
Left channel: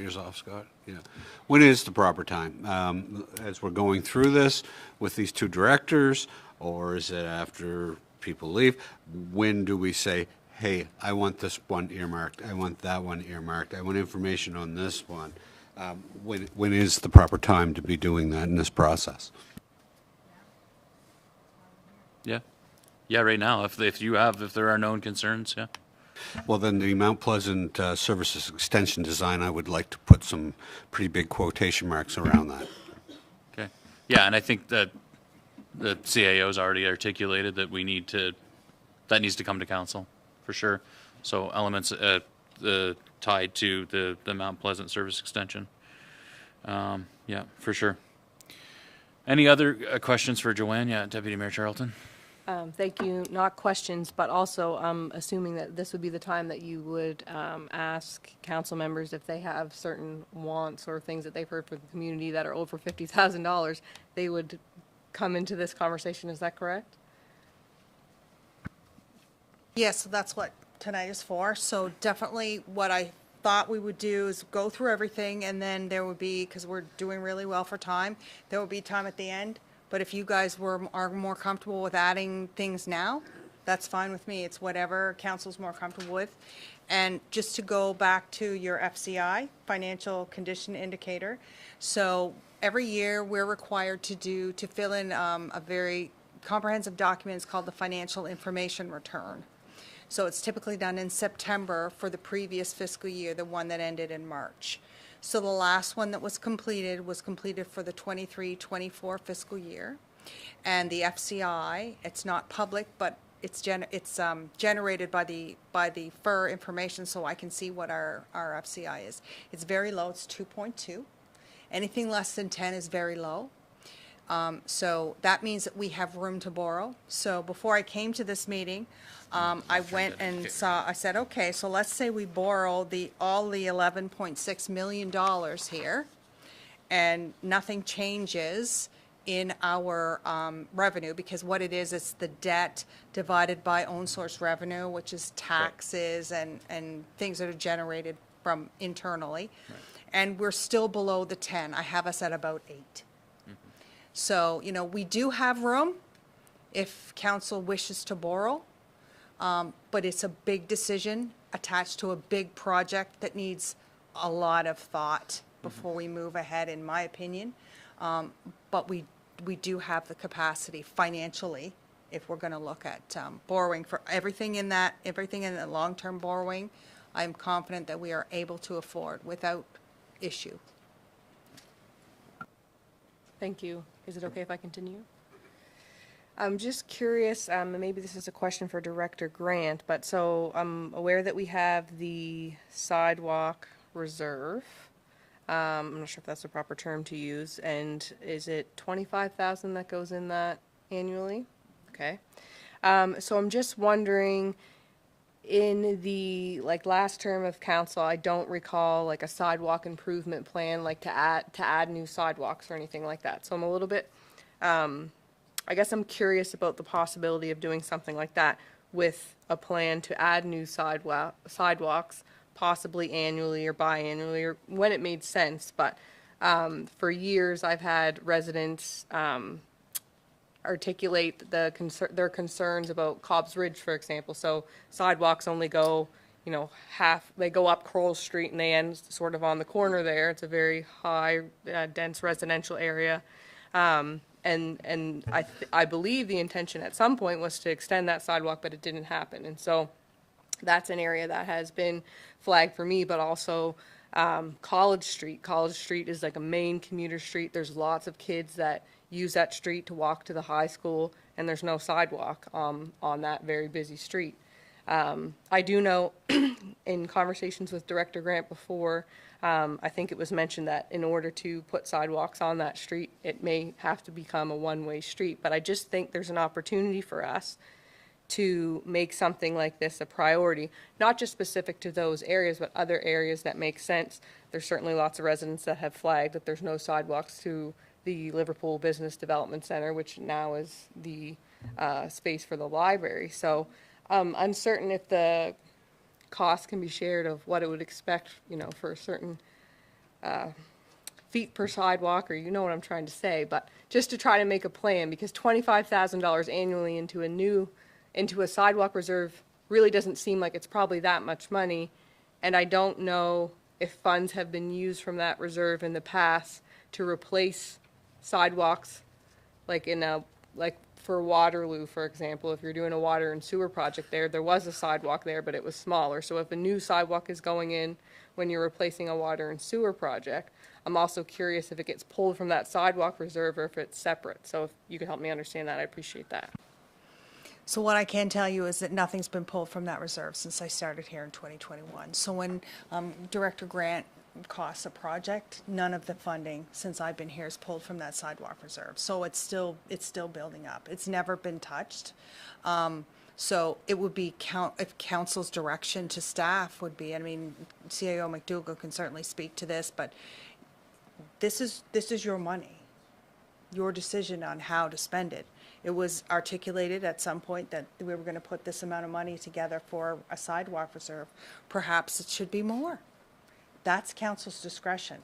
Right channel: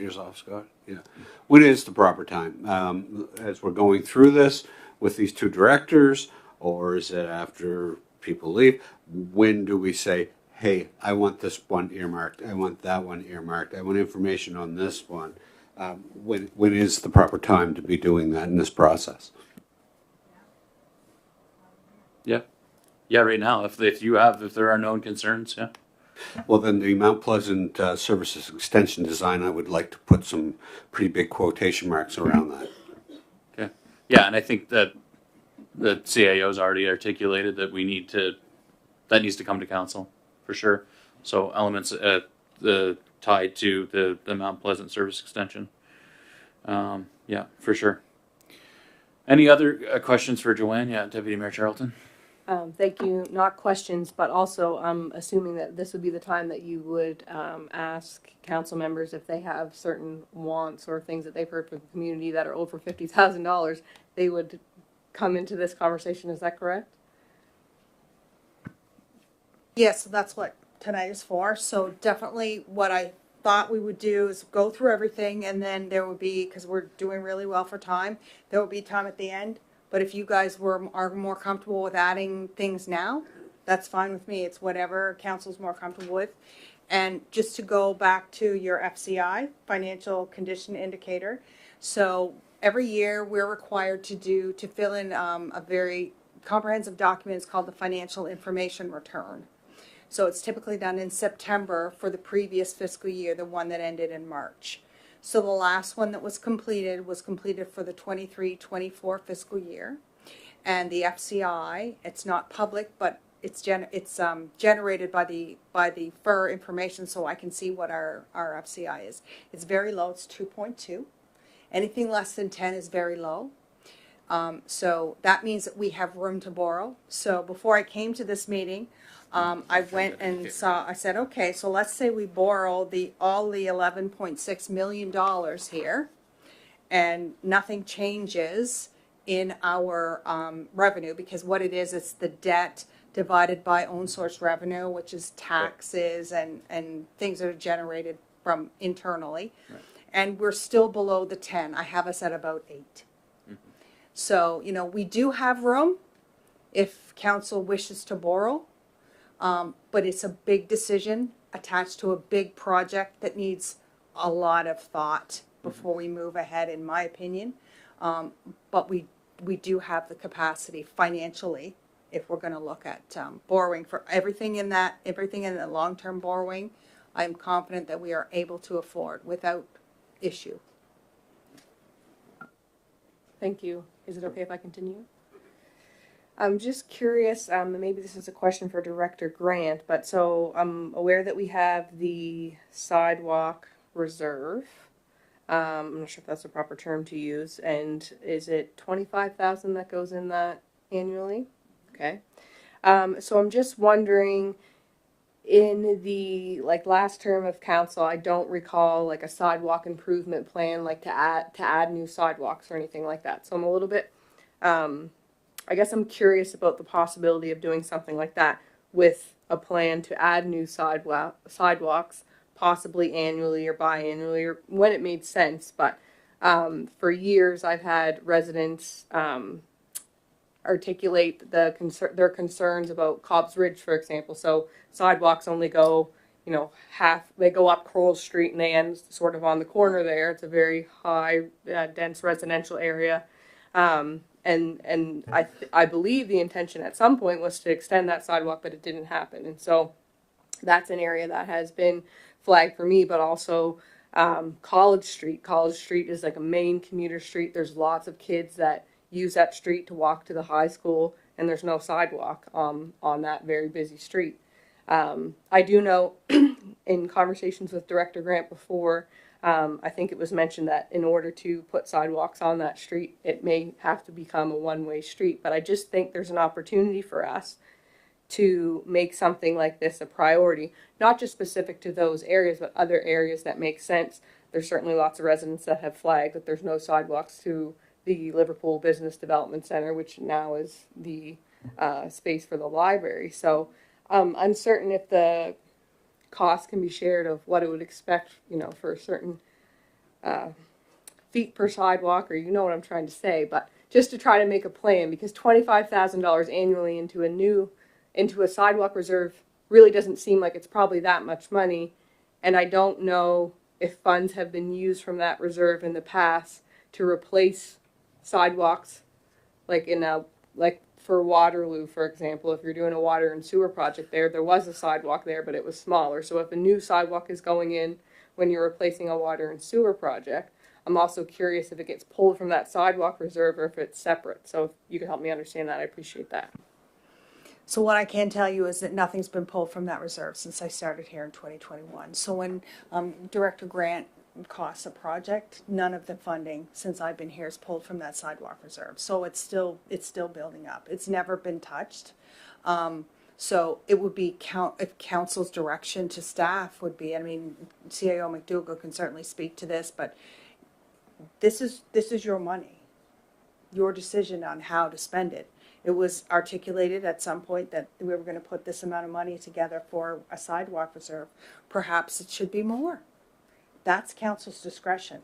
ears off, Scott? Yeah. When is the proper time? As we're going through this with these two directors, or is it after people leave? When do we say, hey, I want this one earmarked, I want that one earmarked, I want information on this one? When is the proper time to be doing that in this process? Yeah, right now, if there are known concerns, yeah. Well, then the Mount Pleasant Services Extension design, I would like to put some pretty big quotation marks around that. Okay. Yeah, and I think that the CAO's already articulated that that needs to come to council for sure. So elements tied to the Mount Pleasant Service Extension. Yeah, for sure. Any other questions for Joanne? Yeah, Deputy Mayor Charlton. Thank you. Not questions, but also I'm assuming that this would be the time that you would ask council members if they have certain wants or things that they've heard from the community that are over $50,000. They would come into this conversation. Is that correct? Yes, so that's what tonight is for. So definitely what I thought we would do is go through everything, and then there would be, because we're doing really well for time, there will be time at the end. But if you guys are more comfortable with adding things now, that's fine with me. It's whatever council's more comfortable with. And just to go back to your FCI, financial condition indicator. So every year we're required to fill in a very comprehensive document. It's called the financial information return. So it's typically done in September for the previous fiscal year, the one that ended in March. So the last one that was completed for the 23-24 fiscal year. And the FCI, it's not public, but it's generated by the FIR information, so I can see what our FCI is. It's very low, it's 2.2. Anything less than 10 is very low. So that means that we have room to borrow. So before I came to this meeting, I went and I said, okay, so let's say we borrow all the $11.6 million here, and nothing changes in our revenue, because what it is, it's the debt divided by own source revenue, which is taxes and things that are generated from internally. Right. And we're still below the 10. I have us at about 8. So, we do have room if council wishes to borrow, but it's a big decision attached to a big project that needs a lot of thought before we move ahead, in my opinion. But we do have the capacity financially, if we're going to look at borrowing for everything in the long-term borrowing. I'm confident that we are able to afford without issue. Thank you. Is it okay if I continue? I'm just curious, maybe this is a question for Director Grant, but so I'm aware that we have the sidewalk reserve. I'm not sure if that's the proper term to use. And is it 25,000 that goes in that annually? Okay. So I'm just wondering, in the last term of council, I don't recall a sidewalk improvement plan to add new sidewalks or anything like that. So I'm a little bit, I guess I'm curious about the possibility of doing something like that with a plan to add new sidewalks, possibly annually or biannually, or when it made sense. But for years, I've had residents articulate their concerns about Cobb's Ridge, for example. So sidewalks only go, they go up Crowell Street and they end sort of on the corner there. It's a very high, dense residential area. And I believe the intention at some point was to extend that sidewalk, but it didn't happen. And so that's an area that has been flagged for me, but also College Street. College Street is a main commuter street. There's lots of kids that use that street to walk to the high school, and there's no sidewalk on that very busy street. I do know in conversations with Director Grant before, I think it was mentioned that in order to put sidewalks on that street, it may have to become a one-way street. But I just think there's an opportunity for us to make something like this a priority, not just specific to those areas, but other areas that make sense. There's certainly lots of residents that have flagged that there's no sidewalks to the Liverpool Business Development Center, which now is the space for the library. So I'm uncertain if the cost can be shared of what it would expect, for a certain feet per sidewalk, or what I'm trying to say, but just to try to make a plan, because $25,000 annually into a sidewalk reserve really doesn't seem like it's probably that much money, and I don't know if funds have been used from that reserve in the past to replace sidewalks, for Waterloo, for example. If you're doing a water and sewer project there was a sidewalk there, but it was smaller. So if a new sidewalk is going in when you're replacing a water and sewer project, I'm also curious if it gets pulled from that sidewalk reserve or if it's separate. So if you can help me understand that, I appreciate that. So what I can tell you is that nothing's been pulled from that reserve since I started here in 2021. So when Director Grant costs a project, none of the funding since I've been here is pulled from that sidewalk reserve. So it's still building up. It's never been touched. So it would be if council's direction to staff would be, I mean, CAO McDougall can certainly speak to this, but this is your money, your decision on how to spend it. It was articulated at some point that we were going to put this amount of money together for a sidewalk reserve. Perhaps it should be more. That's council's discretion.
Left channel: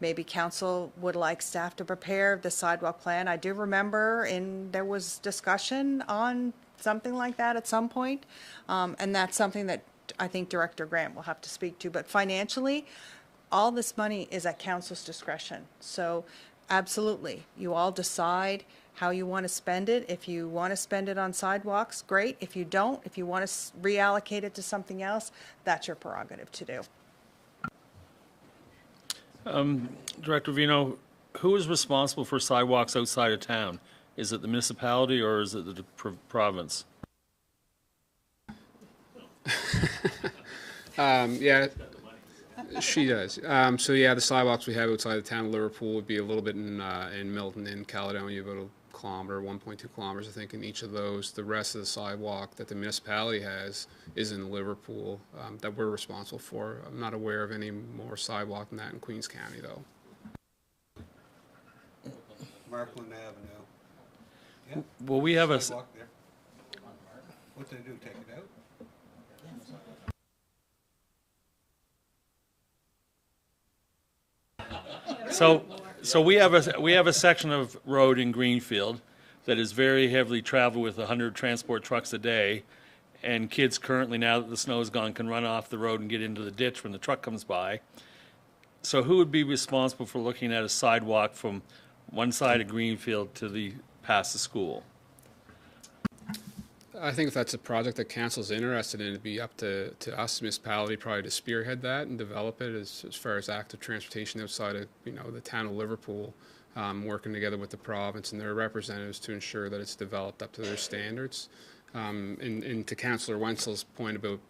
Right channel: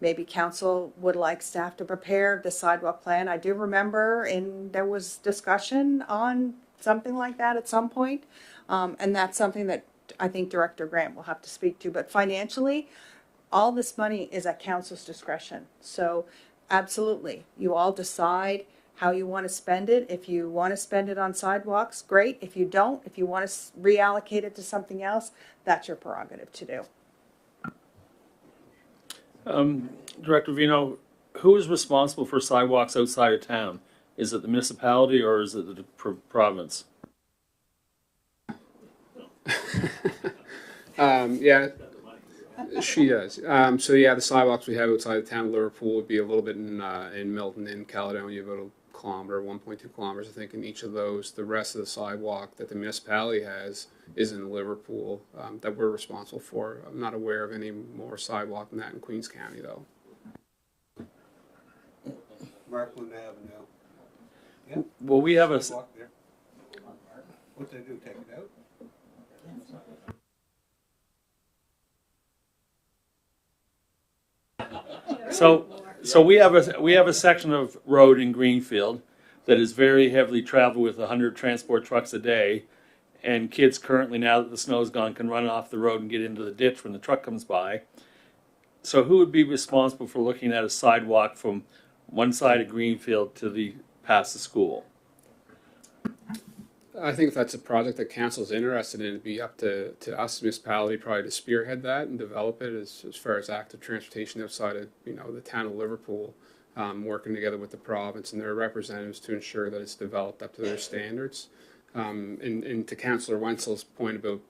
Maybe council would like staff to prepare the sidewalk plan. I do remember there was discussion on something like that at some point. And that's something that I think Director Grant will have to speak to. But financially, all this money is at council's discretion. So absolutely, you all decide how you want to spend it. If you want to spend it on sidewalks, great. If you don't, if you want to reallocate it to something else, that's your prerogative to do. Director Vino, who is responsible for sidewalks outside of town? Is it the municipality or is it the province? Yeah, she does. So yeah, the sidewalks we have outside of town of Liverpool would be a little bit in Milton, in Caledonia, about a kilometer, 1.2 kilometers, I think, in each of those. The rest of the sidewalk that the municipality has is in Liverpool, that we're responsible for. I'm not aware of any more sidewalk than that in Queens County, though. Markland Avenue. Yeah. Well, we have a. Walk there. What they do, take it out? So we have a section of road in Greenfield that is very heavily traveled with 100 transport trucks a day, and kids currently, now that the snow's gone, can run off the road and get into the ditch when the truck comes by. So who would be responsible for looking at a sidewalk from one side of Greenfield to past the school? I think if that's a project that council's interested in, it'd be up to us, municipality, probably to spearhead that and develop it as far as active transportation outside of, the town of Liverpool, working together with the province and their representatives to ensure that it's developed up to their standards. And to Councillor Wenzel's point about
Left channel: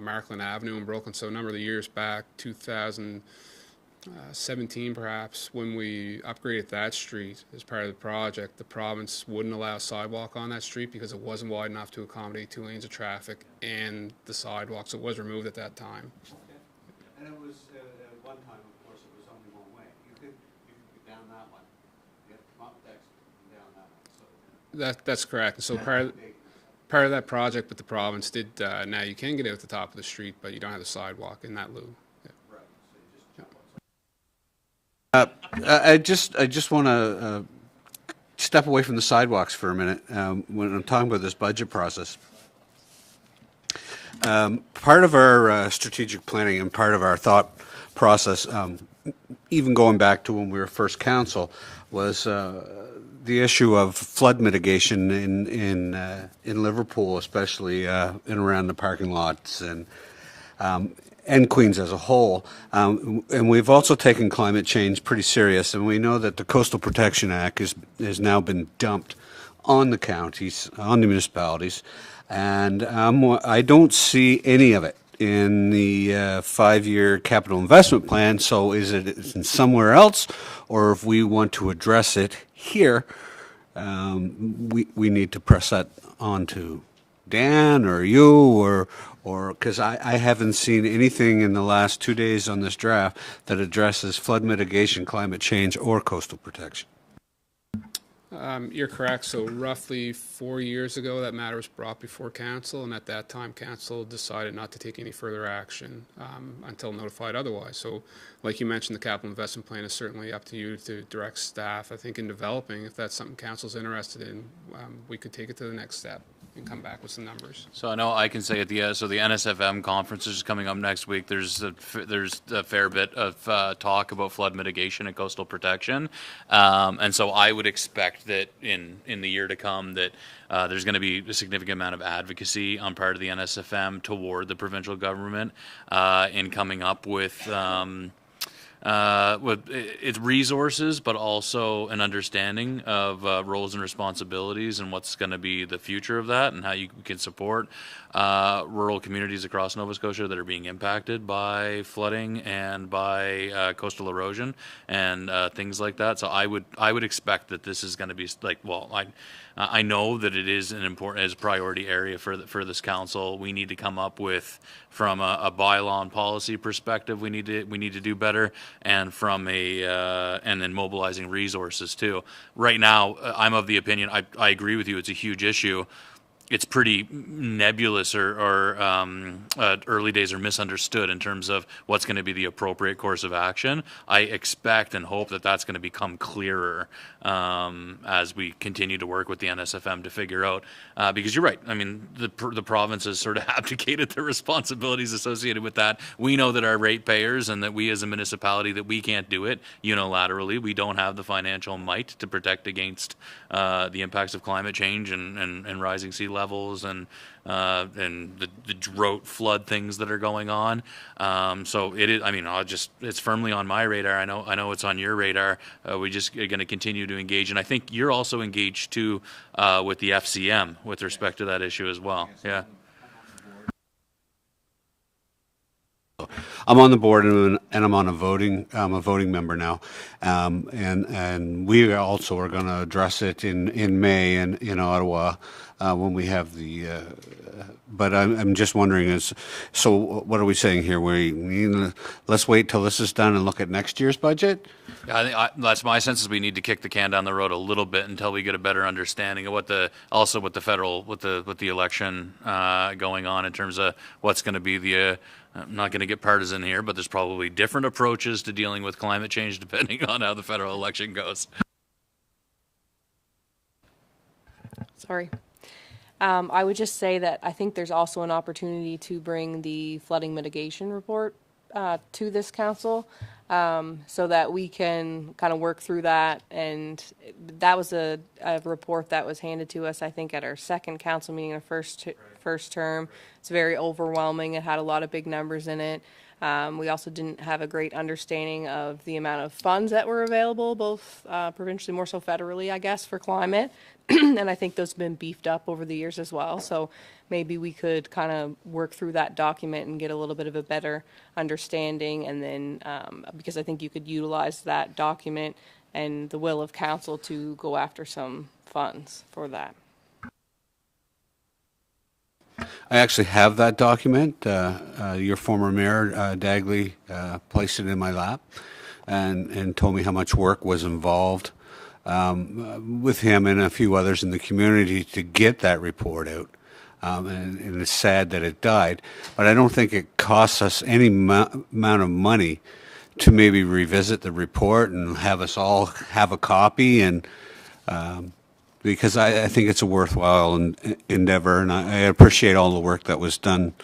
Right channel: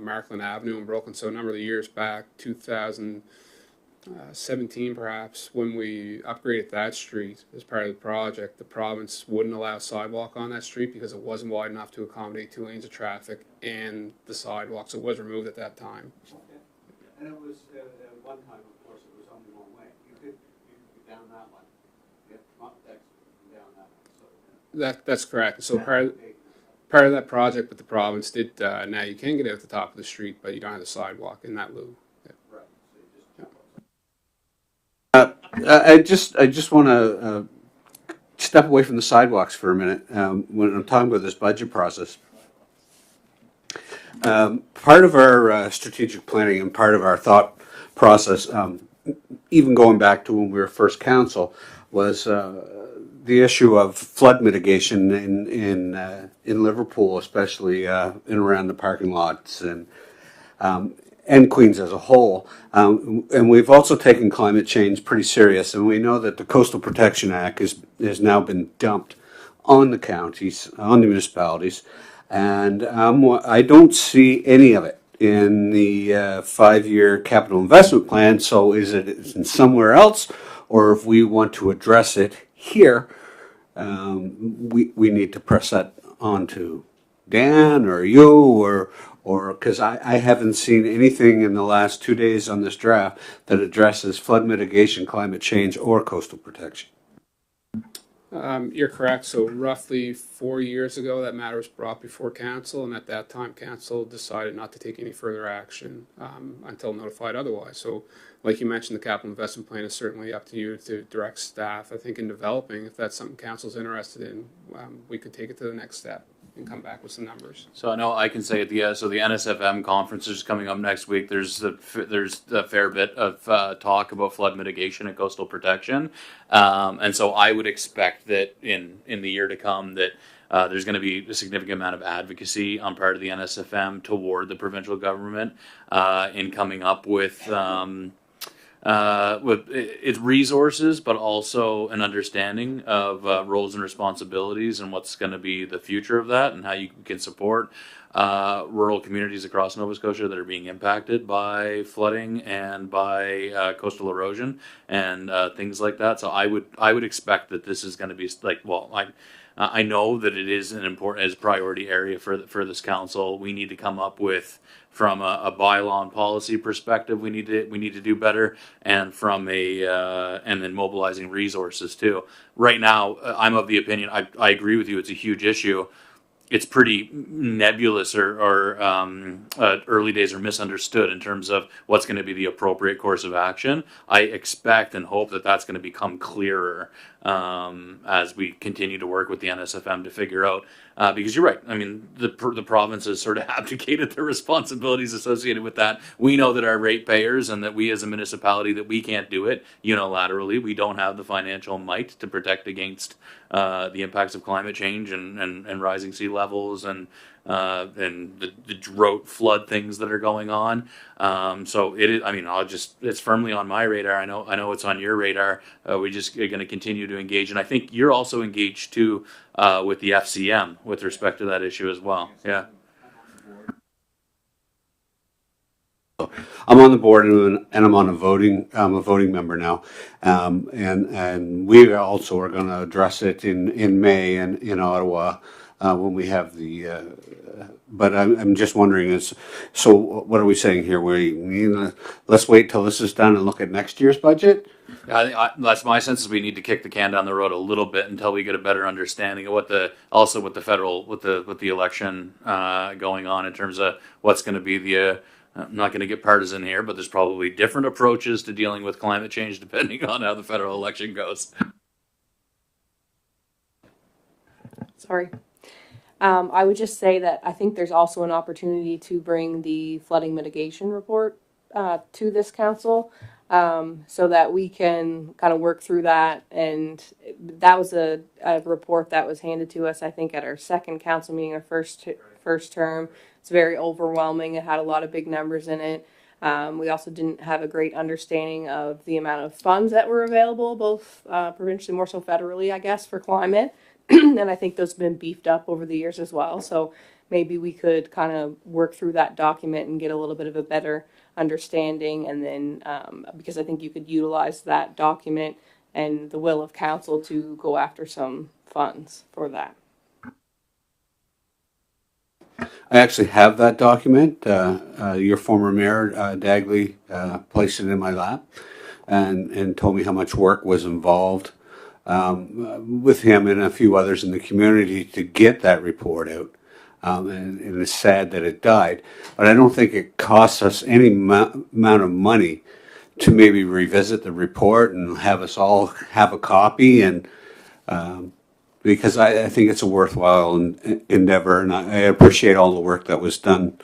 Markland Avenue in Brooklyn, so a number of the years back, 2017 perhaps, when we upgraded that street as part of the project, the province wouldn't allow sidewalk on that street because it wasn't wide enough to accommodate 2 lanes of traffic and the sidewalk, so it was removed at that time. And it was, at one time, of course, it was only one way. You could get down that one. Get up that, down that one. So That's correct. So part of that project with the province did, now you can get in at the top of the street, but you don't have the sidewalk in that loop. I just want to step away from the sidewalks for a minute when I'm talking about this budget process. Part of our strategic planning and part of our thought process, even going back to when we were first council, was the issue of flood mitigation in Liverpool, especially in around the parking lots and Queens as a whole. And we've also taken climate change pretty serious, and we know that the Coastal Protection Act has now been dumped on the counties, on the municipalities, and I don't see any of it in the 5-year capital investment plan. So is it somewhere else, or if we want to address it here, we need to press that on to Dan or you or because I haven't seen anything in the last 2 days on this draft that addresses flood mitigation, climate change, or coastal protection. You're correct. So roughly 4 years ago, that matter was brought before council, and at that time, council decided not to take any further action until notified otherwise. So, like you mentioned, the capital investment plan is certainly up to you to direct staff. I think in developing, if that's something council's interested in, we could take it to the next step and come back with some numbers. So I know I can say at the NSFM conference is coming up next week. There's a fair bit of talk about flood mitigation and coastal protection, and so I would expect that in the year to come that there's going to be a significant amount of advocacy on part of the NSFM toward the provincial government in coming up with with its resources, but also an understanding of roles and responsibilities and what's going to be the future of that, and how you can support rural communities across Nova Scotia that are being impacted by flooding and by coastal erosion and things like that. So I would expect that this is going to be like, well, I know that it is an important as priority area for this council. We need to come up with, from a bylaw and policy perspective, we need to do better, and from and then mobilizing resources too. Right now, I'm of the opinion, I agree with you. It's a huge issue. It's pretty nebulous, or early days are misunderstood in terms of what's going to be the appropriate course of action. I expect and hope that that's going to become clearer as we continue to work with the NSFM to figure out, because you're right. I mean, the province has sort of abdicated their responsibilities associated with that. We know that our ratepayers and that we as a municipality, that we can't do it unilaterally. We don't have the financial might to protect against the impacts of climate change and rising sea levels and the drought flood things that are going on. So it is, I mean, it's firmly on my radar. I know it's on your radar. We just are going to continue to engage. And I think you're also engaged too, with the FCM with respect to that issue as well. Yeah. I'm on the board and I'm on I'm a voting member now. And we also are going to address it in May in Ottawa, when we have but I'm just wondering so what are we saying here? Let's wait till this is done and look at next year's budget? That's my sense, is we need to kick the can down the road a little bit until we get a better understanding of with the election going on, in terms of what's going to be the I'm not going to get partisan here, but there's probably different approaches to dealing with climate change depending on how the federal election goes. Sorry. I would just say that I think there's also an opportunity to bring the flooding mitigation report to this council, so that we can kind of work through that. And that was a report that was handed to us, I think, at our second council meeting, our first term. It's very overwhelming. It had a lot of big numbers in it. We also didn't have a great understanding of the amount of funds that were available, both provincially, more so federally, I guess, for climate. And I think those have been beefed up over the years as well. So maybe we could kind of work through that document and get a little bit of a better understanding. And then, because I think you could utilize that document and the will of council to go after some funds for that. I actually have that document. Your former mayor, Dagley, placed it in my lap and told me how much work was involved with him and a few others in the community to get that report out. And it's sad that it died. But I don't think it costs us any amount of money to maybe revisit the report and have us all have a copy, and because I think it's a worthwhile endeavor, and I appreciate all the work that was done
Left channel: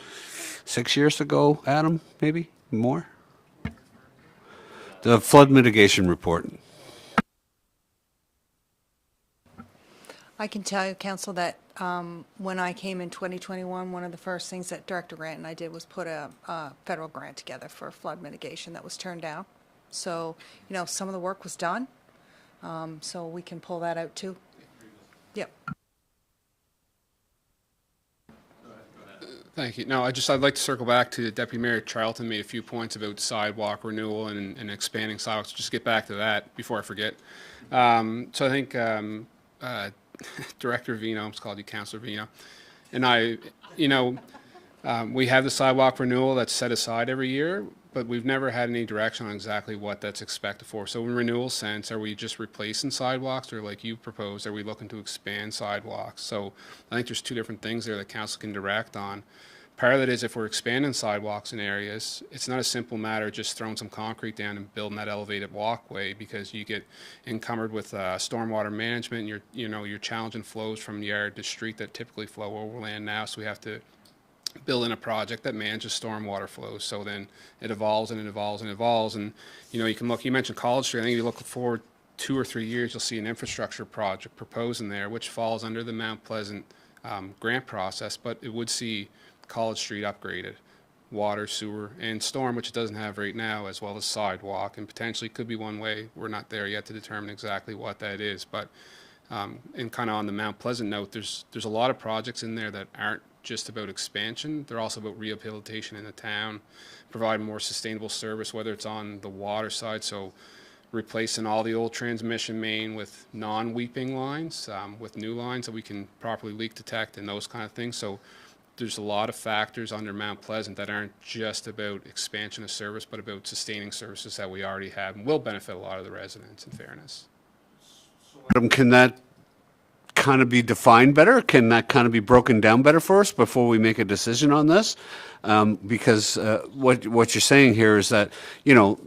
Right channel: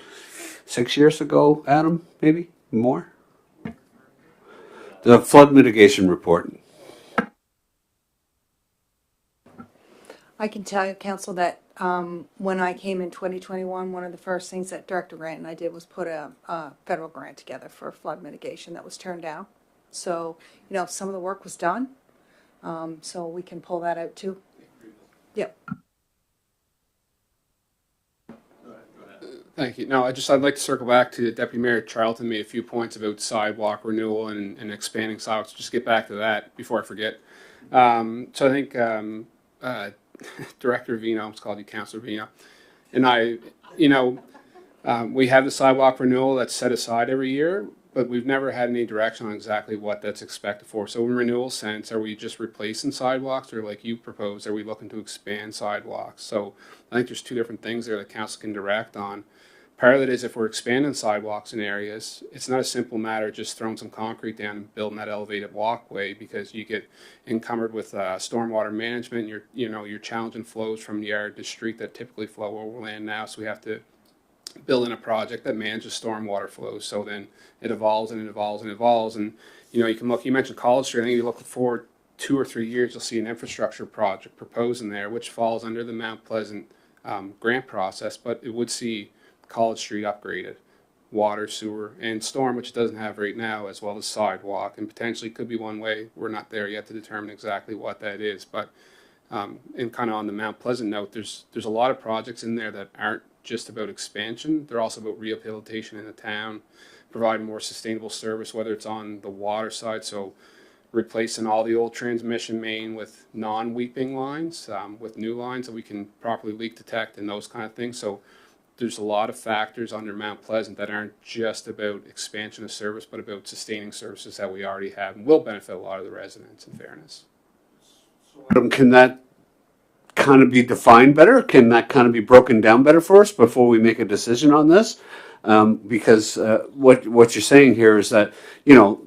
6 years ago, Adam, maybe more. The flood mitigation report. I can tell you, Council, that when I came in 2021, one of the first things that Director Grant and I did was put a federal grant together for flood mitigation that was turned down. So, some of the work was done. So we can pull that out too. Yep. Thank you. No, I'd like to circle back to Deputy Mayor Charlton made a few points about sidewalk renewal and expanding sidewalks. Just get back to that before I forget. So I think Director Vino, it's called you Councilor Vino, and I, we have the sidewalk renewal that's set aside every year, but we've never had any direction on exactly what that's expected for. So in renewal sense, are we just replacing sidewalks, or like you proposed, are we looking to expand sidewalks? So I think there's two different things there that council can direct on. Part of it is if we're expanding sidewalks in areas, it's not a simple matter of just throwing some concrete down and building that elevated walkway, because you get encumbered with stormwater management. You're challenging flows from yard to street that typically flow over land now. So we have to build in a project that manages stormwater flows. So then it evolves and it evolves and evolves. And you can look. You mentioned College Street. I think you look forward 2 or 3 years, you'll see an infrastructure project proposed in there, which falls under the Mount Pleasant grant process, but it would see College Street upgraded water, sewer, and storm, which it doesn't have right now, as well as sidewalk, and potentially could be one way. We're not there yet to determine exactly what that is, but and kind of on the Mount Pleasant note, there's a lot of projects in there that aren't just about expansion. They're also about rehabilitation in the town, providing more sustainable service, whether it's on the water side, so replacing all the old transmission main with non-weeping lines, with new lines that we can properly leak detect and those kind of things. So there's a lot of factors under Mount Pleasant that aren't just about expansion of service, but about sustaining services that we already have and will benefit a lot of the residents, in fairness. Adam, can that kind of be defined better? Can that kind of be broken down better for us before we make a decision on this? Because what you're saying here is that, you know,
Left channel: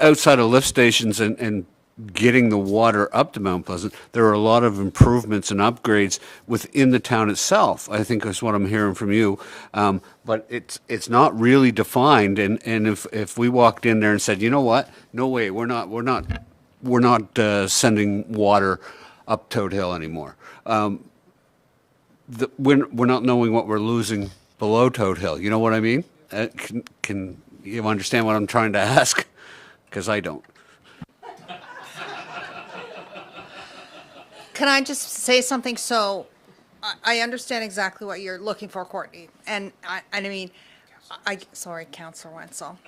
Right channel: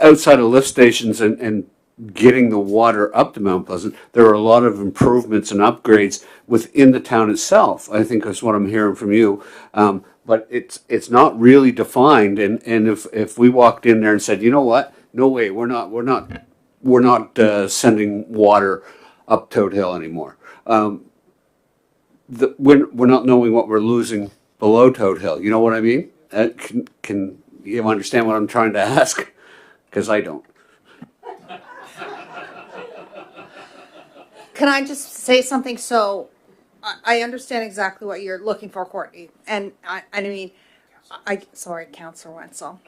outside of lift stations and getting the water up to Mount Pleasant, there are a lot of improvements and upgrades within the town itself. I think that's what I'm hearing from you. But it's not really defined. And if we walked in there and said, you know what, no way, we're not sending water up Toad Hill anymore. We're not knowing what we're losing below Toad Hill. You know what I mean? Can you understand what I'm trying to ask? Because I don't. Can I just say something? So I understand exactly what you're looking for, Courtney. And I mean, sorry, Councillor Wenzel.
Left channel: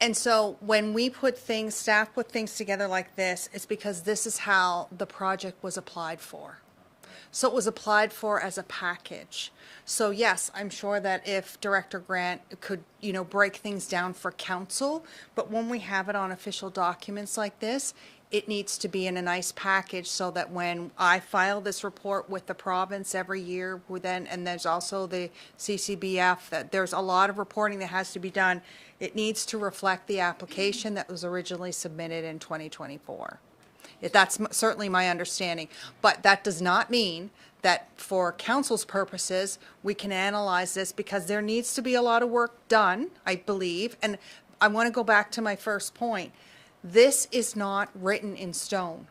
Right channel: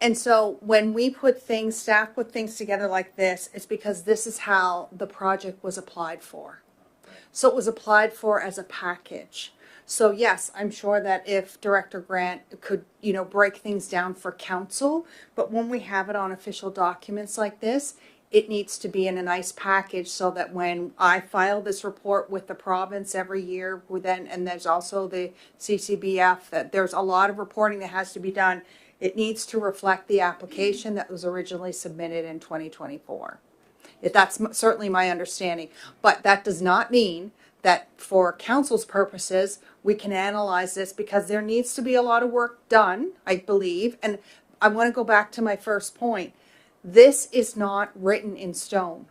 And so when we staff put things together like this, it's because this is how the project was applied for. So it was applied for as a package. So yes, I'm sure that if Director Grant could, you know, break things down for council, but when we have it on official documents like this, it needs to be in a nice package so that when I file this report with the province every year, and there's also the CCBF, that there's a lot of reporting that has to be done. It needs to reflect the application that was originally submitted in 2024. That's certainly my understanding, but that does not mean that for council's purposes, we can analyze this, because there needs to be a lot of work done, I believe. And I want to go back to my first point. This is not written in stone.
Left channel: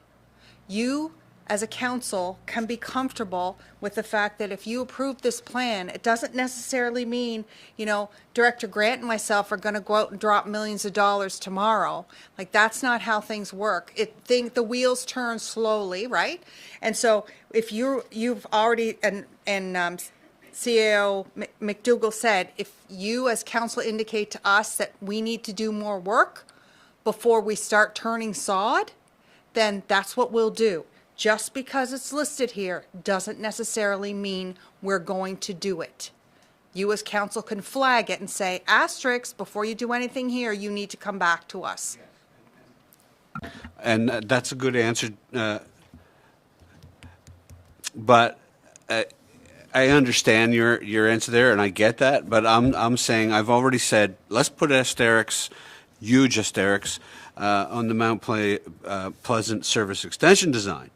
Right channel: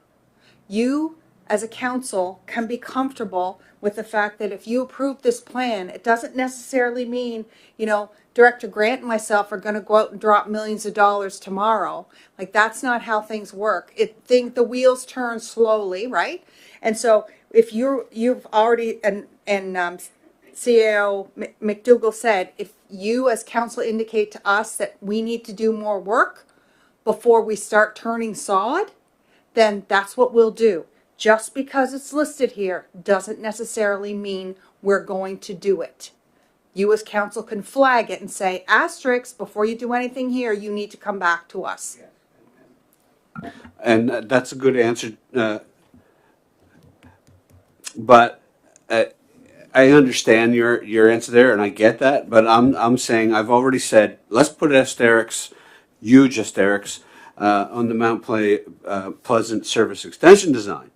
You, as a council, can be comfortable with the fact that if you approve this plan, it doesn't necessarily mean, you know, Director Grant and myself are going to go out and drop millions of dollars tomorrow. Like, that's not how things work. The wheels turn slowly, right? And so if you've already, and CAO McDougall said, if you as council indicate to us that we need to do more work before we start turning sod, then that's what we'll do. Just because it's listed here doesn't necessarily mean we're going to do it. You as council can flag it and say, asterisk, before you do anything here, you need to come back to us. And that's a good answer. But I understand your answer there, and I get that. But I'm saying, I've already said, let's put asterisks, huge asterisks, on the Mount Pleasant Service Extension design.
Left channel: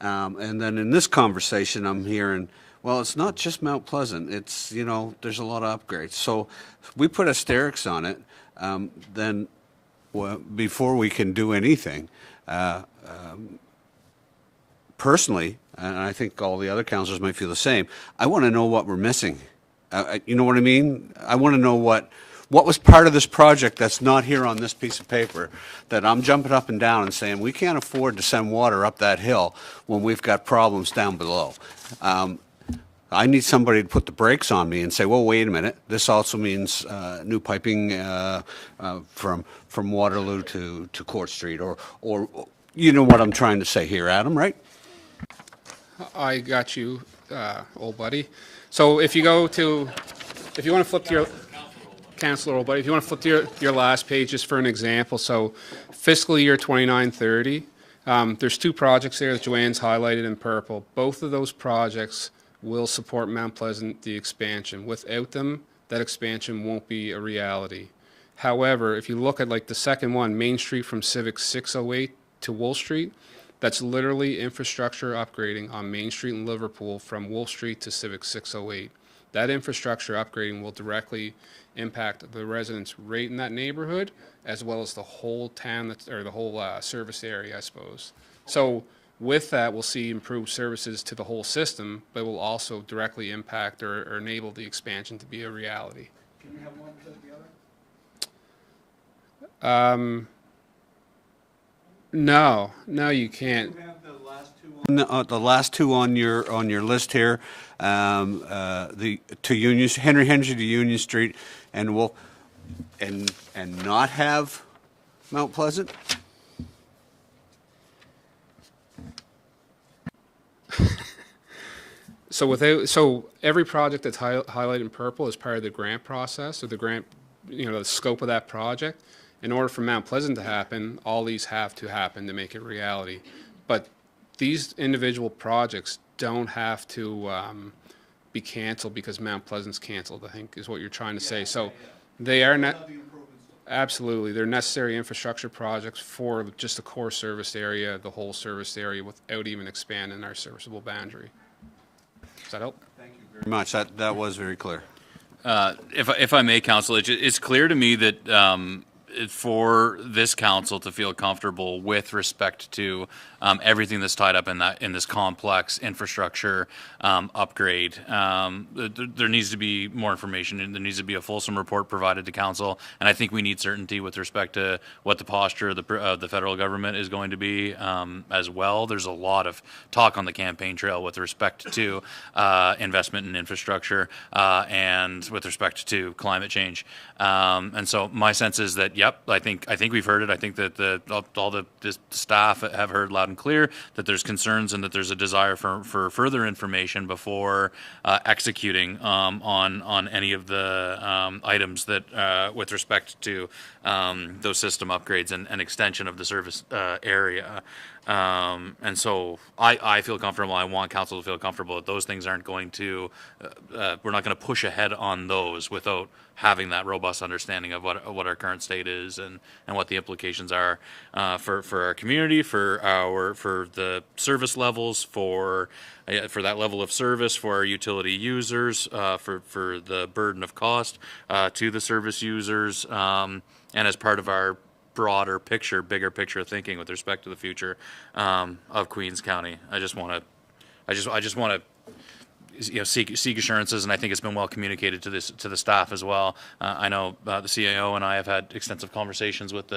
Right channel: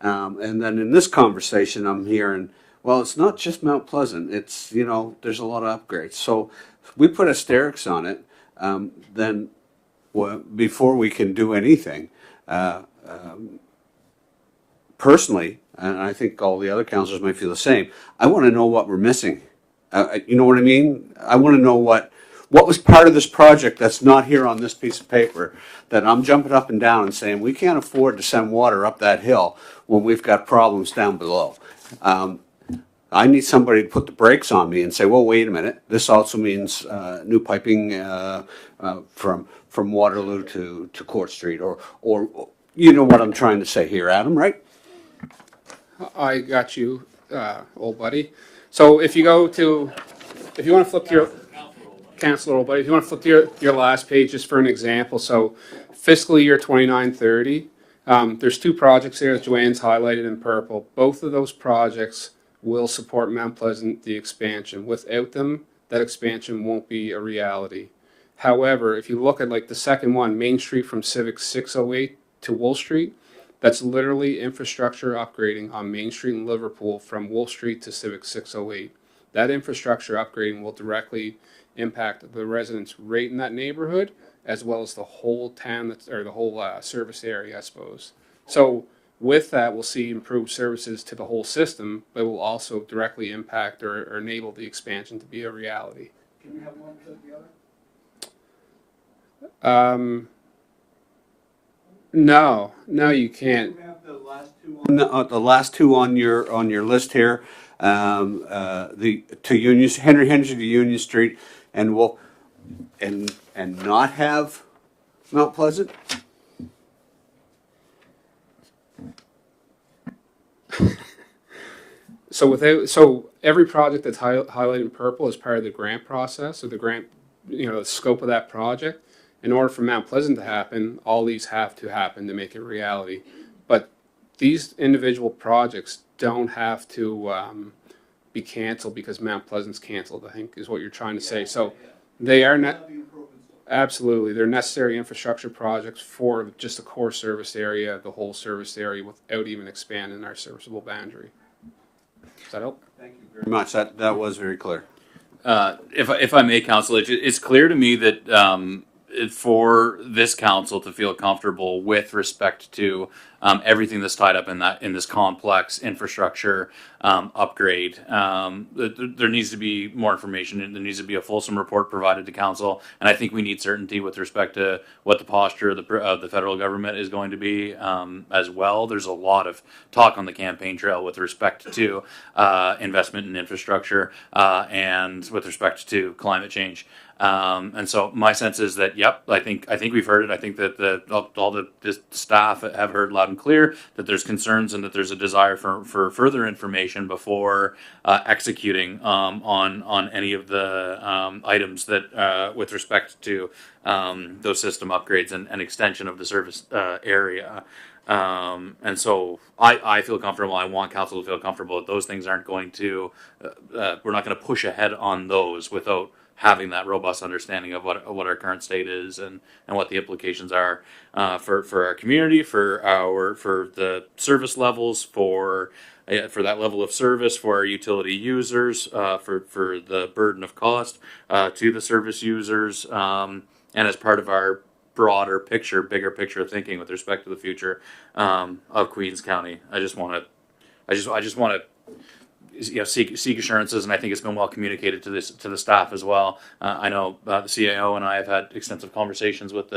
And then in this conversation, I'm hearing, well, it's not just Mount Pleasant. It's, you know, there's a lot of upgrades. So if we put asterisks on it, then before we can do anything, personally, and I think all the other councillors might feel the same, I want to know what we're missing. You know what I mean? I want to know what was part of this project that's not here on this piece of paper, that I'm jumping up and down and saying, we can't afford to send water up that hill when we've got problems down below. I need somebody to put the brakes on me and say, well, wait a minute. This also means new piping from Waterloo to Court Street, or you know what I'm trying to say here, Adam, right? I got you, old buddy. So if you want to flip to your Councillor, old buddy, if you want to flip to your last page just for an example. So fiscal year 29-30, there's two projects there that Joanne's highlighted in purple. Both of those projects will support Mount Pleasant, the expansion. Without them, that expansion won't be a reality. However, if you look at like the second one, Main Street from Civic 608 to Wolf Street, that's literally infrastructure upgrading on Main Street in Liverpool from Wolf Street to Civic 608. That infrastructure upgrading will directly impact the residents right in that neighborhood, as well as the whole town, or the whole service area, I suppose. So with that, we'll see improved services to the whole system, but will also directly impact or enable the expansion to be a reality. No, no, you can't. The last two on your list here, the to Union Henry to Union Street, and and not have Mount Pleasant. So every project that's highlighted in purple is part of the grant process, or the grant, the scope of that project. In order for Mount Pleasant to happen, all these have to happen to make it reality. But these individual projects don't have to be canceled because Mount Pleasant's canceled, I think is what you're trying to say. So they are not, absolutely, they're necessary infrastructure projects for just the core service area, the whole service area, without even expanding our serviceable boundary. Does that help? Thank you very much. That was very clear. If I may, Council, it's clear to me that for this council to feel comfortable with respect to everything that's tied up in this complex infrastructure upgrade, there needs to be more information, and there needs to be a fulsome report provided to council. And I think we need certainty with respect to what the posture of the federal government is going to be as well. There's a lot of talk on the campaign trail with respect to investment in infrastructure and with respect to climate change. And so my sense is that, yep, I think we've heard it. I think that all the staff have heard loud and clear that there's concerns and that there's a desire for further information before executing on any of the items that with respect to those system upgrades and extension of the service area. And so I feel comfortable. I want council to feel comfortable that those things aren't going to, we're not going to push ahead on those without having that robust understanding of what our current state is and what the implications are for our community, for the service levels, for that level of service for our utility users, for the burden of cost to the service users, and as part of our broader picture, bigger picture thinking with respect to the future of Queens County. I just want to seek assurances, and I think it's been well communicated to the staff as well. I know the CAO and I have had extensive conversations about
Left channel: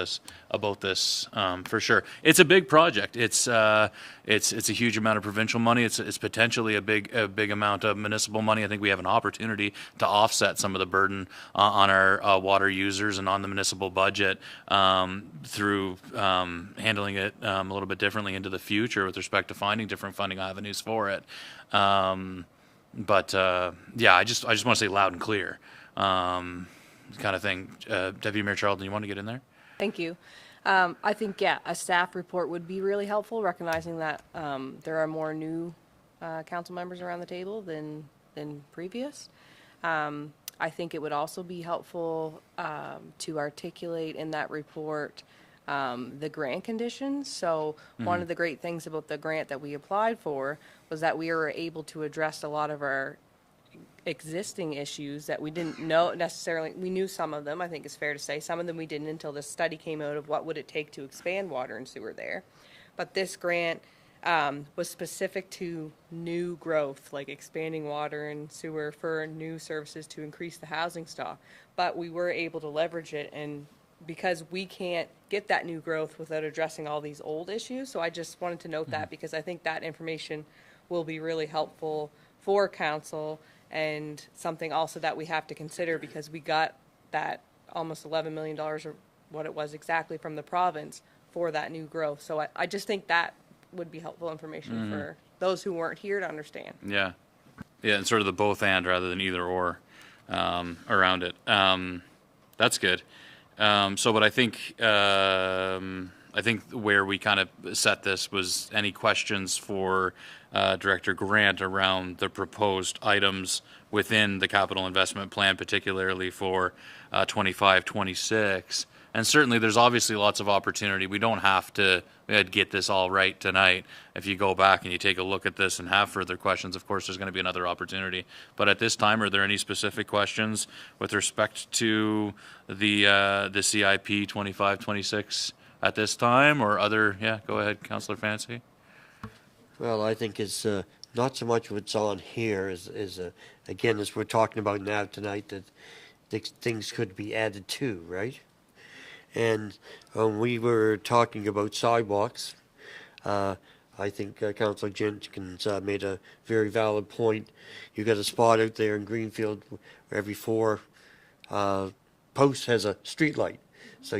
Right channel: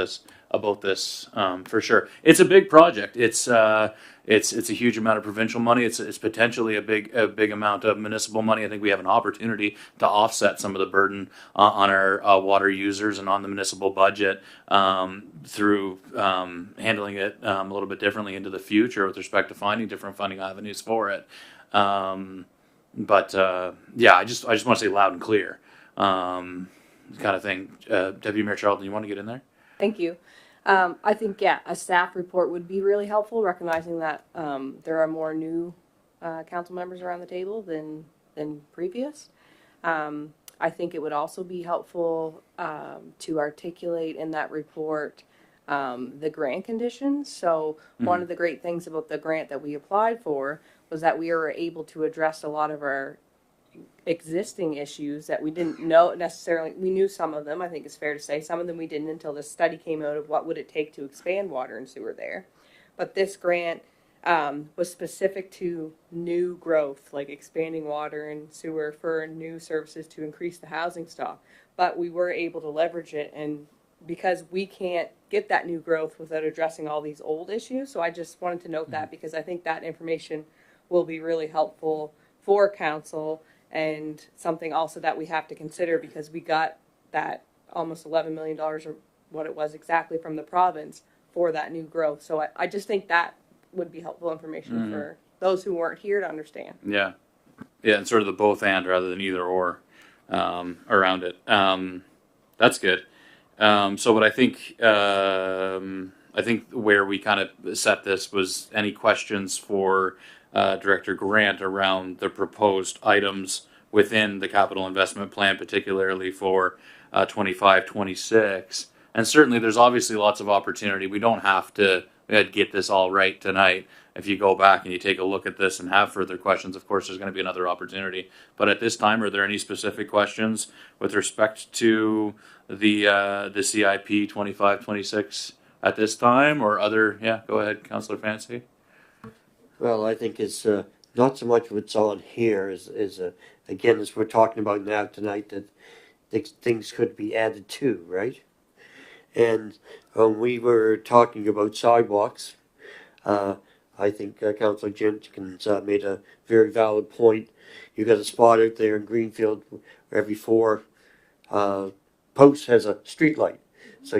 this for sure. It's a big project. It's a huge amount of provincial money. It's potentially a big amount of municipal money. I think we have an opportunity to offset some of the burden on our water users and on the municipal budget through handling it a little bit differently into the future with respect to finding different funding avenues for it. But I just want to say loud and clear, kind of thing. Deputy Mayor Charlton, you want to get in there? Thank you. I think, a staff report would be really helpful, recognizing that there are more new council members around the table than previous. I think it would also be helpful to articulate in that report the grant conditions. So one of the great things about the grant that we applied for was that we were able to address a lot of our existing issues that we didn't know necessarily. We knew some of them, I think it's fair to say. Some of them we didn't until the study came out of what would it take to expand water and sewer there. But this grant was specific to new growth, like expanding water and sewer for new services to increase the housing stock. But we were able to leverage it, and because we can't get that new growth without addressing all these old issues. So I just wanted to note that, because I think that information will be really helpful for council, and something also that we have to consider, because we got that almost $11 million or what it was exactly from the province for that new growth. So I just think that would be helpful information for those who weren't here to understand. Yeah, and sort of the both and rather than either or around it. That's good. So what I think where we kind of set this was any questions for Director Grant around the proposed items within the capital investment plan, particularly for 25-26. And certainly there's obviously lots of opportunity. We don't have to get this all right tonight. If you go back and you take a look at this and have further questions, of course, there's going to be another opportunity. But at this time, are there any specific questions with respect to the CIP 25-26 at this time, or other? Yeah, go ahead, Councillor Fancy. Well, I think it's not so much what's on here as again, as we're talking about now tonight, that things could be added to, right? And we were talking about sidewalks. I think Councillor Jenkins made a very valid point. You got a spot out there in Greenfield where every 4 posts has a street light, so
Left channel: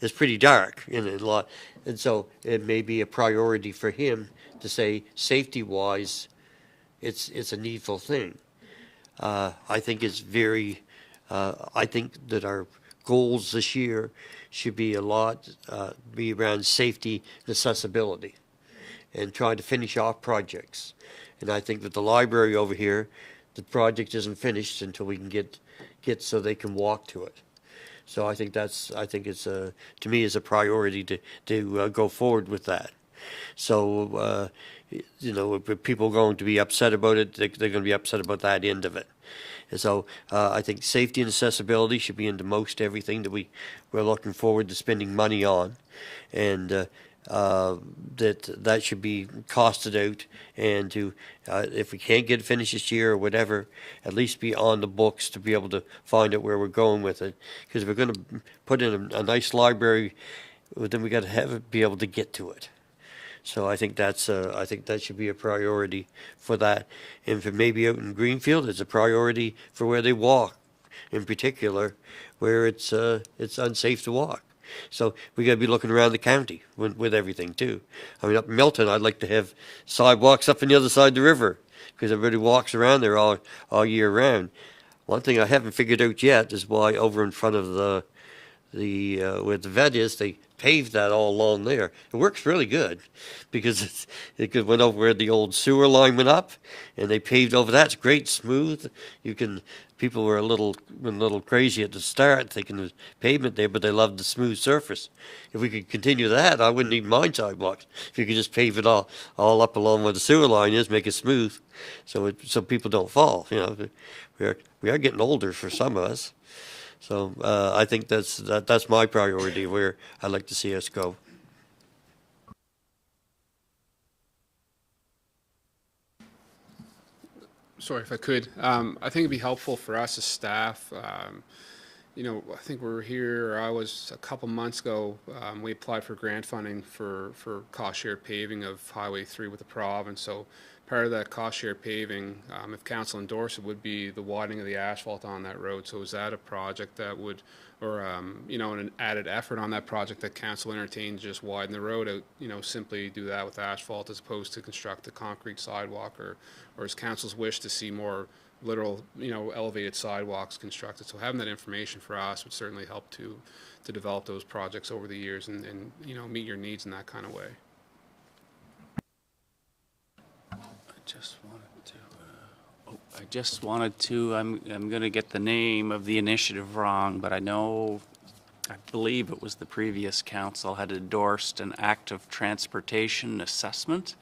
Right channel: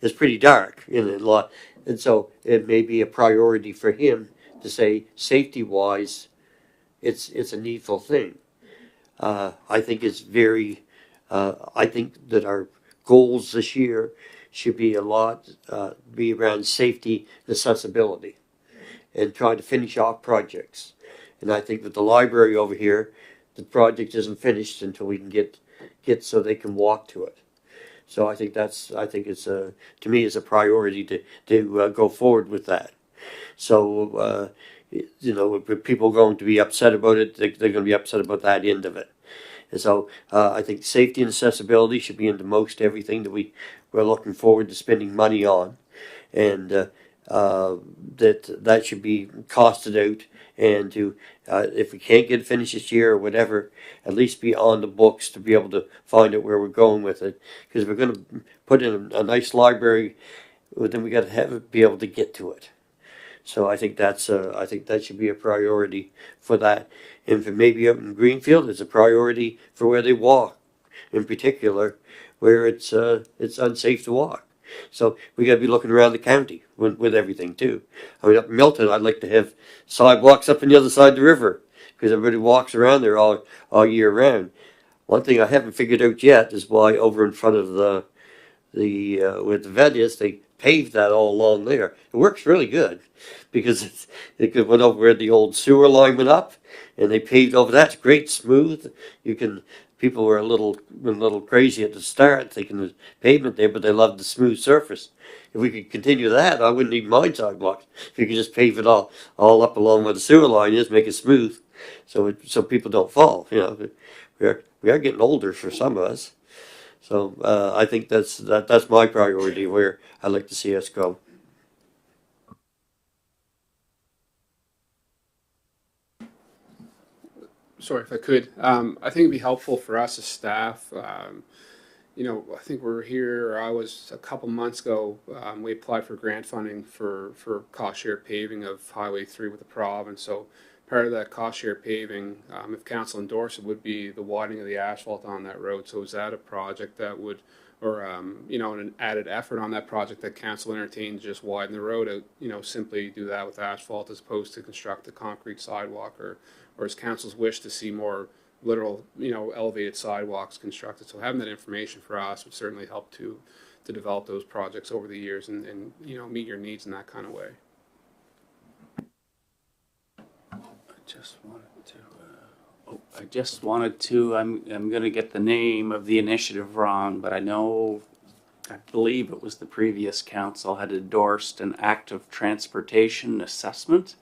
it's pretty dark in a lot, and so it may be a priority for him to say safety-wise, it's a needful thing. I think it's very. I think that our goals this year should be be around safety and accessibility, and trying to finish off projects. And I think with the library over here, the project isn't finished until we can get so they can walk to it. So I think it's to me is a priority to go forward with that. So if people are going to be upset about it, they're going to be upset about that end of it. And so I think safety and accessibility should be into most everything that we're looking forward to spending money on, and that should be costed out, and to if we can't get it finished this year or whatever, at least be on the books to be able to find out where we're going with it. Because if we're going to put in a nice library, well, then we got to be able to get to it. So I think that should be a priority for that. And for maybe up in Greenfield, it's a priority for where they walk, in particular, where it's unsafe to walk. So we got to be looking around the county with everything too. I mean, up in Milton, I'd like to have sidewalks up on the other side of the river because everybody walks around there all year round. One thing I haven't figured out yet is why over in front of the where the vet is, they paved that all along there. It works really good because it went over where the old sewer line went up, and they paved over that. It's great, smooth. People were a little crazy at the start, thinking there's pavement there, but they loved the smooth surface. If we could continue that, I wouldn't even mind sidewalks. If you could just pave it all up along where the sewer line is, make it smooth, so people don't fall. We are getting older for some of us. So I think that's my priority, where I'd like to see us go. Sorry, if I could, I think it'd be helpful for us as staff. I think we're here, I was a couple months ago, we applied for grant funding for cost share paving of Highway 3 with the province. So part of that cost share paving, if council endorsed it, would be the widening of the asphalt on that road. So is that a project that would, or an added effort on that project that council entertained, just widen the road out, simply do that with asphalt as opposed to construct a concrete sidewalk, or is council's wish to see more literal, elevated sidewalks constructed? So having that information for us would certainly help to develop those projects over the years and meet your needs in that kind of way. I just wanted to. I'm going to get the name of the initiative wrong, but I believe it was the previous council had endorsed an active transportation assessment.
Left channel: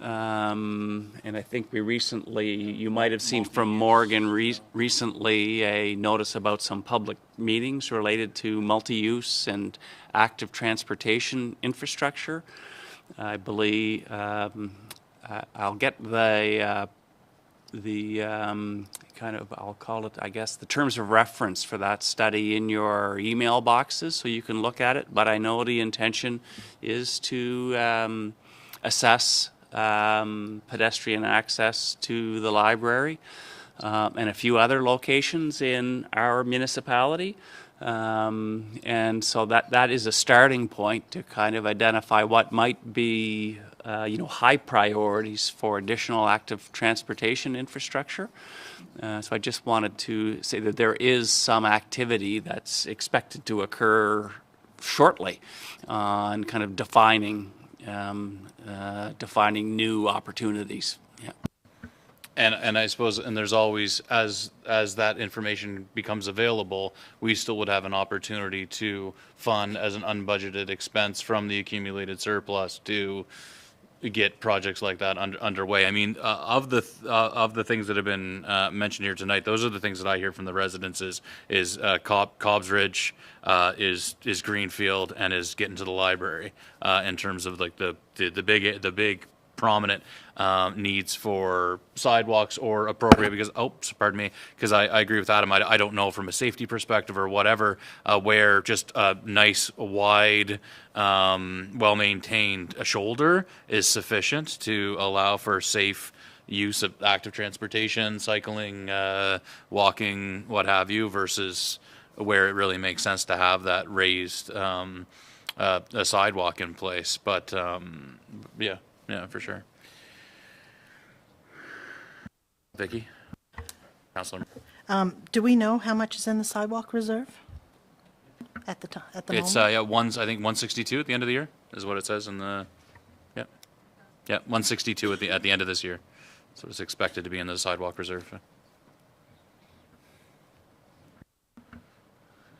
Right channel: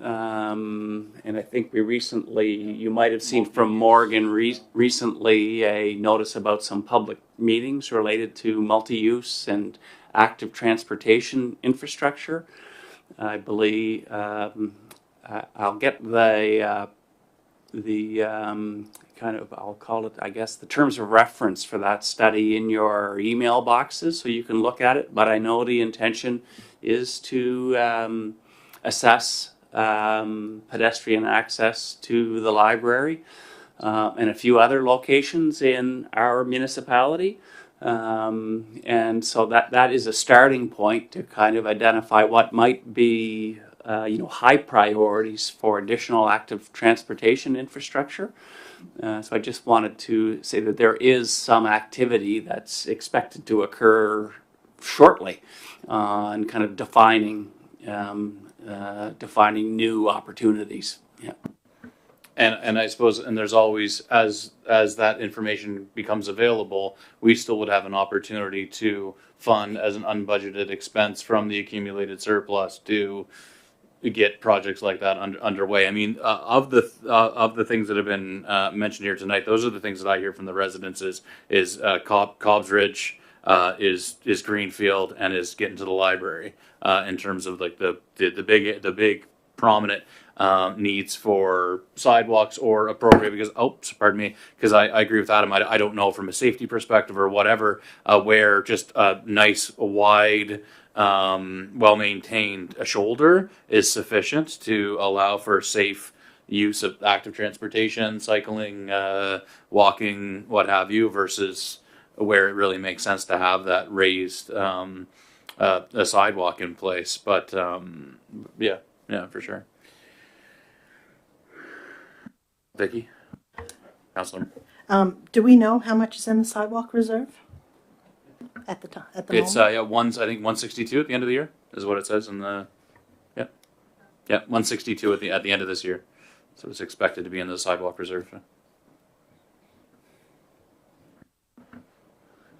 And I think you might have seen from Morgan recently a notice about some public meetings related to multi-use and active transportation infrastructure. I believe I'll get I'll call it, I guess, the terms of reference for that study in your email boxes so you can look at it. But I know the intention is to assess pedestrian access to the library and a few other locations in our municipality. And so that is a starting point to kind of identify what might be high priorities for additional active transportation infrastructure. So I just wanted to say that there is some activity that's expected to occur shortly and kind of defining new opportunities. Yeah. And I suppose, and there's always, as that information becomes available, we still would have an opportunity to fund as an unbudgeted expense from the accumulated surplus to get projects like that underway. I mean, of the things that have been mentioned here tonight, those are the things that I hear from the residents is Cobb's Ridge, is Greenfield, and is getting to the library in terms of like the big prominent needs for sidewalks or appropriate, because, pardon me, because I agree with Adam. I don't know from a safety perspective or whatever, where just a nice, wide, well-maintained shoulder is sufficient to allow for safe use of active transportation, cycling, walking, what have you, versus where it really makes sense to have that raised a sidewalk in place. But yeah, for sure. Vicky, Councilor. Do we know how much is in the sidewalk reserve at the time? At the It's moment? yeah, I think 162 at the end of the year is what it says in the 162 at the end of this year. So it's expected to be in the sidewalk reserve.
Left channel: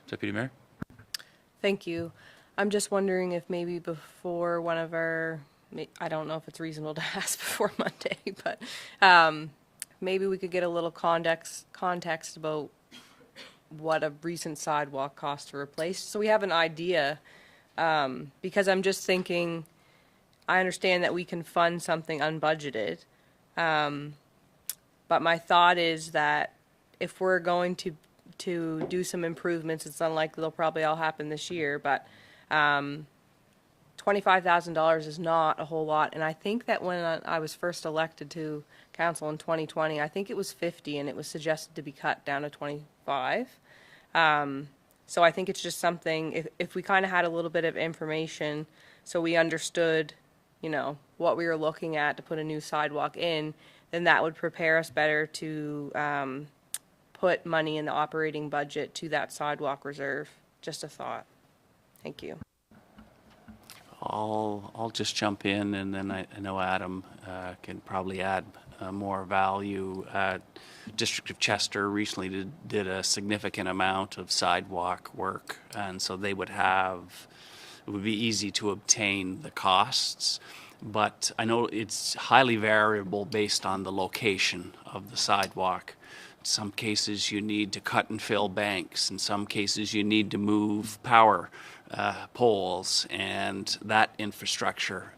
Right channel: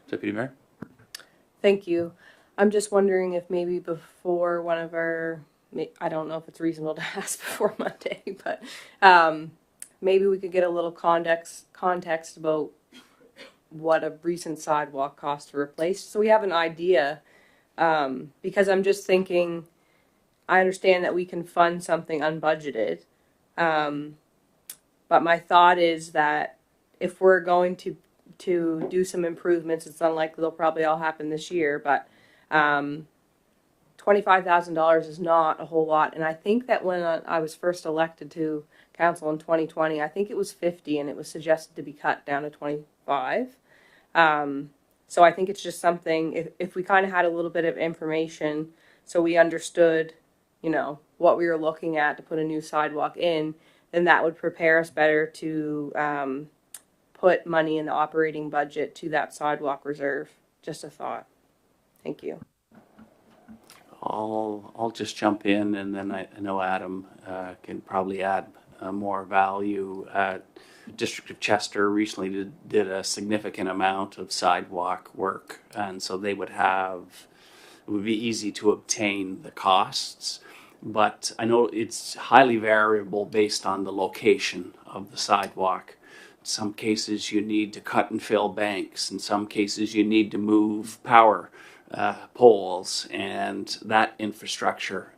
Deputy Mayor. Thank you. I'm just wondering if maybe before one of our, I don't know if it's reasonable to ask before Monday, but maybe we could get a little context about what a recent sidewalk cost to replace, so we have an idea. Because I'm just thinking, I understand that we can fund something unbudgeted, but my thought is that if we're going to do some improvements, it's unlikely they'll probably all happen this year, but $25,000 is not a whole lot. And I think that when I was first elected to council in 2020, I think it was 50, and it was suggested to be cut down to 25. So I think it's just something, if we kind of had a little bit of information so we understood, what we were looking at to put a new sidewalk in, then that would prepare us better to put money in the operating budget to that sidewalk reserve. Just a thought. Thank you. I'll just jump in, and then I know Adam can probably add more value. District of Chester recently did a significant amount of sidewalk work, and so it would be easy to obtain the costs. But I know it's highly variable based on the location of the sidewalk. In some cases you need to cut and fill banks. In some cases you need to move power poles and that infrastructure.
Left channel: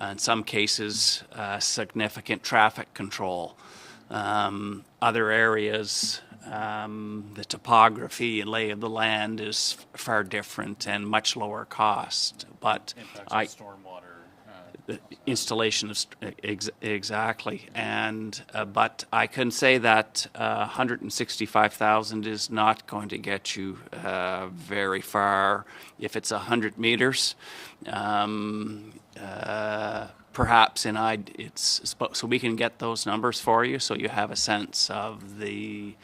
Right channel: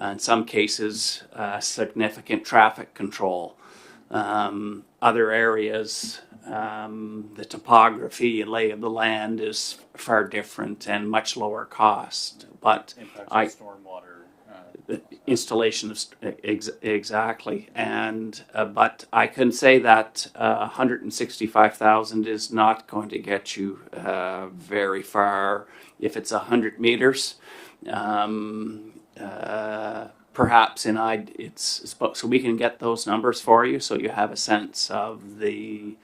In some cases, significant traffic control. Other areas, the topography and lay of the land is far different and much lower cost. But Stormwater. Installation of exactly, and but I can say that 165,000 is not going to get you very far if it's 100 meters. Perhaps it's so we can get those numbers for you, so you have a sense of the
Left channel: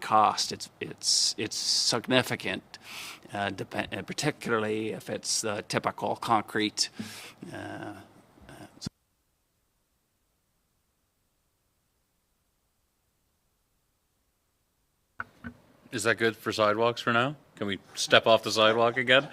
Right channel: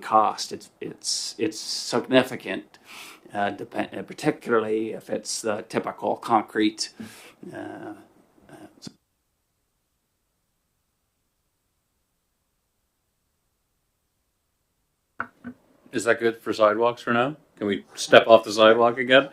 cost. It's significant. Particularly if it's the typical concrete. Is that good for sidewalks for now? Can we step off the sidewalk again?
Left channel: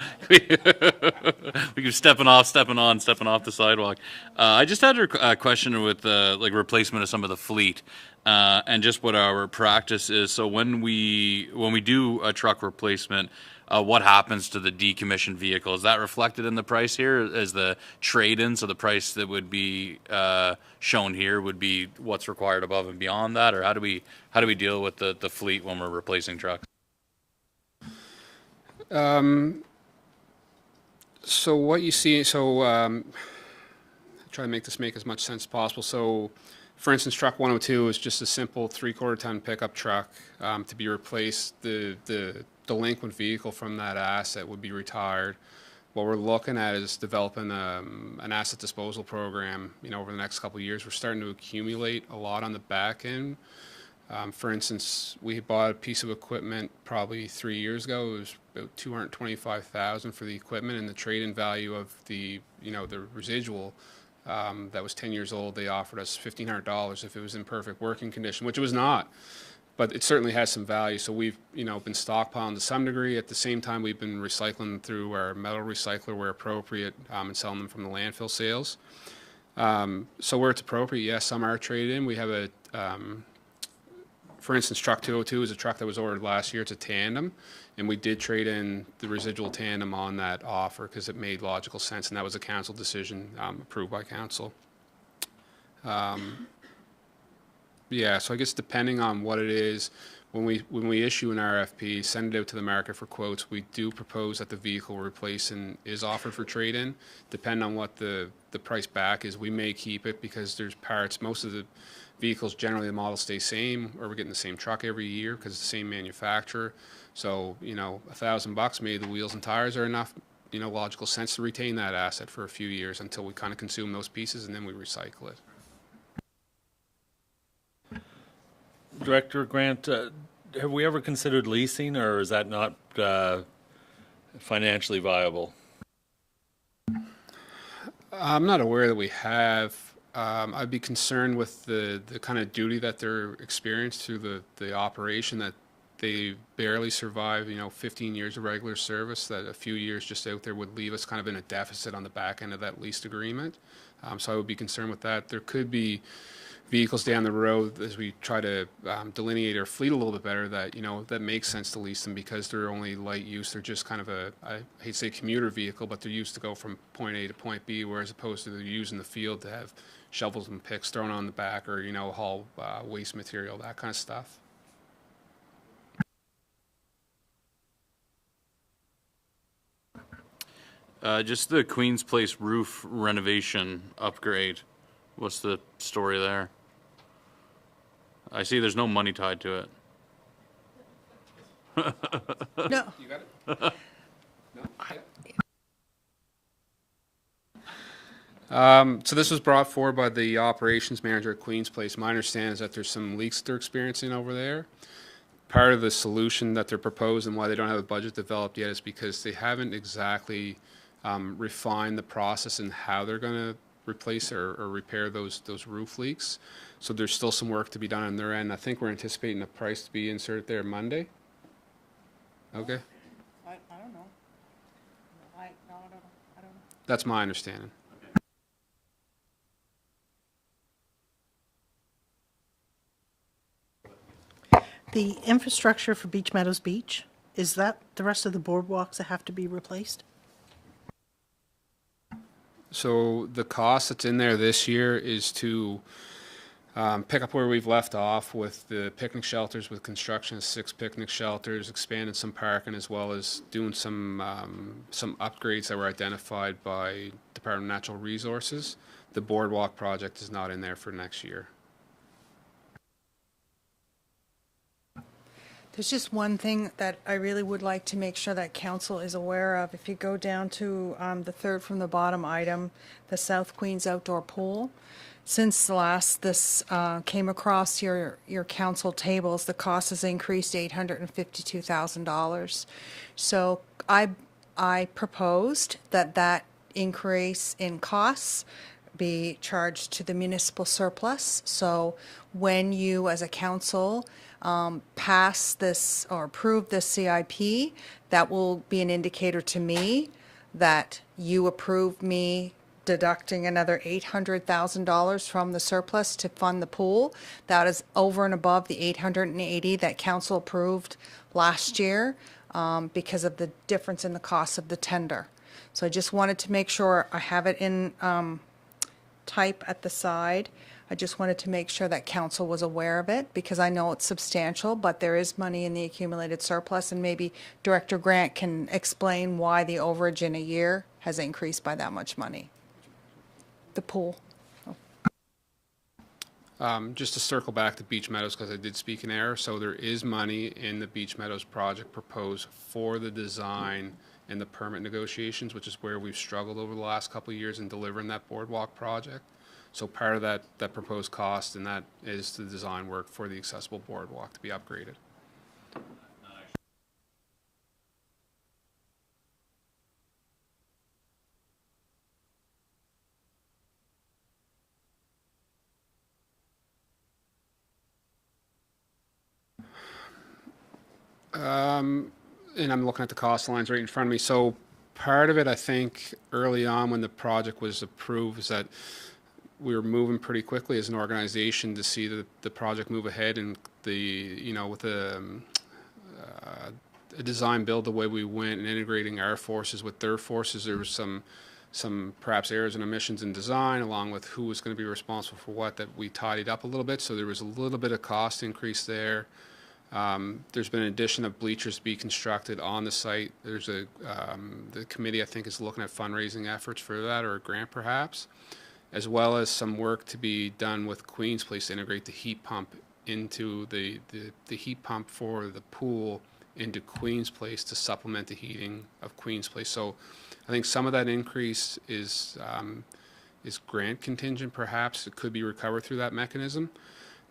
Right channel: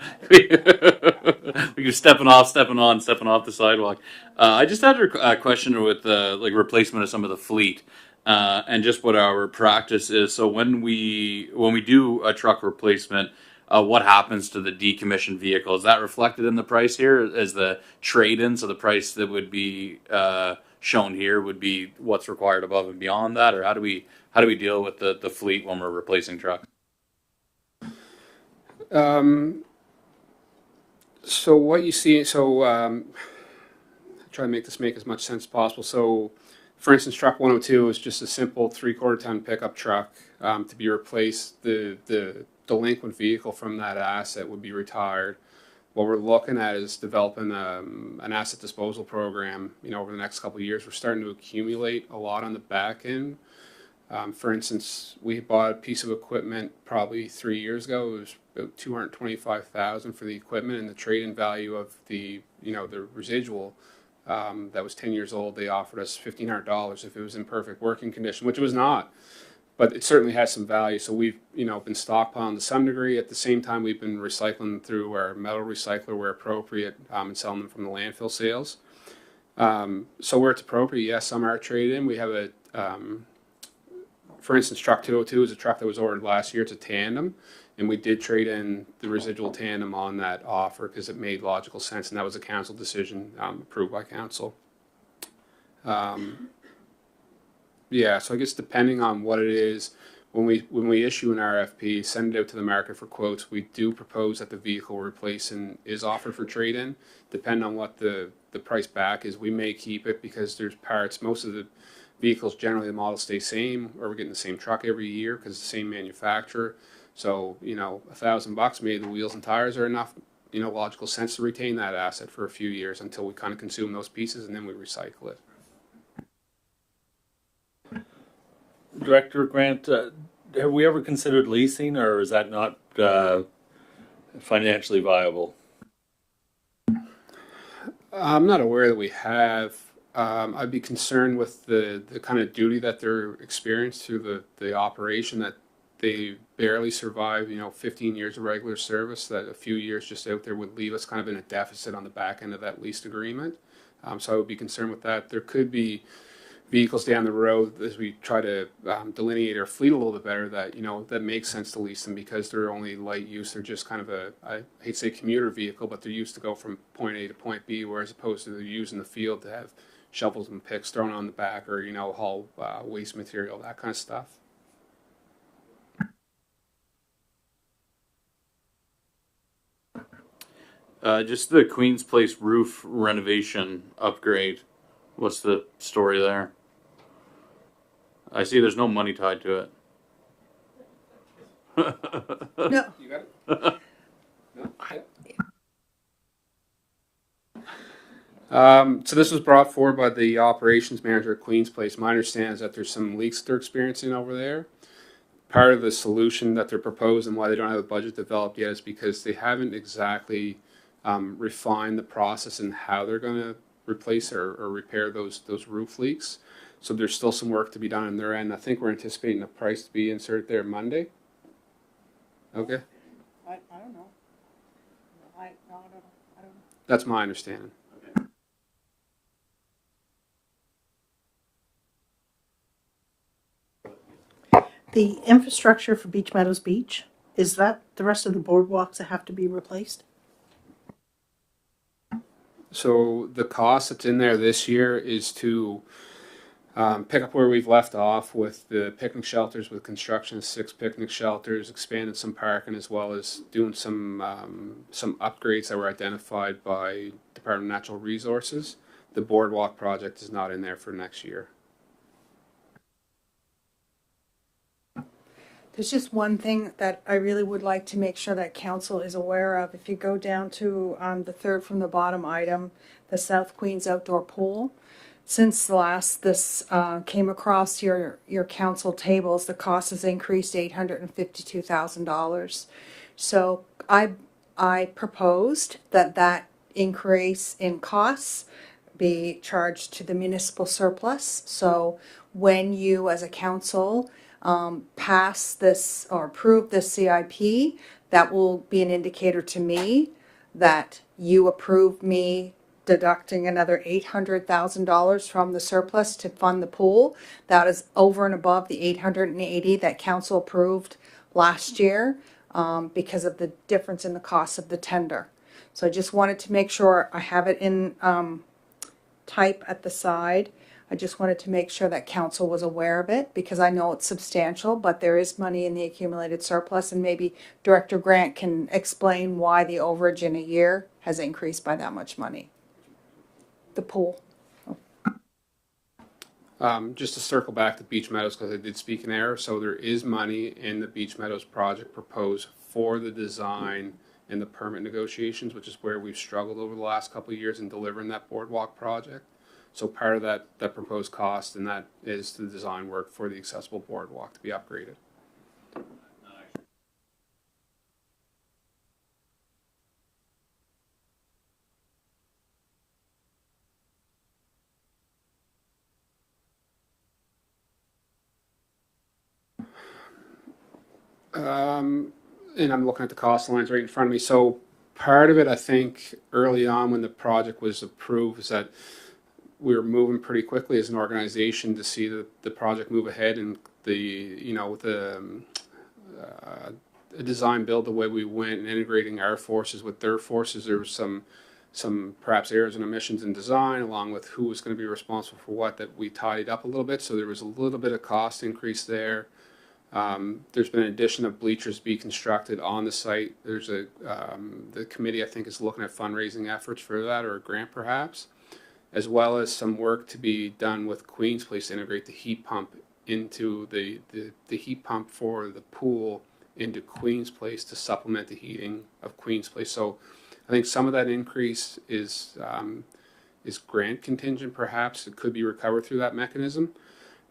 We're stepping off, stepping on, stepping off the sidewalk. I just had a question with replacement of some of the fleet. And just what our practice is. So when we do a truck replacement, what happens to the decommissioned vehicle? Is that reflected in the price here as the trade-in? So the price that would be shown here would be what's required above and beyond that, or how do we deal with the fleet when we're replacing trucks? So what you see, try to make this make as much sense as possible. So, for instance, truck 102 is just a simple 3/4 ton pickup truck to be replaced. The delinquent vehicle from that asset would be retired. What we're looking at is developing an asset disposal program. Over the next couple of years, we're starting to accumulate a lot on the back end. For instance, we bought a piece of equipment probably 3 years ago. It was about $225,000 for the equipment, and the trade-in value of the residual that was 10 years old. They offered us $1,500 if it was in perfect working condition, which it was not. But it certainly has some value. So we've been stockpiling to some degree. At the same time, we've been recycling through our metal recycler where appropriate, and selling them from the landfill sales. So where it's appropriate, yes, some are trade-in. We have for instance, truck 202 is a truck that was ordered last year. It's a tandem, and we did trade in the residual tandem on that offer because it made logical sense, and that was a council decision approved by council. Yeah, so I guess depending on what it is, when we issue an RFP, send it out to the market for quotes, we do propose that the vehicle we're replacing is offered for trade-in. Depending on what the price back is, we may keep it because there's parts. Most of the vehicles, generally the models stay same, or we're getting the same truck every year because it's the same manufacturer. So, you know, $1,000, maybe the wheels and tires are enough, you know, logical sense to retain that asset for a few years until we kind of consume those pieces and then we recycle it. Director Grant, have we ever considered leasing, or is that not financially viable? I'm not aware that we have. I'd be concerned with the kind of duty that they're experienced through the operation, that they barely survive, you know, 15 years of regular service, that a few years just out there would leave us kind of in a deficit on the back end of that leased agreement. So I would be concerned with that. There could be vehicles down the road as we try to delineate our fleet a little bit better that, you know, that makes sense to lease them because they're only light use. They're just kind of I hate to say commuter vehicle, but they're used to go from point A to point B, whereas opposed to they're used in the field to have shovels and picks thrown on the back, or, you know, haul waste material, that kind of stuff. Just the Queen's Place roof renovation upgrade. What's the story there? I see there's no money tied to it. No, You got it? So this was brought forward by the operations manager at Queen's Place. My understanding is that there's some leaks they're experiencing over there. Part of the solution that they're proposing, why they don't have a budget developed yet, is because they haven't exactly refined the process and how they're going to replace or repair those roof leaks. So there's still some work to be done on their end. I think we're anticipating a price to be inserted there Monday. Okay, I don't know. I don't know. that's my understanding. The infrastructure for Beach Meadows Beach, is that the rest of the boardwalks that have to be replaced? So the cost that's in there this year is to pick up where we've left off with the picnic shelters, with construction of 6 picnic shelters, expanding some parking, as well as doing some upgrades that were identified by Department of Natural Resources. The boardwalk project is not in there for next year. There's just one thing that I really would like to make sure that council is aware of. If you go down to the third from the bottom item, the South Queens Outdoor Pool, since this came across your council tables, the cost has increased $852,000. So I proposed that increase in costs be charged to the municipal surplus. So when you as a council pass this or approve this CIP, that will be an indicator to me that you approve me deducting another $800,000 from the surplus to fund the pool. That is over and above the $880 that council approved last year because of the difference in the cost of the tender. So I just wanted to make sure I have it in type at the side. I just wanted to make sure that council was aware of it because I know it's substantial, but there is money in the accumulated surplus, and maybe Director Grant can explain why the overage in a year has increased by that much money. The pool. Just to circle back to Beach Meadows, because I did speak in error, so there is money in the Beach Meadows project proposed for the design and the permit negotiations, which is where we've struggled over the last couple of years in delivering that boardwalk project. So part of that proposed cost, and that is the design work for the accessible boardwalk to be upgraded. And I'm looking at the cost lines right in front of me. So part of it, I think, early on when the project was approved, is that we were moving pretty quickly as an organization to see the project move ahead, and with the design build the way we went and integrating our forces with their forces, there was some some perhaps errors and omissions in design, along with who was going to be responsible for what, that we tidied up a little bit. So there was a little bit of cost increase there. There's been an addition of bleachers to be constructed on the site. There's the committee, I think, is looking at fundraising efforts for that, or a grant perhaps, as well as some work to be done with Queen's Place to integrate the heat pump into the heat pump for the pool into Queen's Place to supplement the heating of Queen's Place. So I think some of that increase is grant contingent, perhaps. It could be recovered through that mechanism.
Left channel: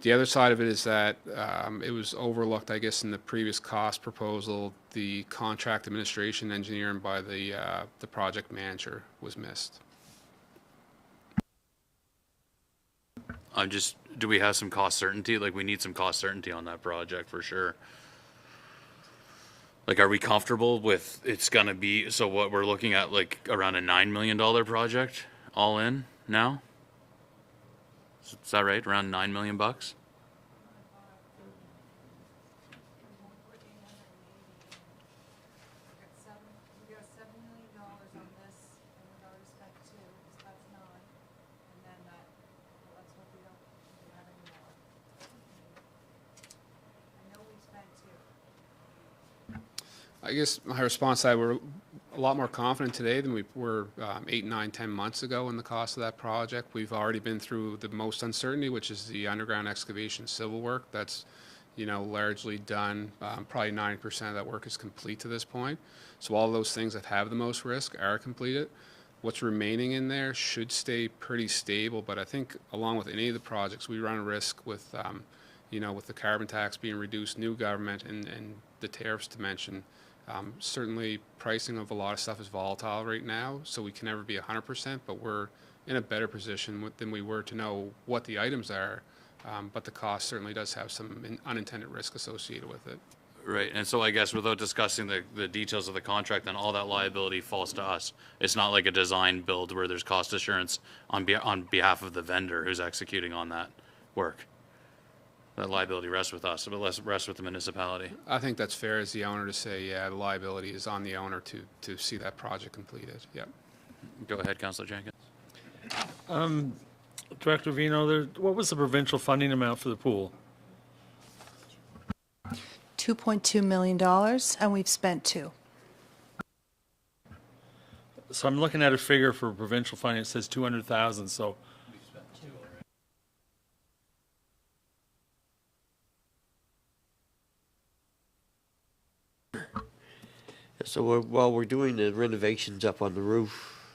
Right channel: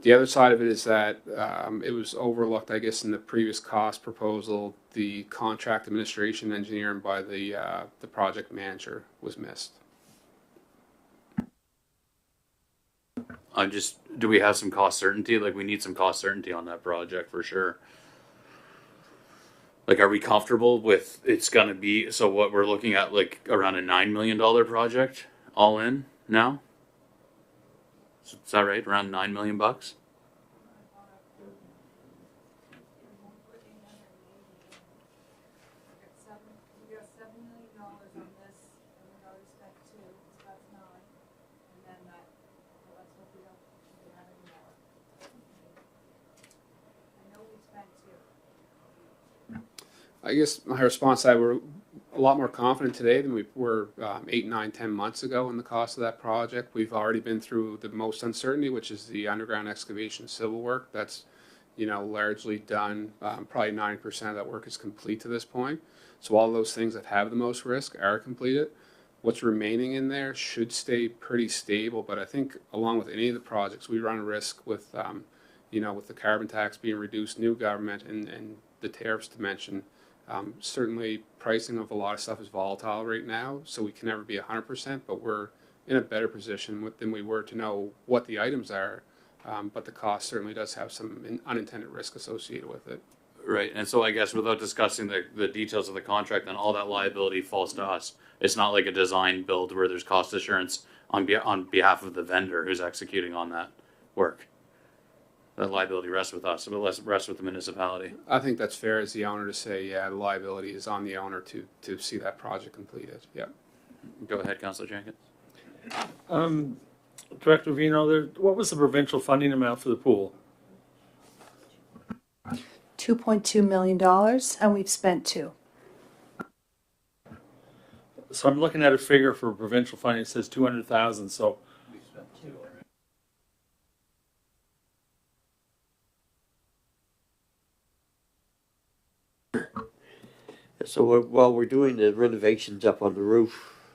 The other side of it is that it was overlooked, I guess, in the previous cost proposal. The contract administration engineering by the project manager was missed. Do we have some cost certainty? Like, we need some cost certainty on that project for sure. Like, are we comfortable with it's gonna be, so what we're looking at, like around a $9 million project all in now? Is that right? Around $9 million bucks? I guess my response to that, we're a lot more confident today than we were 8, 9, 10 months ago in the cost of that project. We've already been through the most uncertainty, which is the underground excavation civil work. That's, largely done. Probably 90% of that work is complete to this point. So all those things that have the most risk are completed. What's remaining in there should stay pretty stable, but I think along with any of the projects, we run a risk with, with the carbon tax being reduced, new government, and the tariffs to mention. Certainly pricing of a lot of stuff is volatile right now, so we can never be 100%, but we're in a better position than we were to know what the items are, but the cost certainly does have some unintended risk associated with it. Right, and so I guess without discussing the details of the contract, then all that liability falls to us. It's not like a design build where there's cost assurance on behalf of the vendor who's executing on that work. The liability rests with us, but less rests with the municipality. I think that's fair as the owner to say, yeah, the liability is on the owner to see that project completed. Yeah. Go ahead, Councillor Jenkins. Director Vino, what was the provincial funding amount for the pool? $2.2 million, and we've spent $2 million. So I'm looking at a figure for provincial funding. It says 200,000. So while we're doing the renovations up on the roof,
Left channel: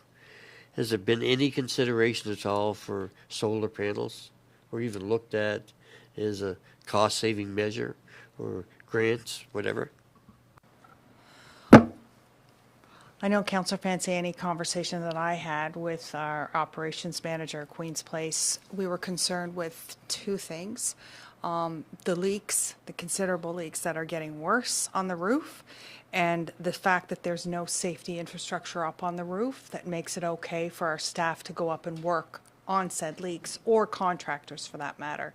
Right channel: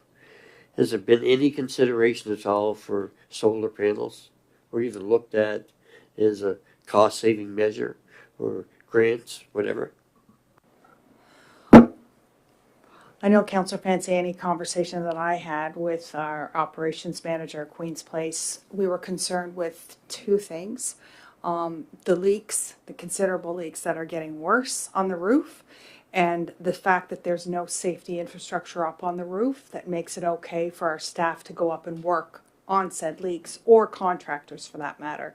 has there been any consideration at all for solar panels, or even looked at as a cost-saving measure, or grants, whatever? I know Councillor Fancy, any conversation that I had with our operations manager at Queen's Place, we were concerned with two things. The leaks, the considerable leaks that are getting worse on the roof, and the fact that there's no safety infrastructure up on the roof that makes it okay for our staff to go up and work on said leaks, or contractors for that matter.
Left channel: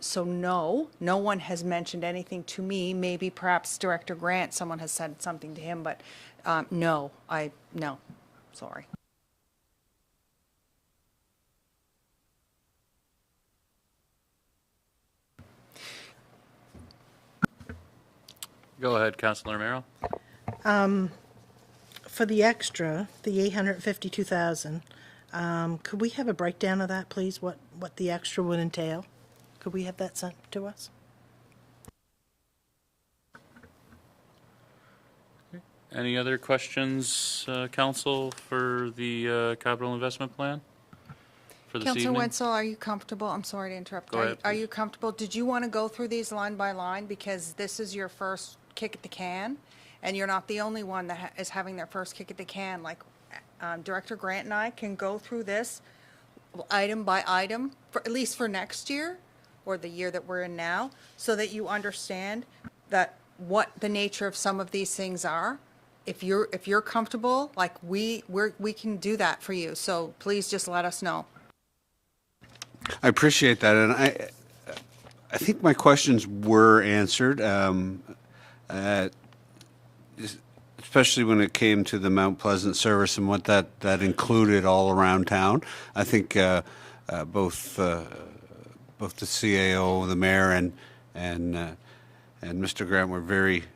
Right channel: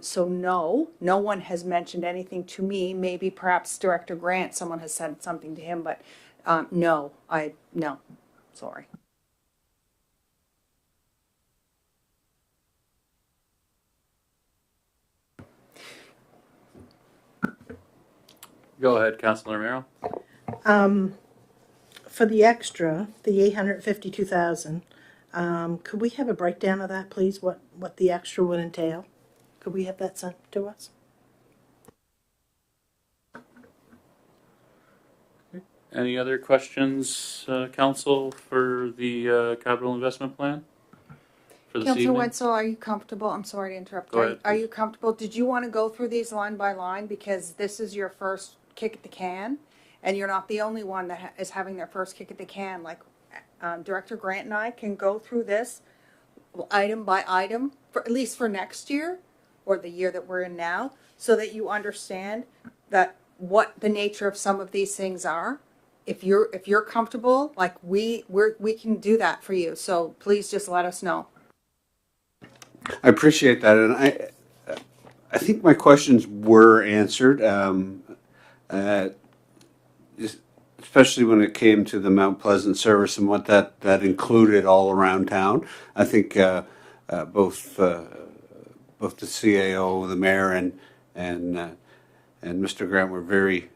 So no one has mentioned anything to me. Maybe perhaps Director Grant, someone has said something to him, but no, sorry. Go ahead, Councillor Romero. For the extra, the 852,000, could we have a breakdown of that, please? What the extra would entail? Could we have that sent to us? Any other questions, Council, for the capital investment plan for this Councillor evening? Wetzel, are you comfortable? I'm sorry to interrupt. Go ahead. Are you comfortable? Did you want to go through these line by line, because this is your first kick at the can, and you're not the only one that is having their first kick at the can? Like Director Grant and I can go through this item by item, for at least for next year or the year that we're in now, so that you understand that what the nature of some of these things are. If you're comfortable, like we can do that for you. So please just let us know. I appreciate that, and I think my questions were answered. especially when it came to the Mount Pleasant service and what that included all around town. I think both both the CAO, the mayor, and Mr. Grant were very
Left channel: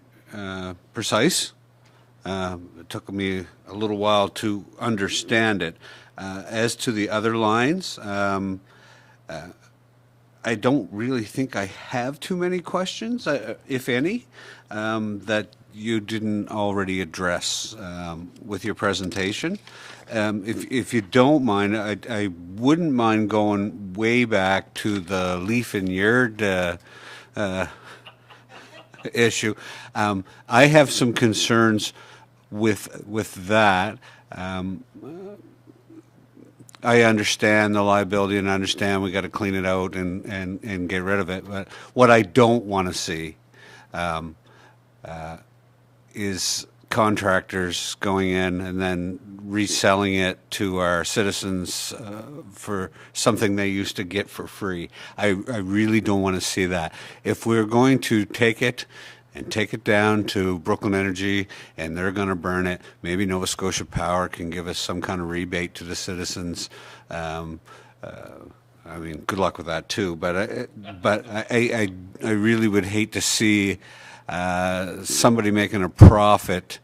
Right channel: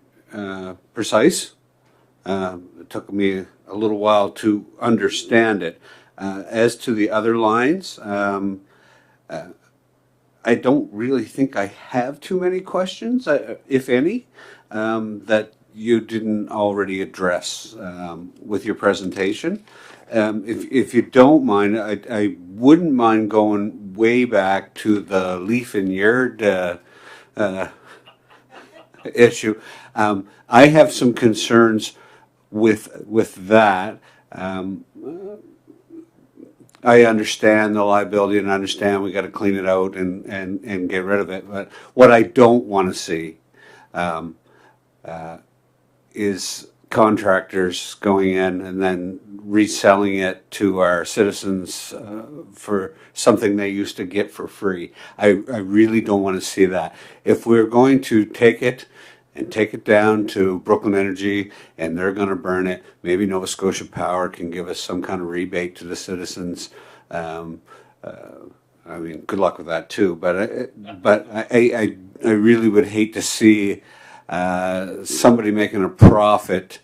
precise. It took me a little while to understand it. As to the other lines, I don't really think I have too many questions, if any, that you didn't already address with your presentation. If you don't mind, I wouldn't mind going way back to the leaf and yard issue. I have some concerns with that. I understand the liability and I understand we got to clean it out and get rid of it. But what I don't want to see is contractors going in and then reselling it to our citizens for something they used to get for free. I really don't want to see that. If we're going to take it and take it down to Brooklyn Energy and they're going to burn it, maybe Nova Scotia Power can give us some kind of rebate to the citizens. I mean, good luck with that too. But I really would hate to see somebody making a profit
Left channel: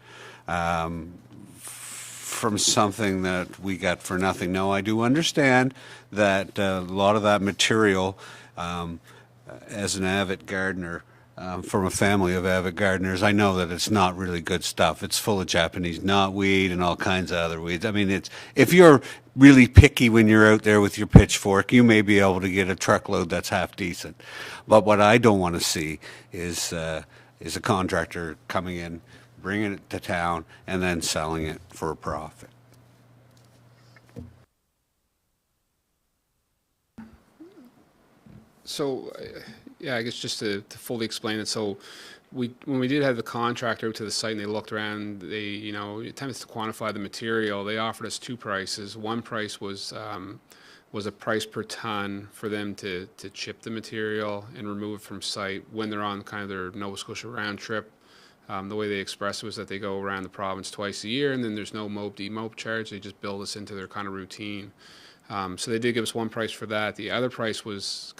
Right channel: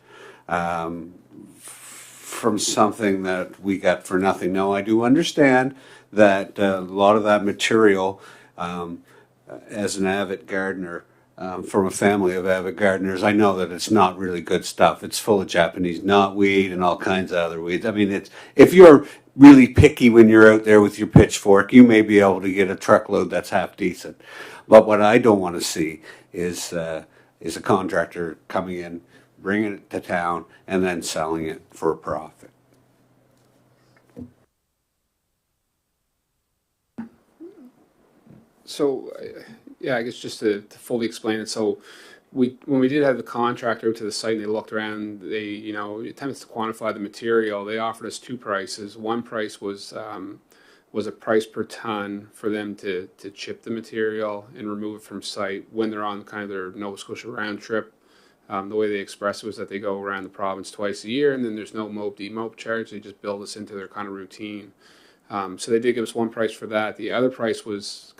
from something that we got for nothing. Now, I do understand that a lot of that material, as an avid gardener, from a family of avid gardeners, I know that it's not really good stuff. It's full of Japanese knotweed and all kinds of other weeds. I mean, it's if you're really picky when you're out there with your pitchfork, you may be able to get a truckload that's half decent. But what I don't want to see is a contractor coming in, bringing it to town, and then selling it for a profit. So, yeah, I guess just to fully explain it. So, when we did have the contractor out to the site and they looked around, they attempted to quantify the material. They offered us two prices. One price was a price per ton for them to chip the material and remove it from site when they're on kind of their Nova Scotia round trip. The way they expressed it was that they go around the province twice a year, and then there's no mope charge. They just build this into their kind of routine. So they did give us one price for that. The other price was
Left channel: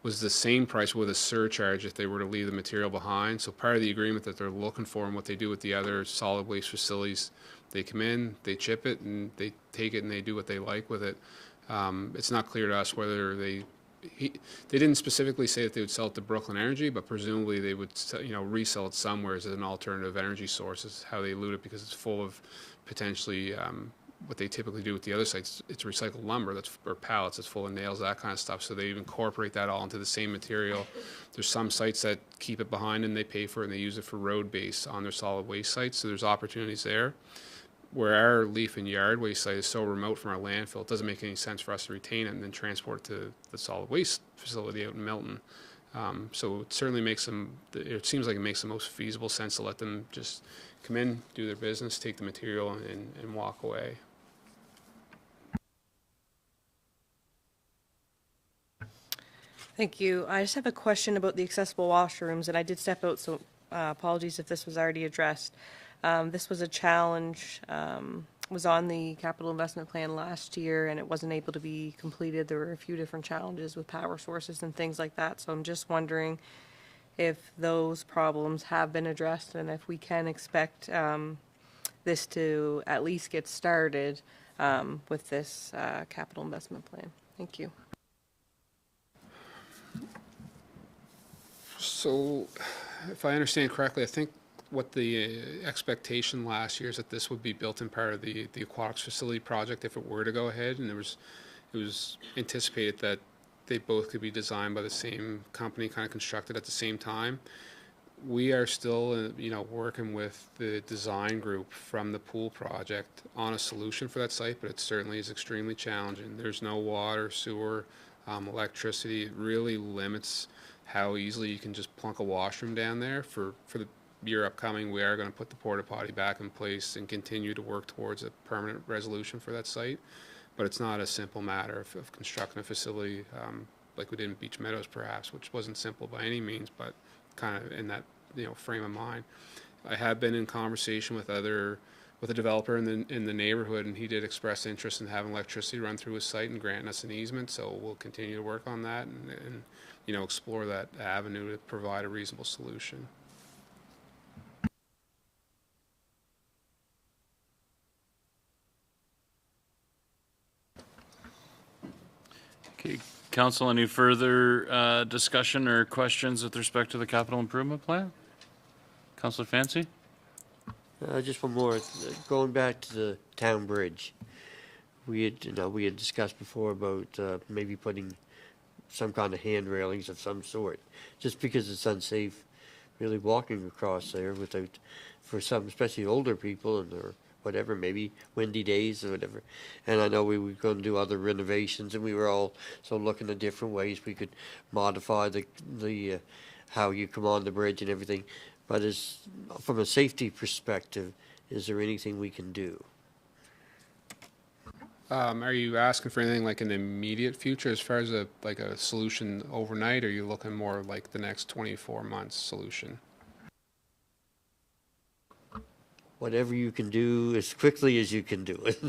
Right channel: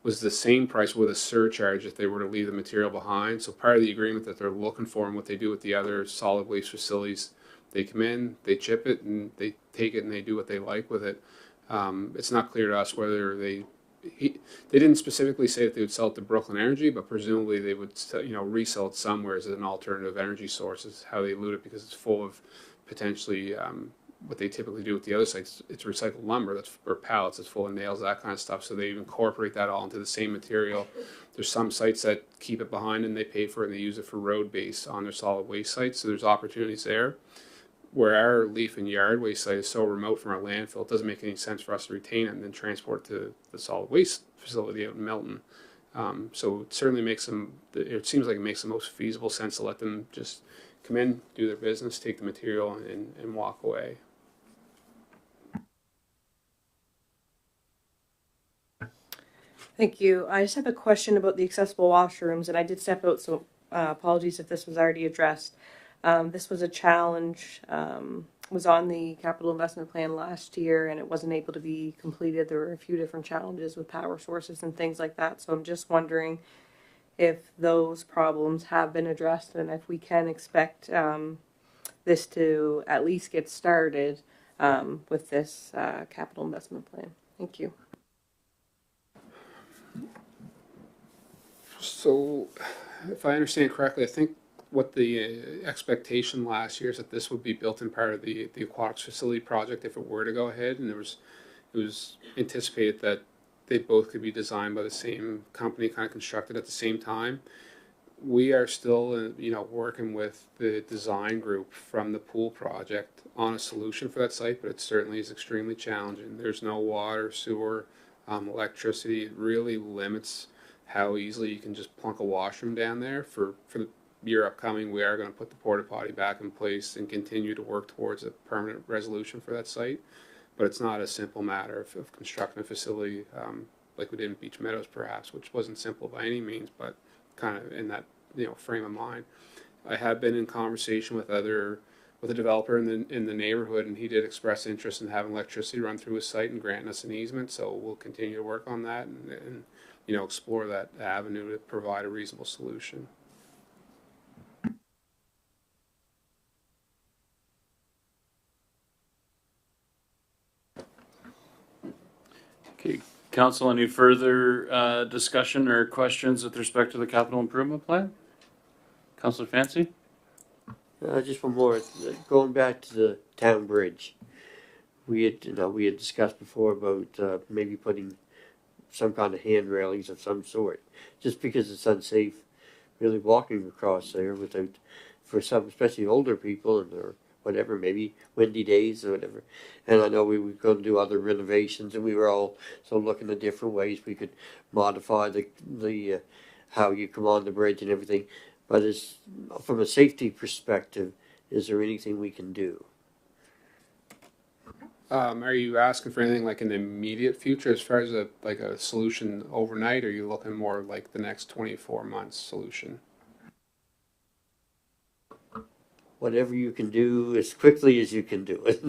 was the same price with a surcharge if they were to leave the material behind. So part of the agreement that they're looking for and what they do with the other solid waste facilities, they come in, they chip it, and they take it and they do what they like with it. It's not clear to us whether they didn't specifically say that they would sell it to Brooklyn Energy, but presumably they would resell it somewhere as an alternative energy source is how they allude it, because it's full of potentially what they typically do with the other sites. It's recycled lumber or pallets. It's full of nails, that kind of stuff. So they incorporate that all into the same material. There's some sites that keep it behind and they pay for it and they use it for road base on their solid waste sites. So there's opportunities there. Where our leaf and yard waste site is so remote from our landfill, it doesn't make any sense for us to retain it and then transport it to the solid waste facility out in Milton. So it certainly it seems like it makes the most feasible sense to let them just come in, do their business, take the material, and walk away. Thank you. I just have a question about the accessible washrooms, and I did step out, so apologies if this was already addressed. This was a challenge, was on the capital investment plan last year, and it wasn't able to be completed. There were a few different challenges with power sources and things like that. So I'm just wondering if those problems have been addressed and if we can expect this to at least get started with this capital investment plan. Thank you. So, if I understand correctly, I think what the expectation last year is that this would be built in part of the aquatics facility project if it were to go ahead, and it was anticipated that they both could be designed by the same company, kind of constructed at the same time. We are still, working with the design group from the pool project on a solution for that site, but it certainly is extremely challenging. There's no water, sewer, electricity. It really limits how easily you can just plunk a washroom down there. For the year upcoming, we are going to put the porta potty back in place and continue to work towards a permanent resolution for that site. But it's not a simple matter of constructing a facility like we did in Beach Meadows, perhaps, which wasn't simple by any means, but kind of in that frame of mind. I have been in conversation with a developer in the neighborhood, and he did express interest in having electricity run through his site and granting us an easement. So we'll continue to work on that and explore that avenue to provide a reasonable solution. Okay, council, any further discussion or questions with respect to the capital improvement plan? Councilor Fancy? Just one more. Going back to the town bridge, we had discussed before about maybe putting some kind of hand railings of some sort, just because it's unsafe, really walking across there without, for some, especially older people or whatever, maybe windy days or whatever. And I know we were going to do other renovations, and we were all looking at different ways we could modify the how you come on the bridge and everything. But from a safety perspective, is there anything we can do? Are you asking for anything like in the immediate future as far as a solution overnight, or are you looking more like the next 24 months solution? Whatever you can do as quickly as you can do it.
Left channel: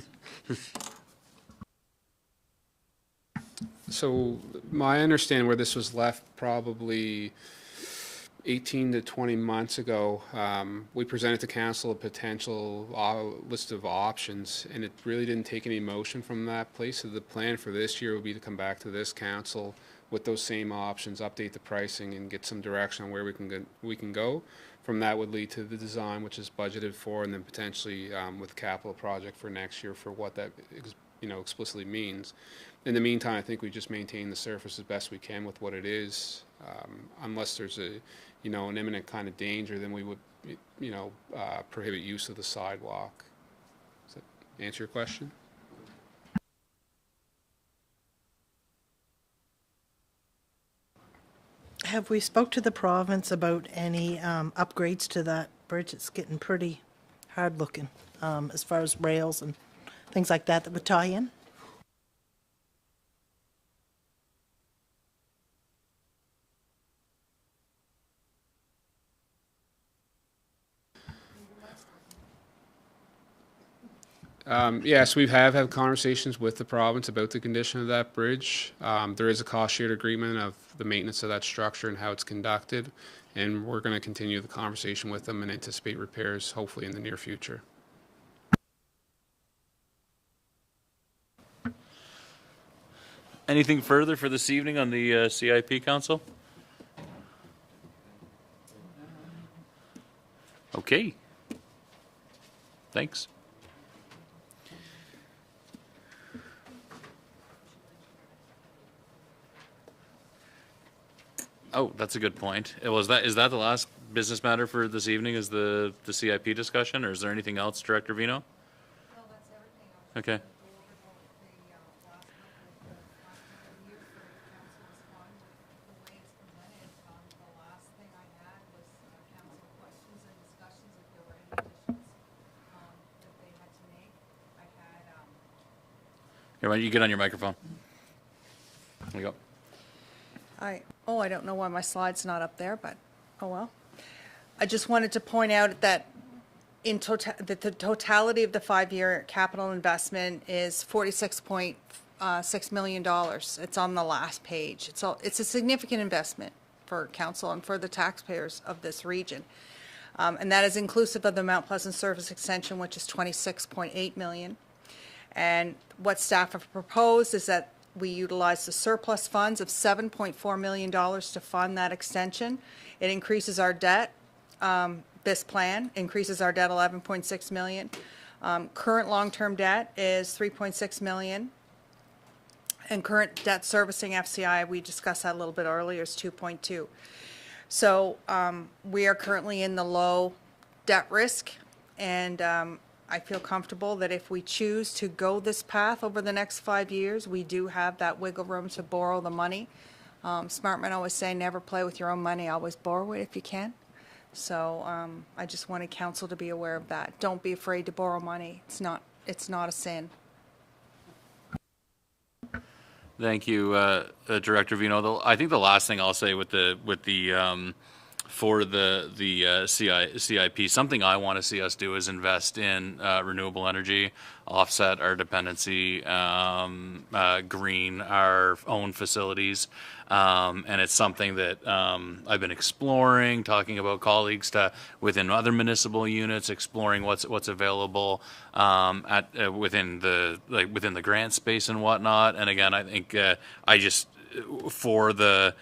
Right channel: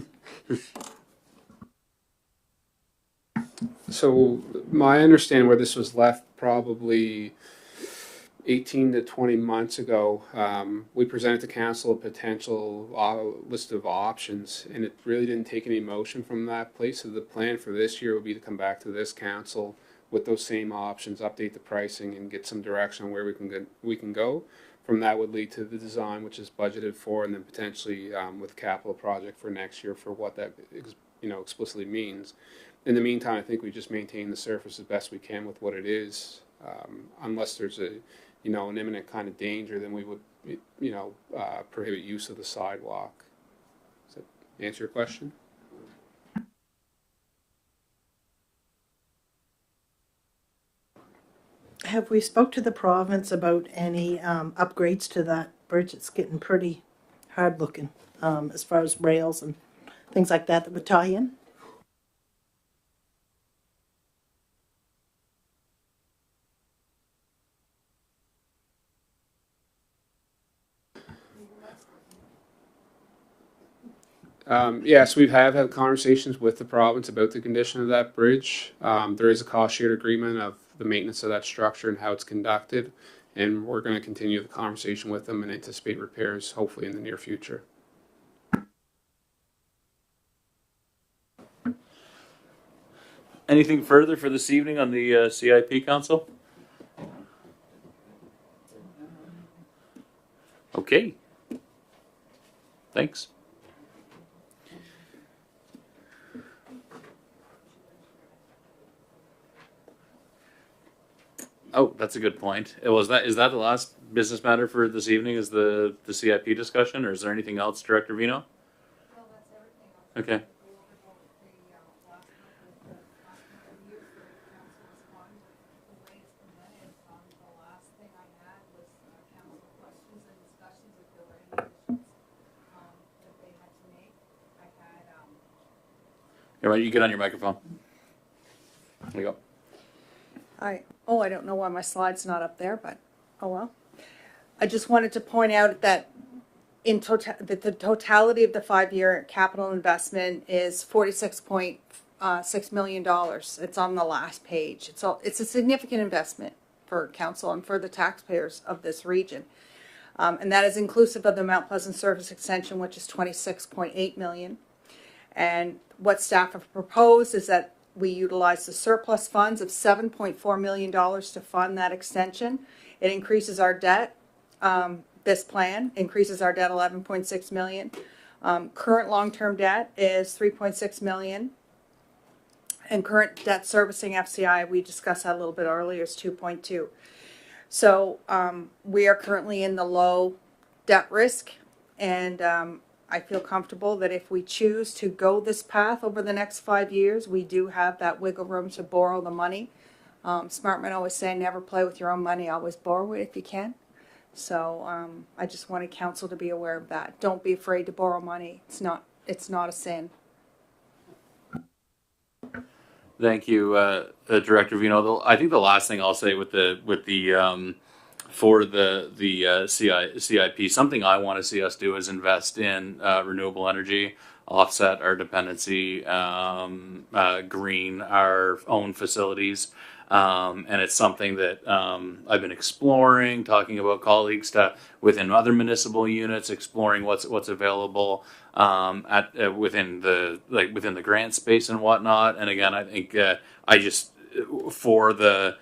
So my understanding where this was left probably 18 to 20 months ago, we presented to council a potential list of options, and it really didn't take any motion from that place. So the plan for this year would be to come back to this council with those same options, update the pricing, and get some direction on where we can go. From that would lead to the design, which is budgeted for, and then potentially with capital project for next year for what that explicitly means. In the meantime, I think we just maintain the surface as best we can with what it is, unless there's an imminent kind of danger, then we would, prohibit use of the sidewalk. Does that answer your question? Have we spoke to the province about any upgrades to that bridge? It's getting pretty hard looking as far as rails and things like that would tie in. Yes, we have had conversations with the province about the condition of that bridge. There is a cost shared agreement of the maintenance of that structure and how it's conducted, and we're going to continue the conversation with them and anticipate repairs hopefully in the near future. Anything further for this evening on the CIP Council? Okay. Thanks. Oh, that's a good point. Is that the last business matter for this evening? Is the CIP discussion, or is there anything else, Director Vino? No, that's everything. Okay. Here, why don't you get on your microphone? There you go. I don't know why my slide's not up there, but oh well. I just wanted to point out that the totality of the 5-year capital investment is $46.6 million. It's on the last page. It's a significant investment for council and for the taxpayers of this region. And that is inclusive of the Mount Pleasant Service Extension, which is $26.8 million. And what staff have proposed is that we utilize the surplus funds of $7.4 million to fund that extension. It increases our debt. This plan increases our debt $11.6 million. Current long-term debt is $3.6 million. And current debt servicing FCI, we discussed that a little bit earlier, is 2.2. So we are currently in the low debt risk, and I feel comfortable that if we choose to go this path over the next 5 years, we do have that wiggle room to borrow the money. Smartman always say, never play with your own money, always borrow it if you can. So I just wanted council to be aware of that. Don't be afraid to borrow money. It's not a sin. Thank you, Director Vino. I think the last thing I'll say with the for the CIP, something I want to see us do is invest in renewable energy, offset our dependency, green our own facilities. And it's something that I've been exploring, talking about colleagues within other municipal units, exploring what's available within the grant space and whatnot. And again, I think for the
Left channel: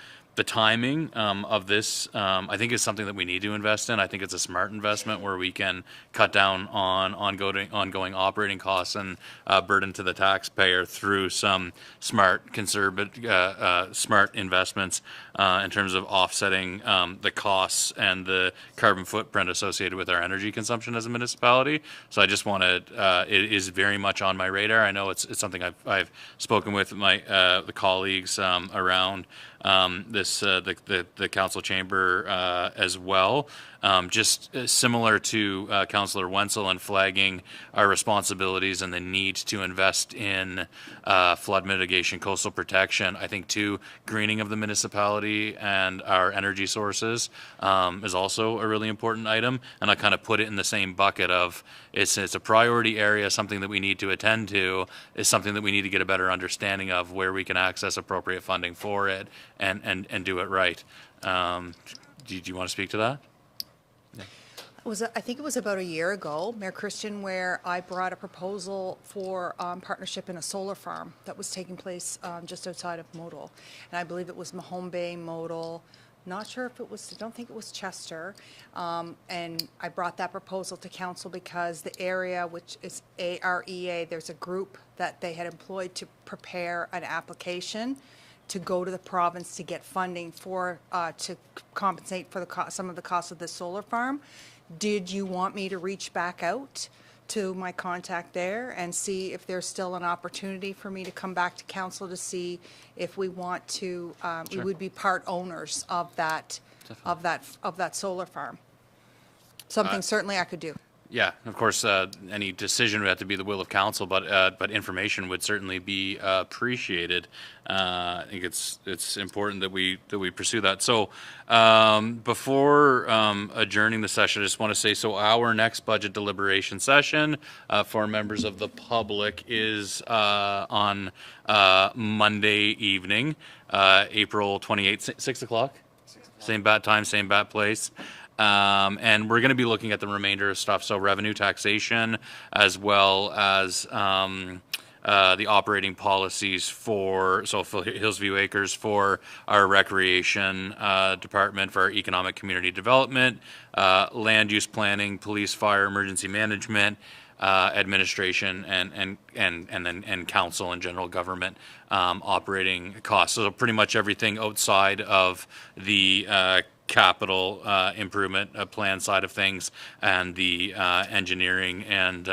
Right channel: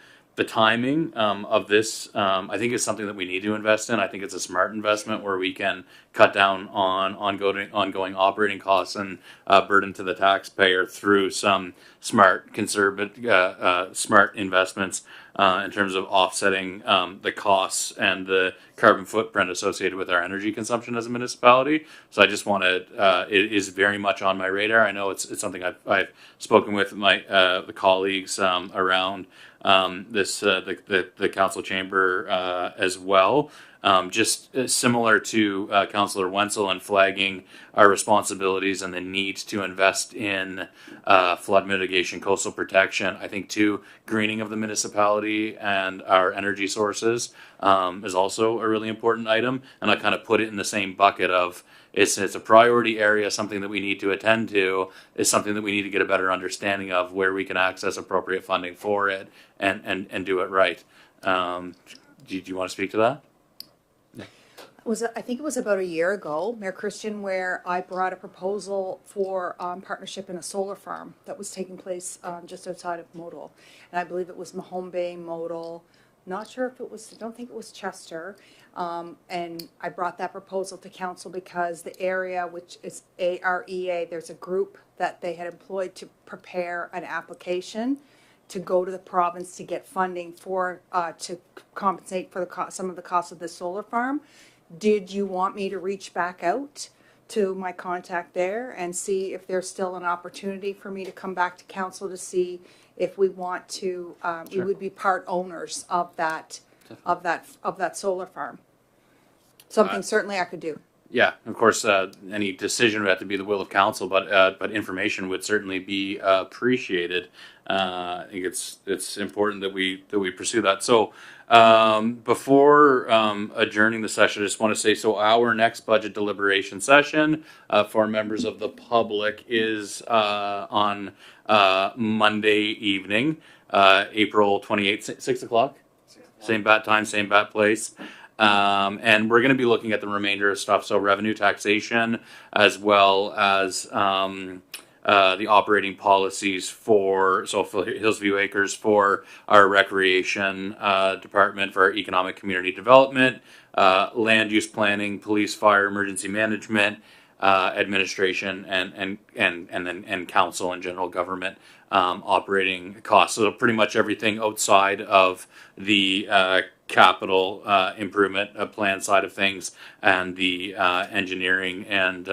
timing of this, I think it's something that we need to invest in. I think it's a smart investment where we can cut down on ongoing operating costs and burden to the taxpayer through some smart, conservative, smart investments in terms of offsetting the costs and the carbon footprint associated with our energy consumption as a municipality. So I just want to. It is very much on my radar. I know it's something I've spoken with my the colleagues around. The council chamber as well. Just similar to Councillor Wenzel and flagging our responsibilities and the need to invest in flood mitigation, coastal protection. I think too, greening of the municipality and our energy sources is also a really important item. And I kind of put it in the same bucket of it's a priority area, something that we need to attend to, is something that we need to get a better understanding of where we can access appropriate funding for it and do it right. Do you want to speak to that? I think it was about a year ago, Mayor Christian, where I brought a proposal for partnership in a solar farm that was taking place just outside of Modal. And I believe it was Mahone Bay, Modal. Not sure if it was, I don't think it was Chester. And I brought that proposal to council because the area, which is AREA, there's a group that they had employed to prepare an application to go to the province to get funding for, to compensate for some of the costs of the solar farm. Did you want me to reach back out to my contact there and see if there's still an opportunity for me to come back to council to see if we want to, we would be part owners of that solar farm? Something certainly I could do. Yeah, of course, any decision would have to be the will of council, but information would certainly be appreciated. I think it's important that we pursue that. So before adjourning the session, I just want to say, so our next budget deliberation session for members of the public is on Monday evening, April 28th, 6 o'clock. Same bat time, same bat place. And we're going to be looking at the remainder of stuff, so revenue taxation, as well as the operating policies for Hillsview Acres, for our recreation department, for our economic community development, land use planning, police, fire, emergency management, administration, and council and general government operating costs. So pretty much everything outside of the capital improvement plan side of things, and the engineering and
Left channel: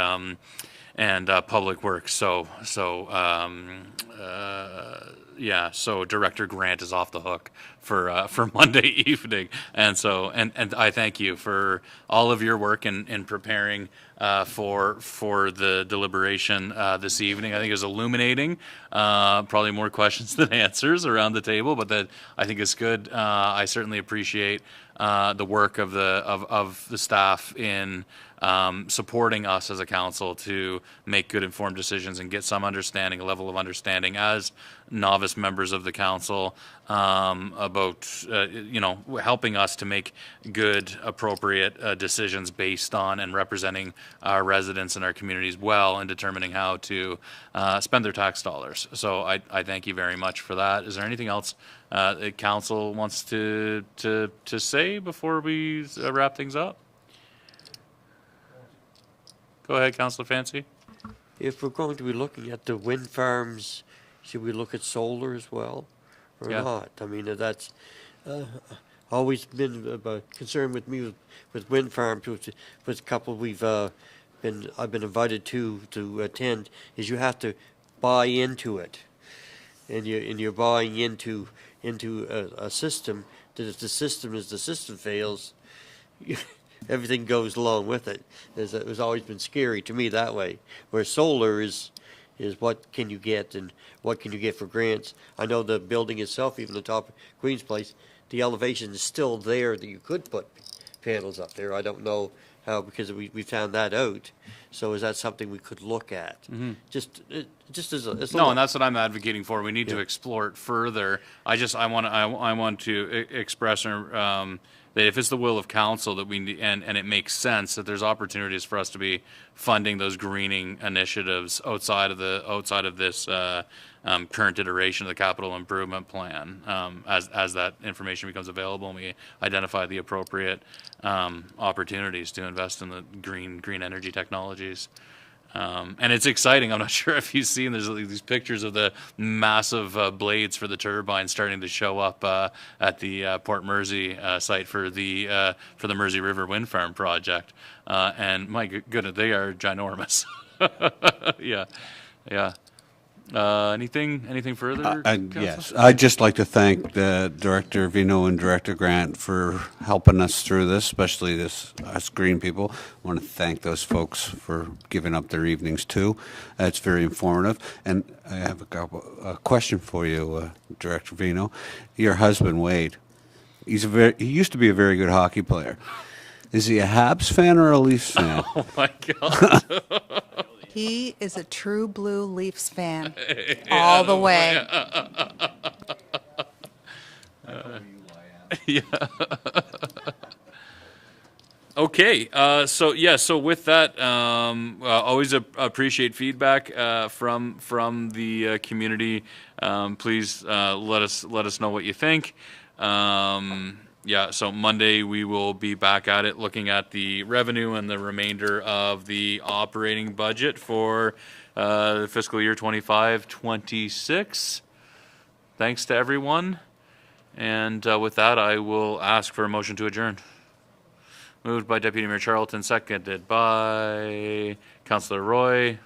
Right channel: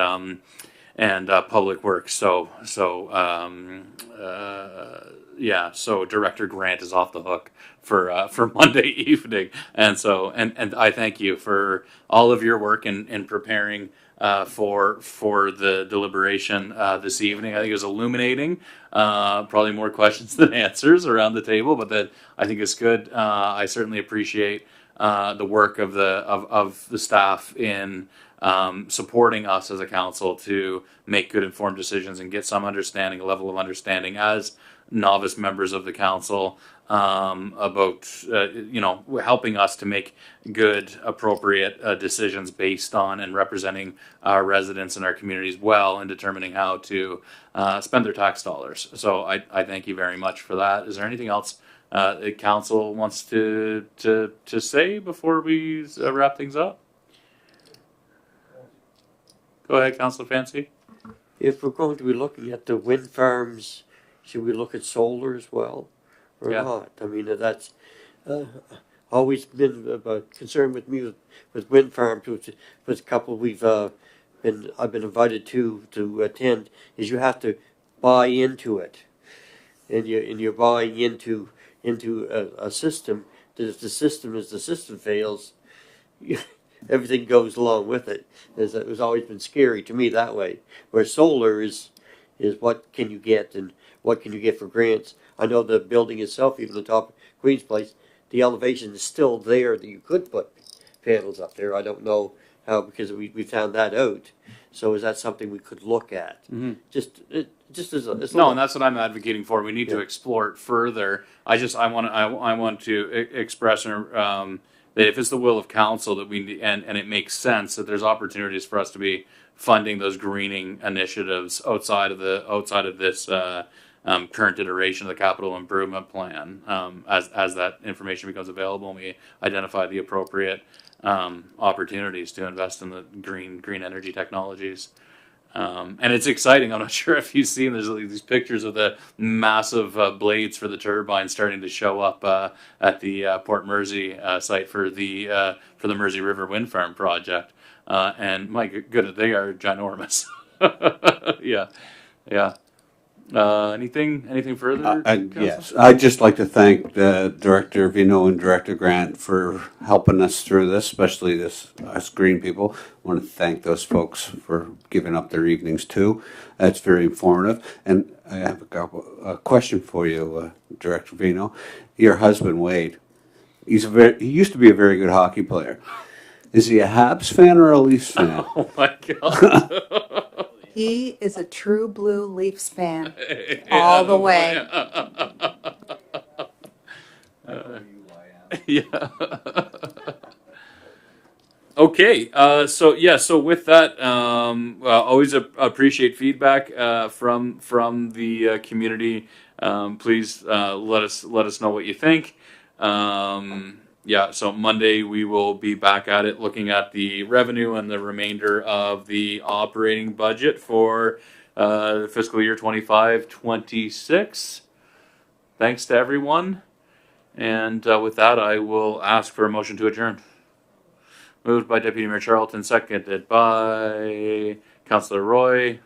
public works. So Director Grant is off the hook for Monday evening, and I thank you for all of your work in preparing for the deliberation this evening. I think it was illuminating. Probably more questions than answers around the table, but that I think is good. I certainly appreciate the work of the staff in supporting us as a council to make good informed decisions and get some understanding, a level of understanding as novice members of the council about helping us to make good, appropriate decisions based on and representing our residents and our communities well, and determining how to spend their tax dollars. So I thank you very much for that. Is there anything else the council wants to say before we wrap things up? Go ahead, Councillor Fancy. If we're going to be looking at the wind farms, should we look at solar as well, or not? I mean, that's always been a concern with me with wind farms, which was a couple I've been invited to attend. Is you have to buy into it, and you're buying into a system. That the system fails, everything goes along with it. It was always been scary to me that way. Where solar is what can you get and what can you get for grants. I know the building itself, even the top of Queen's Place, the elevation is still there that you could put panels up there. I don't know how, because we found that out. So is that something we could look at? Just as a No, and that's what I'm advocating for. We need to explore it further. I want to express that if it's the will of council that we and it makes sense that there's opportunities for us to be funding those greening initiatives outside of this current iteration of the capital improvement plan, as that information becomes available and we identify the appropriate opportunities to invest in the green energy technologies. And it's exciting. I'm not sure if you've seen, there's these pictures of the massive blades for the turbines starting to show up at the Port Mersey site for the Mersey River Wind Farm project. And my goodness, they are ginormous. Yeah, yeah. Anything further? Yes, I'd just like to thank Director Vino and Director Grant for helping us through this, especially us green people. I want to thank those folks for giving up their evenings too. That's very informative. And I have a question for you, Director Vino. Your husband Wade, he used to be a very good hockey player. Is he a Habs fan or a Leafs fan? Oh my God. He is a true blue Leafs fan all the way. Yeah. Okay. So with that, always appreciate feedback from the community. Please let us know what you think. So Monday we will be back at it, looking at the revenue and the remainder of the operating budget for the fiscal year 25-26. Thanks to everyone. And with that, I will ask for a motion to adjourn. Moved by Deputy Mayor Charlton, seconded by Councillor Roy.